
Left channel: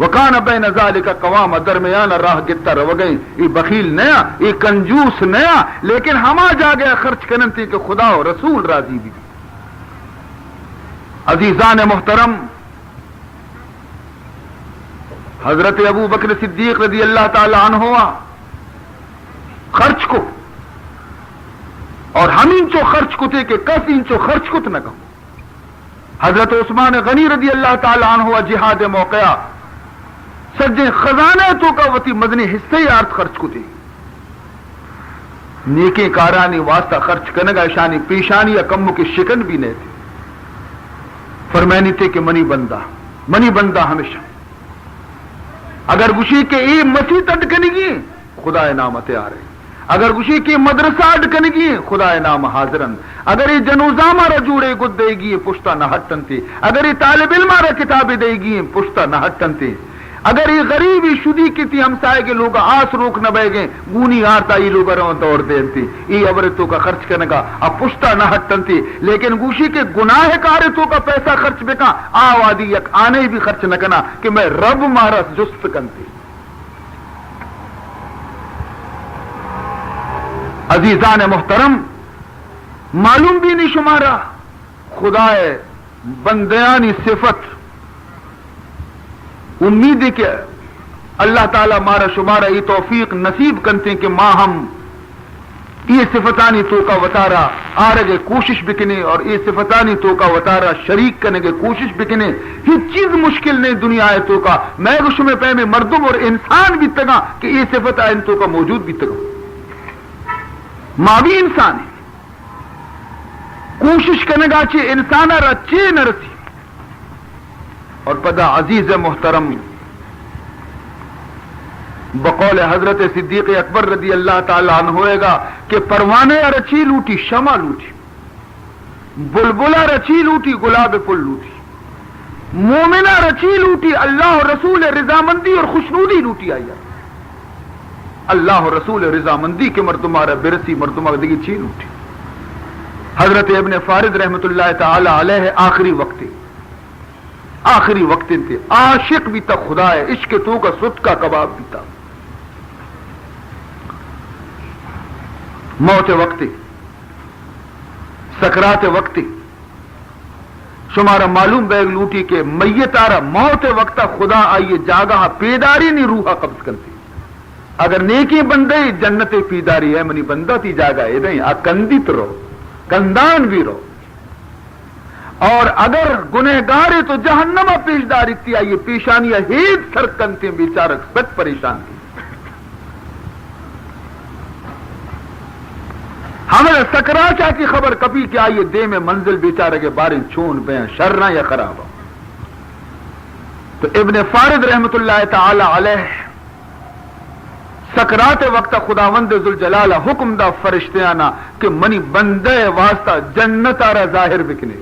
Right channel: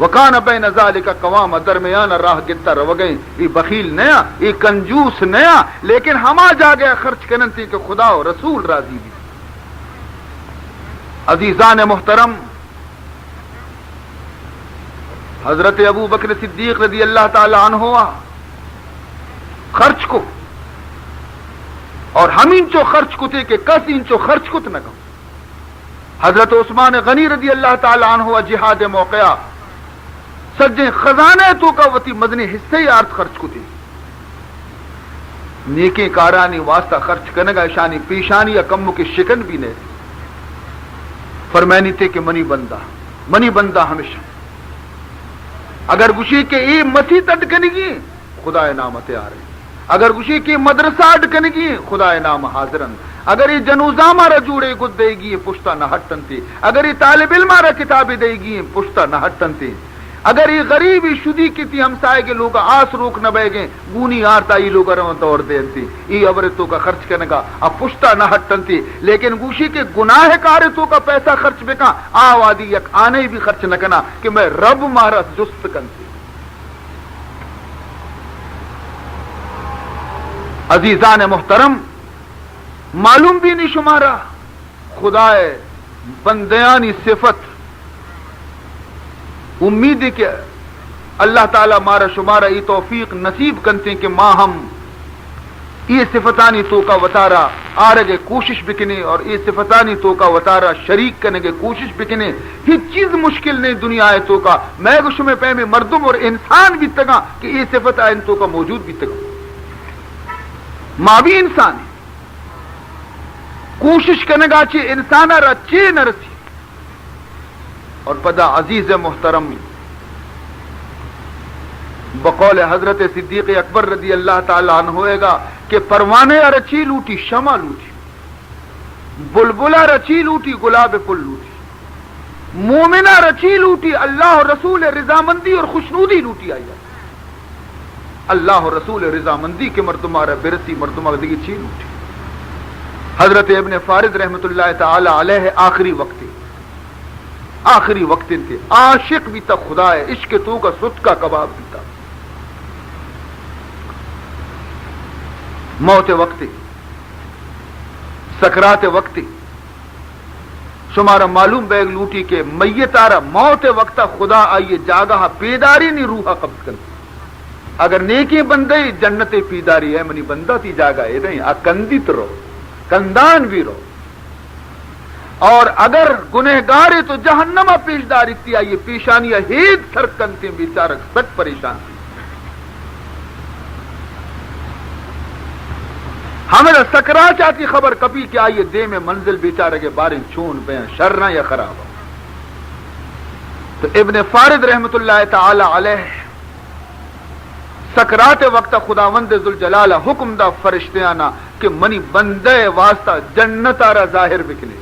وکان بین ذالک قوام درمیان راہ گتا رو گئی یہ بخیل نیا یہ کنجوس نیا لیکن ہما جا گیا خرچ کرن تھی کہ خدا و رسول راضی بھی. عزیزان محترم حضرت ابو بکر صدیق رضی اللہ تعالی عنہ خرچ کو اور ہم انچو خرچ کو تھے کہ کس انچو خرچ کو نہ کہوں. حضرت عثمان غنی رضی اللہ تعالی عنہ جہاد موقعہ سجے خزانہ تو کا وتی مدنی حصے یارت خرچ کو تھی نیکی کارانی واسطہ خرچ کرنے گا شانی پیشانی یا کموں کی شکن بھی نہیں. فرمائنی تھے کہ منی بندہ ہمیشہ اگر گشی کے ای مسیح اٹکنی گی خدا نام تیار ہے اگر گشی کی مدرسہ اٹکنی گی خدا نام حاضرن اگر یہ جنوزامہ را جوڑے گد دے گی پشتہ نہ ہٹن تھی اگر یہ طالب علم را کتابیں دے گی پشتہ نہ ہٹن تھی اگر یہ غریبی شدی کی تھی ہمسائے کے لوگ آس روک نہ بہ گئے گونی آرتا یہ لوگ دوڑ دین تھی یہ عورتوں کا خرچ کرنے کا اب پشتہ نہ ہٹن تھی لیکن گوشی کے گناہ کارتوں کا پیسہ خرچ بکا آوادی یک آنے بھی خرچ نہ کرنا کہ میں رب مارا جست کنتی. عزیزان محترم معلوم بھی نہیں شمارا خدا بندیانی صفت امید ہے کہ اللہ تعالیٰ مارا شمارا یہ توفیق نصیب کرتے کہ ماں ہم یہ صفتانی تو کا وطارہ آرگے کوشش بکنے اور یہ صفتانی تو کا وطارہ شریک کرنے کے کوشش بکنے ہی چیز مشکل نہیں دنیا ہے تو کا میں گش میں پہ میں مردم اور انسان بھی تگا کہ یہ صفت آئین تو کا موجود بھی تگا ماں بھی انسان کوشش کرنے گا چی انسان رچے نہ رسی. اور پدا عزیز محترم بقول حضرت صدیق اکبر رضی اللہ تعالی عنہ ہوئے گا کہ پروانے رچی لوٹی شمع لوٹی بلبلہ رچی لوٹی گلاب پل لوٹی مومنہ رچی لوٹی اللہ رسول رضامندی اور خوشنودی لوٹی آئی اللہ رسول رضامندی کے مردمہ برسی مردمہ دیگی چی لوٹی. حضرت ابن فارد رحمت اللہ تعالی علیہ آخری وقت تھے عاشق بھی تھا خدا ہے عشق تو کا سٹ کا کباب بھی تھا. موت وقت سکرات وقت شمارا معلوم بیگ لوٹی کہ میت آرہ موت وقت خدا آئیے جاگہ پیداری نہیں روحا قبض کرتی اگر نیکی بندے جنت پیداری ہے منی بندہ تھی جاگہ ہے نہیں کندت رو کندان بھی رو اور اگر گنہگار تو جہنمہ پیشداری تھی آئیے پیشانیاں ہیت سرکن تھی بیچارک سک پریشان تھی. ہمیں سکرا چاہتی خبر کبھی کہ آئیے دے میں منزل بیچارے کے بارے چھون بیاں شرنا یا خراب ہو تو ابن فارد رحمت اللہ تعالی علیہ سکرات وقت خداوند ذوالجلال حکم دا فرشتیانا کہ منی بندے واسطہ جنت آرا ظاہر بکنے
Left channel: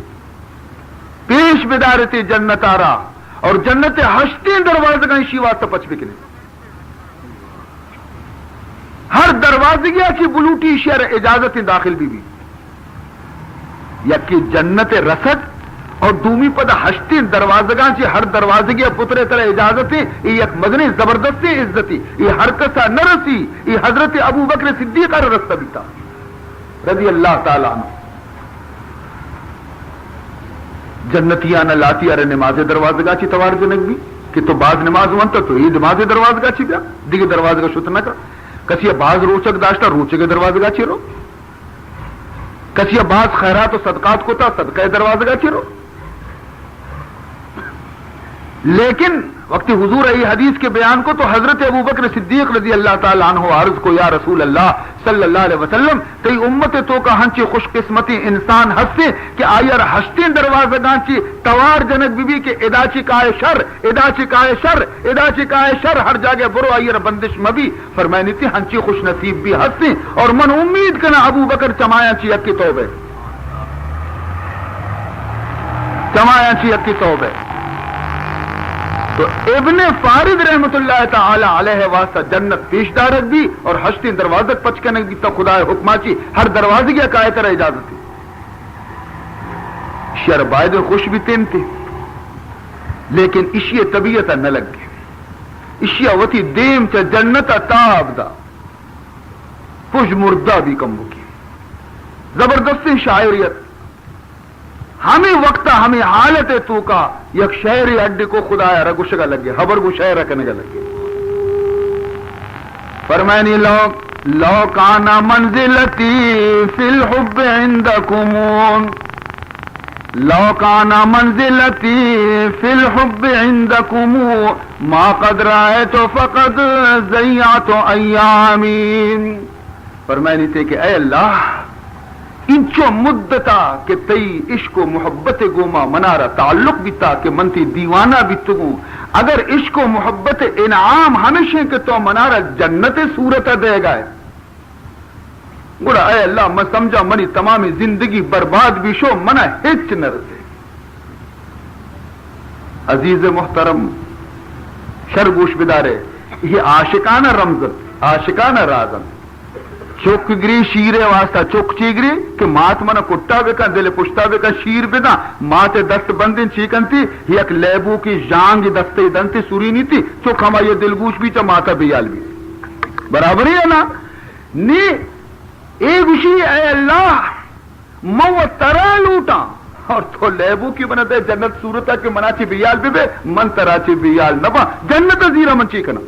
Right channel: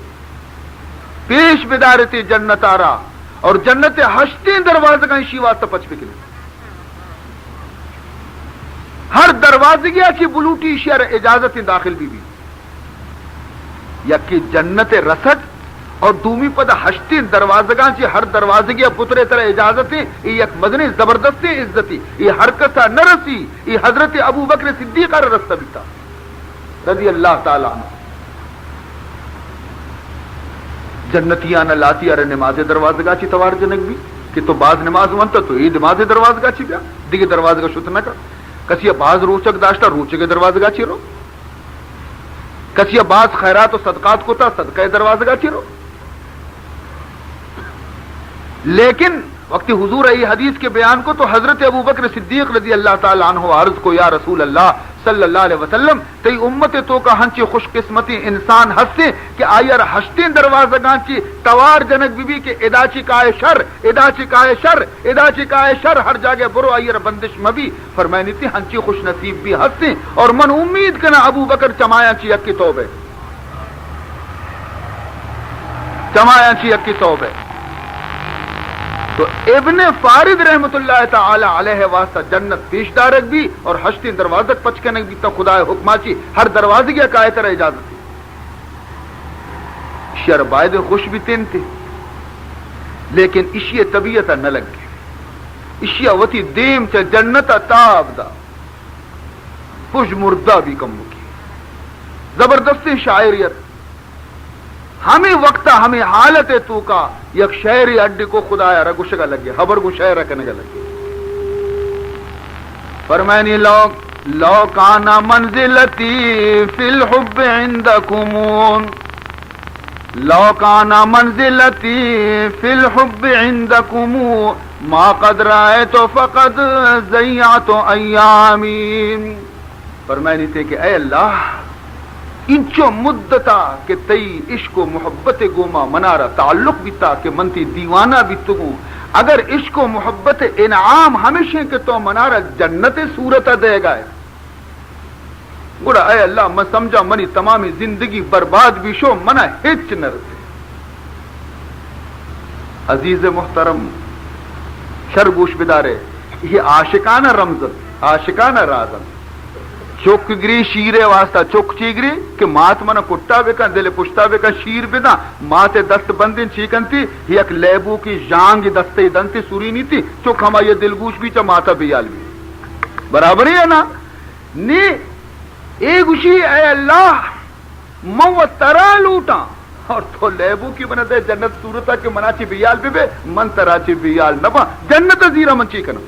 پیش بدارتی جنت آرا اور جنت ہشتی دروازے کا شی واسطہ پچ بکنے ہر دروازے گیا کی بلوٹی شہر اجازت داخل بھی یا کی جنت رسد اور دومی پدا ہشتی دروازگاں چی ہر دروازے گیا پترے طرح اجازتی یہ ایک مدنی زبردستی عزتی یہ ہر کسا نرسی یہ حضرت ابو بکر صدیق کا رستہ بھی تھا رضی اللہ تعالیٰ عنہ جنتیانا لاتی ارے نماز دروازگاں چی توار جنگ بھی کہ تو بعض نماز وانتا تو یہ نماز دروازگاں چی بیا دیگه دروازگاں شتنا کا کسی بعض روچک داشتا روچک دروازگاں چی رو کسی بعض خیرات و صدقات کو تا صدقہ دروازگاں چی رو لیکن وقت حضور ای حدیث کے بیان کو تو حضرت ابو بکر صدیق رضی اللہ تعالیٰ عنہ عرض کو یا رسول اللہ صلی اللہ علیہ وسلم کئی امت تو کا ہنچی خوش قسمتی انسان ہستے کہ آئیر ہشتین دروازگاں چی توار جنک بی بی کے ادا چکائے شر ادا چکائے شر ادا چکائے شر ہر جاگے برو آئیر بندش مبی فرمائنی تھی ہنچی خوش نصیب بھی ہستے اور من امید کنا ابو بکر چمایا چی اکی توبے چمایا چی اکی توبے تو ابن فارد رحمت اللہ تعالی علیہ واسطہ جنت پیش دارک دی اور ہشتی دروازک پچکنے دی تا خدا حکمہ چی ہر دروازے کی اکائے طرح اجازت تھی شر باید خوش بھی تین تھی لیکن اشیاء طبیعت نہ لگ گئی اشیاء وتی دیم چا جنت تاب دا خوش مردہ بھی کم کی زبردستی شاعریت ہمیں وقتا ہمیں حالت تو کا یک شہری اڈی کو خدایا رگوش کا لگے خبر کو شہر رکھنے کا لگے فرمائنی لو کانا منزلتی فی الحب عندکم لو کانا منزلتی فی الحب عندکم ما قد رأیت فقد ضیعت ایامی فرمائنی تھے کہ اے اللہ انچو مدتا کہ تئی عشق و محبت گوما منارا تعلق بیتا کہ منتی دیوانہ بیتگوں اگر عشق و محبت انعام ہنشیں کہ تو منارا جنت صورت دے گئے گوڑا اے اللہ میں سمجھا منی تمامی زندگی برباد بھی شو منہ ہچ نہ رسے عزیز محترم شرگوش بدارے یہ عاشقانہ رمزت عاشقانہ رازم چوک گری شیرے واسطہ چوک چیگری کہ مات منا کٹا بکا دل پشتا بکا شیر بنا مات دست بندن چیکن تھی یک لیبو کی جانگ دستے دنتی سوری نہیں تھی چوک ہما یہ دلگوش بھی چا ماتا بیال بھی برابر ہے نا نی ایک اسی اے اللہ مو ترا لوٹا اور تو لیبو کی بنا دے جنت صورتا کہ منا چی بیال بھی بے من ترا چی بیال نبا جنت زیرہ من چیکنا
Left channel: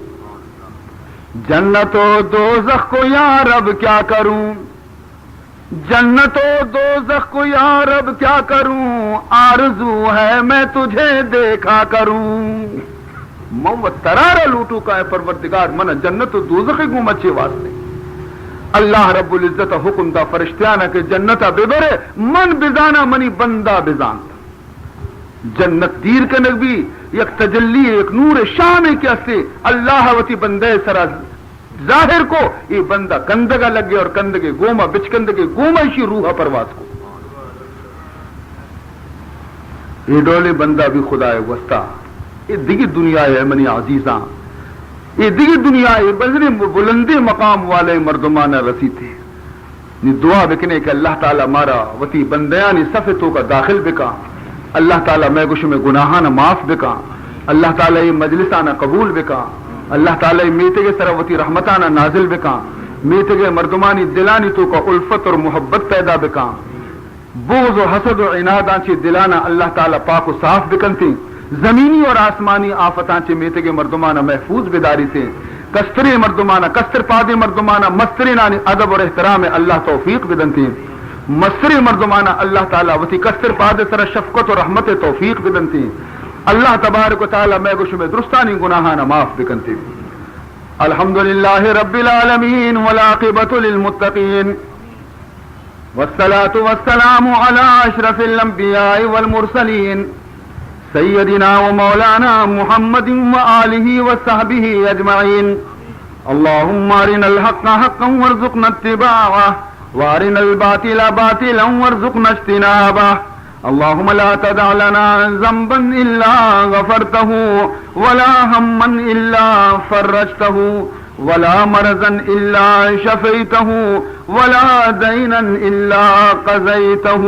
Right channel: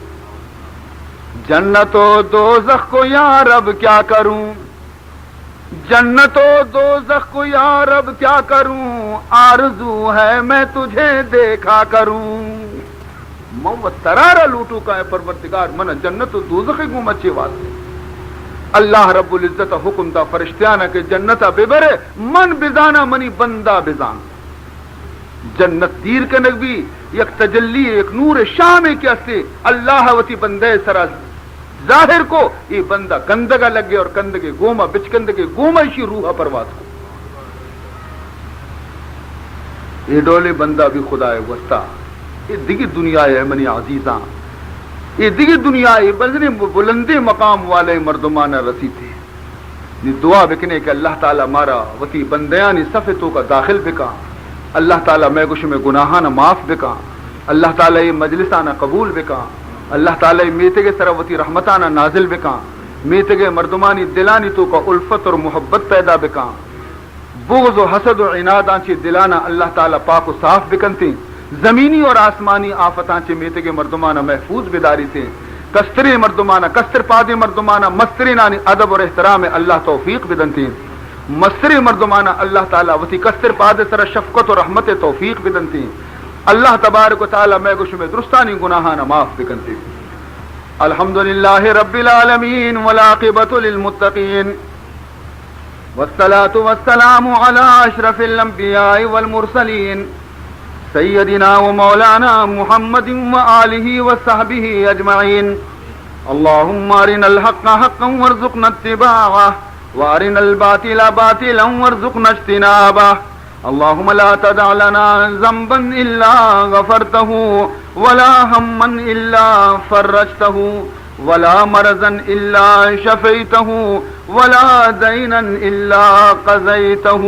جنت و دوزخ کو یا رب کیا کروں جنت و دوزخ کو یا رب کیا کروں آرزو ہے میں تجھے دیکھا کروں محمد ترارہ لوٹو کا ہے پروردگار من جنت و دوزخ گوم اچھے واسطے اللہ رب العزت حکم دا فرشتیانا کہ جنت ببرے من بزانا منی بندہ بزان جنت دیر کے نبی یک تجلی ایک نور شام کیا سے اللہ وتی بندے سرا ظاہر کو یہ بندہ کندگا لگے اور کندگے گوما بچ کندگے گوما اسی روح پرواز کو یہ ڈولے بندہ بھی خدا ہے وسطا یہ دیگی دنیا ہے منی عزیزاں یہ دیگی دنیا ہے بلندی بلندی مقام والے مردمان رسی تھے یہ دعا بکنے کہ اللہ تعالی مارا وتی بندیانی صفتوں کا داخل بکا اللہ تعالیٰ میں گوش میں گناہانا معاف بکا اللہ تعالیٰ یہ مجلسانا قبول بکا اللہ تعالیٰ یہ میتے کے سروتی رحمتانا نازل بکا میتے کے مردمانی دلانی تو کا الفت اور محبت پیدا بکا بغض و حسد و عنادان چی دلانا اللہ تعالیٰ پاک و صاف بکن تھی زمینی اور آسمانی آفتان چی میتے کے مردمانا محفوظ بداری تھی کستری مردمانا کستر پادی مردمانا مستری نانی ادب اور احترام اللہ توفیق بدن تھی مستری مردمانہ اللہ تعالیٰ وتی کستر پادے سر شفقت و رحمت توفیق بدنتی اللہ تبارک و تعالیٰ میں گوش میں درستانی گناہانا معاف بکنتی الحمدللہ رب العالمین والعاقبۃ للمتقین والصلاة والسلام علی اشرف الانبیاء والمرسلین سيدنا ومولانا محمد وآله وصحبه أجمعين. اللهم أرنا الحق حقا وارزقنا اتباعه وأرنا الباطل باطلا وارزقنا اجتنابه. اللهم لا تدع لنا ذنبا إلا غفرته ولا هما إلا فرجته ولا مرضا إلا شفيته ولا دينا إلا قضيته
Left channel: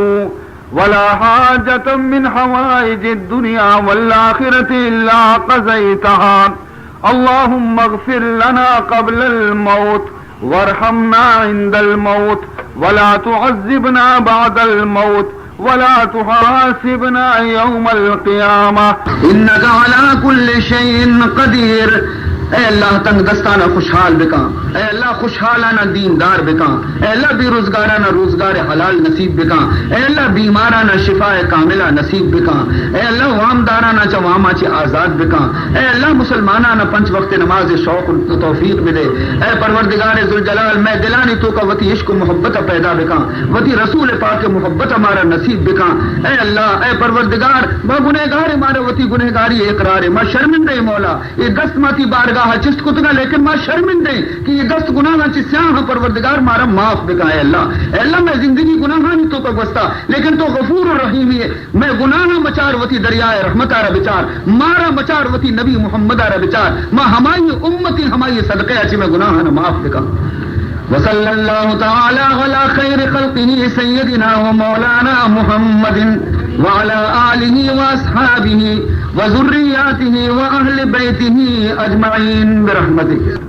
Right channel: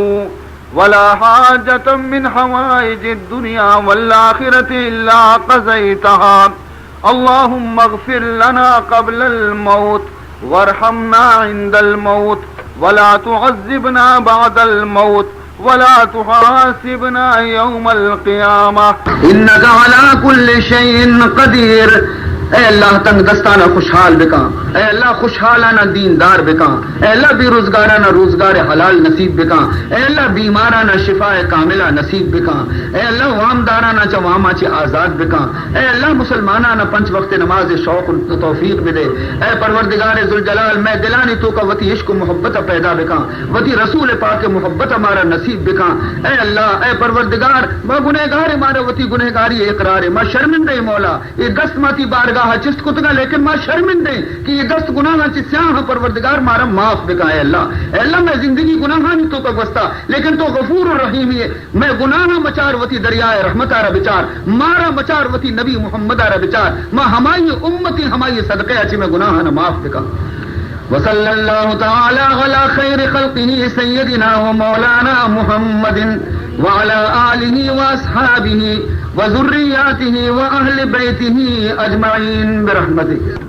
ولا حاجة من حوائج الدنيا والآخرة إلا قضيتها. اللهم اغفر لنا قبل الموت وارحمنا عند الموت ولا تعذبنا بعد الموت ولا تحاسبنا يوم القيامة إنك على كل شيء قدير. اے اللہ تنگ دستانہ خوشحال بکا، اے اللہ خوشحالانہ دیندار بکا، اے اللہ بے روزگارانہ روزگار حلال نصیب بکا، اے اللہ بیمارانہ شفاء کاملہ نصیب بکا، اے اللہ وامدارانہ چواما چ آزاد بکا، اے اللہ مسلمانانہ پنچ وقت نماز شوق توفیق بدے. اے پروردگار ذوالجلال میں دلانی تو کا وتی عشق و محبت پیدا بکا، وتی رسول پاک محبت ہمارا نصیب بکا. اے اللہ اے پروردگار با گنہگار ہمارے وتی گنہگاری اقرار ما شرمندہ مولا یہ دست ماتی بارگاہ چست کتنا لیکن ماں شرمندے کہ یہ دست گناہ چسیاں پروردگار مارا معاف بکائے. اللہ اے اللہ میں زندگی گناہ تو کا گستا لیکن تو غفور الرحیم ہے. میں گناہ مچار وتی دریائے رحمت آرہ بچار مارا مچار وتی نبی محمد آرہ بچار ماں ہماری امتی ہماری صدقے اچھی میں گناہ نہ معاف بکا. وصلی اللہ تعالی علی خیر خلقہ سیدنا و مولانا محمد وعلى آلہ واصحابہ وذریاتہ واہل بیتہ اجمعین برحمتک.